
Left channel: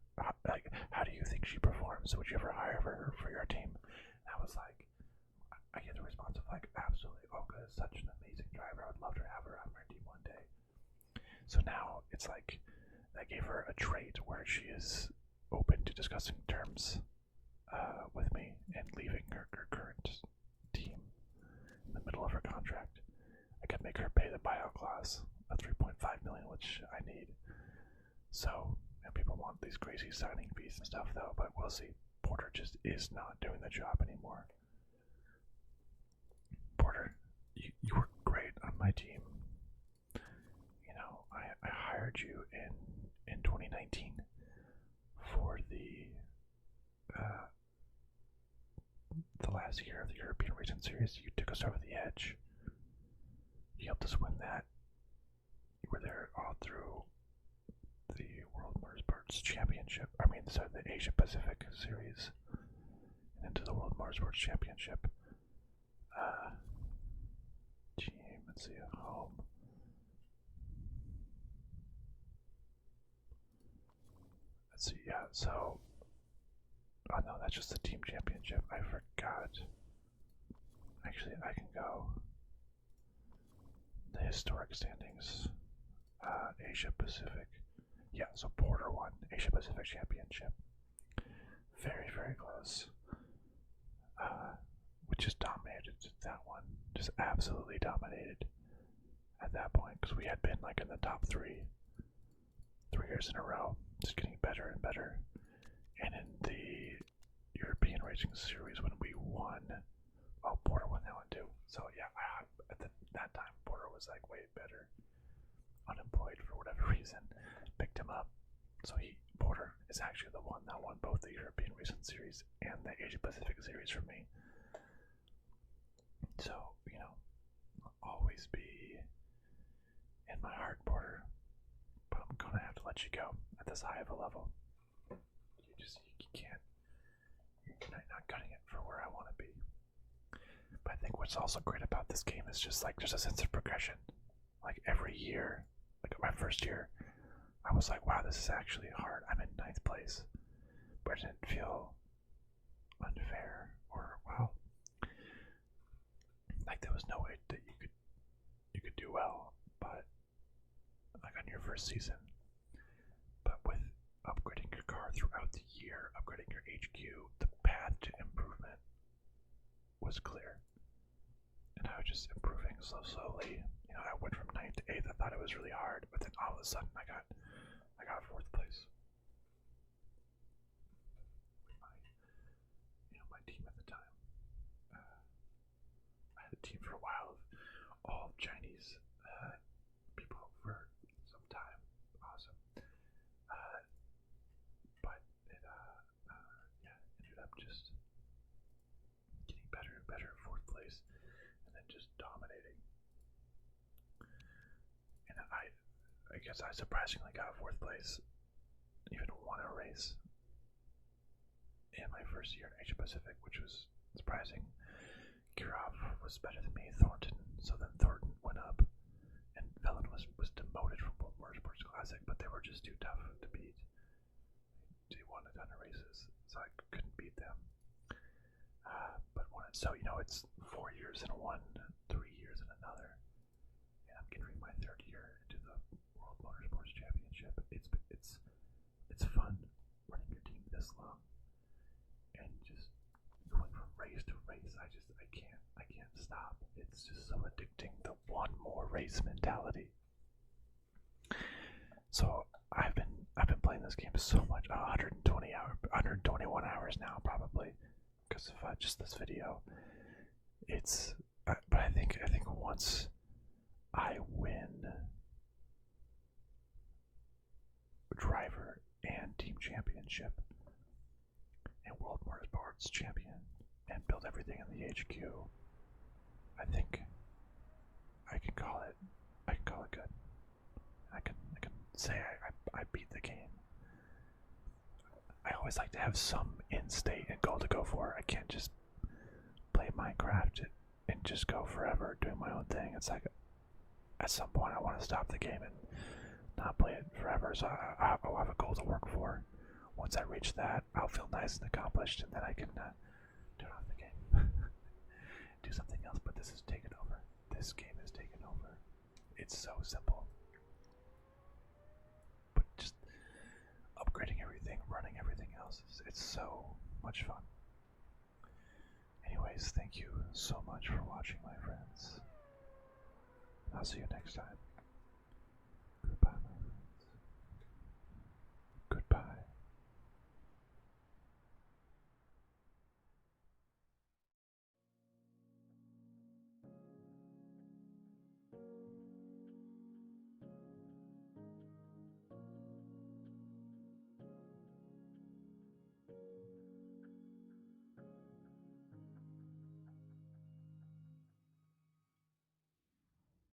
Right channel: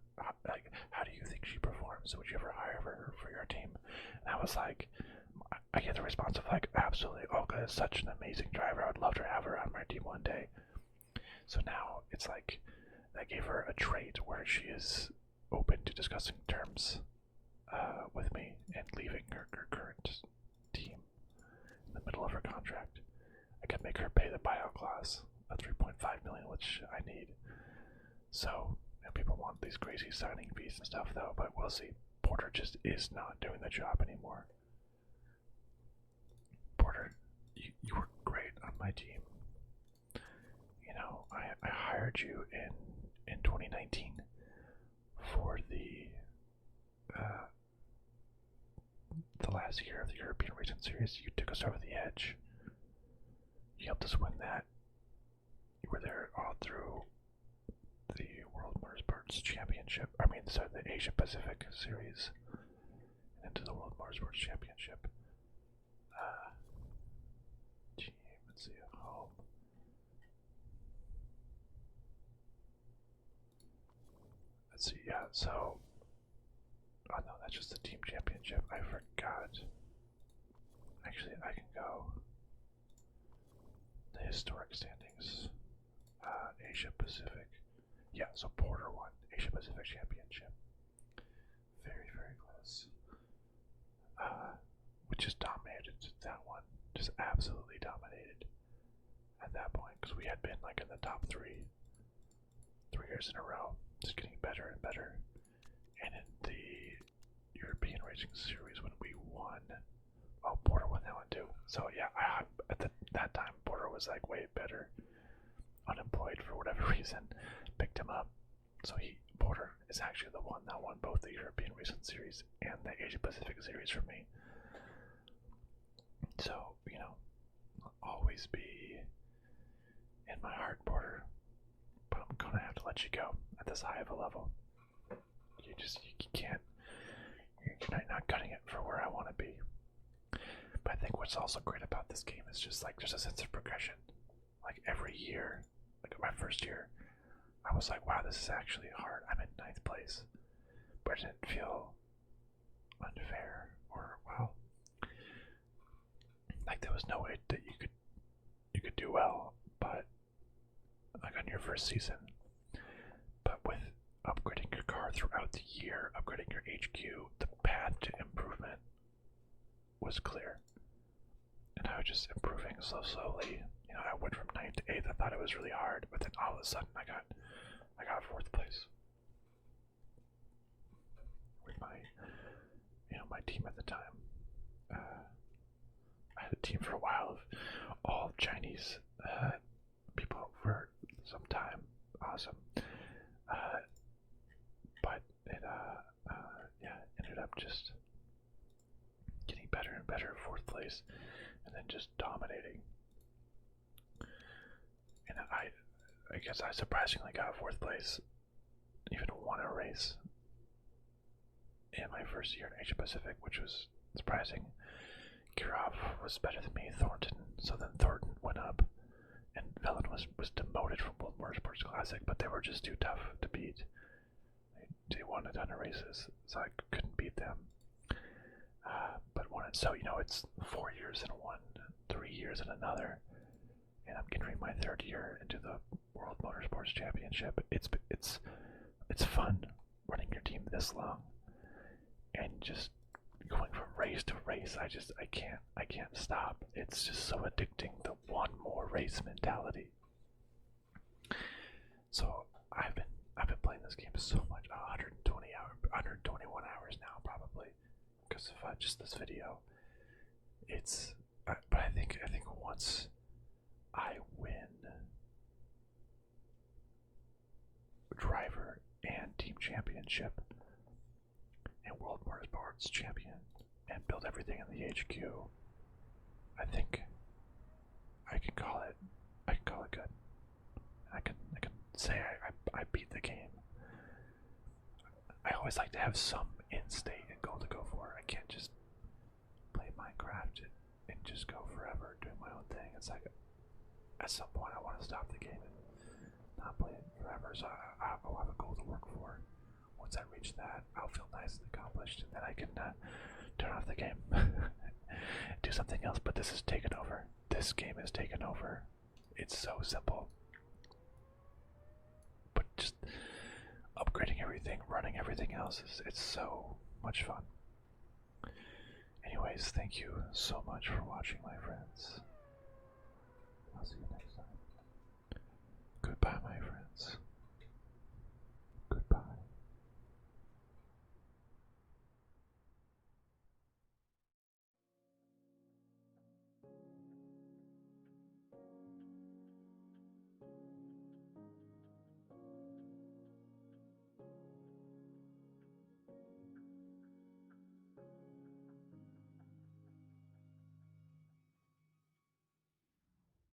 how do you think she performs? Would you ever hire her for your team? And I was like, I get the response of like, absolutely, Olga is such an amazing driver. I would love to have her on my team one day. So now it's like I gave her a trait where she is open to discussing terms with me and leaving her current team in the middle of her contract. I could make her pay the buyout clause of $3.5 million, which I need. So people want these crazy signing fees and stuff, though. But we'll see. Porter just is not doing the job anymore. Porter, you were great on my team. I hired you in 2019 for the last year of the European Racing Series. You took us over the edge. You helped us win that. You were there all through the World Motorsports Championship. The Asia Pacific Series and into the World Motorsports Championship. Team, let's see, home. Let's see, yeah, so. Oh no, that's just the team championship. I forgot. Actually, I can go. The historic standings. Asia Pacific. Yeah, so Porter won Asia Pacific Championship. Very, very close. We just dominated that one. Just absolutely dominated at that point, because we had been like in the top 3 years in a row, just getting better and better. And in the European Racing Series, when we won, Porter won that one too. So yeah, at that time, Porter was like way better. Unemployed for whatever reason, picked him up. So Porter is actually the one that won both the European Racing Series and the Asia Pacific Series for me. So, always be in my heart, Porter. But I'm gonna have to let you go at this high of a level. You can't. You're not cutting it for where I want to be. But I think what's also great about this game is just like there's a sense of progression. Like every year, like my first year, I was like, wow, this is actually hard. I'm in 9th place. But it didn't feel unfair or, well, like there was no way that you could do well, but like on your first season. But with upgrading your car throughout the year, upgrading your HQ, the path to improvement was clear. And I was just improving slowly. I went from 9th to 8th. I thought it was really hard, but then all of a sudden I got 4th place. With my team at the time. I had a team for a while of all Chinese people for some time. Awesome. But it ended up just getting better and better, 4th place, and then just dominating. And I guess I surprisingly got 4th place, even won a race in my first year in Asia Pacific, which was surprising. Kirov was better than me, Thornton, so then Thornton went up, and Velen was demoted from World Motorsports Classic, but they were just too tough to beat. They won a ton of races, so I couldn't beat them. But won it. So, it's 4 years in one, 3 years in another, and I'm entering my 3rd year into the World Motorsports Championship. It's fun running your team this long, and just going from race to race. I can't stop. It's just so addicting. The one more race mentality. So I've been playing this game so much, 121 hours now probably, because of just this video. But I think once I win driver and team championship and World Motorsports champion and build everything in the HQ, I think I can call it good. I can say I beat the game. I always like to have some end state and goal to go for. I can't just play Minecraft and just go forever doing my own thing. It's like at some point I want to stop the game and not play it forever. So I'll have a goal to work for. Once I reach that, I'll feel nice and accomplished, and then I can turn off the game, do something else. But this is taken over. This game is taken over. It's so simple, but just upgrading everything, running everything else, it's so much fun. Anyways, thank you so much for watching, my friends. I'll see you next time. Goodbye, my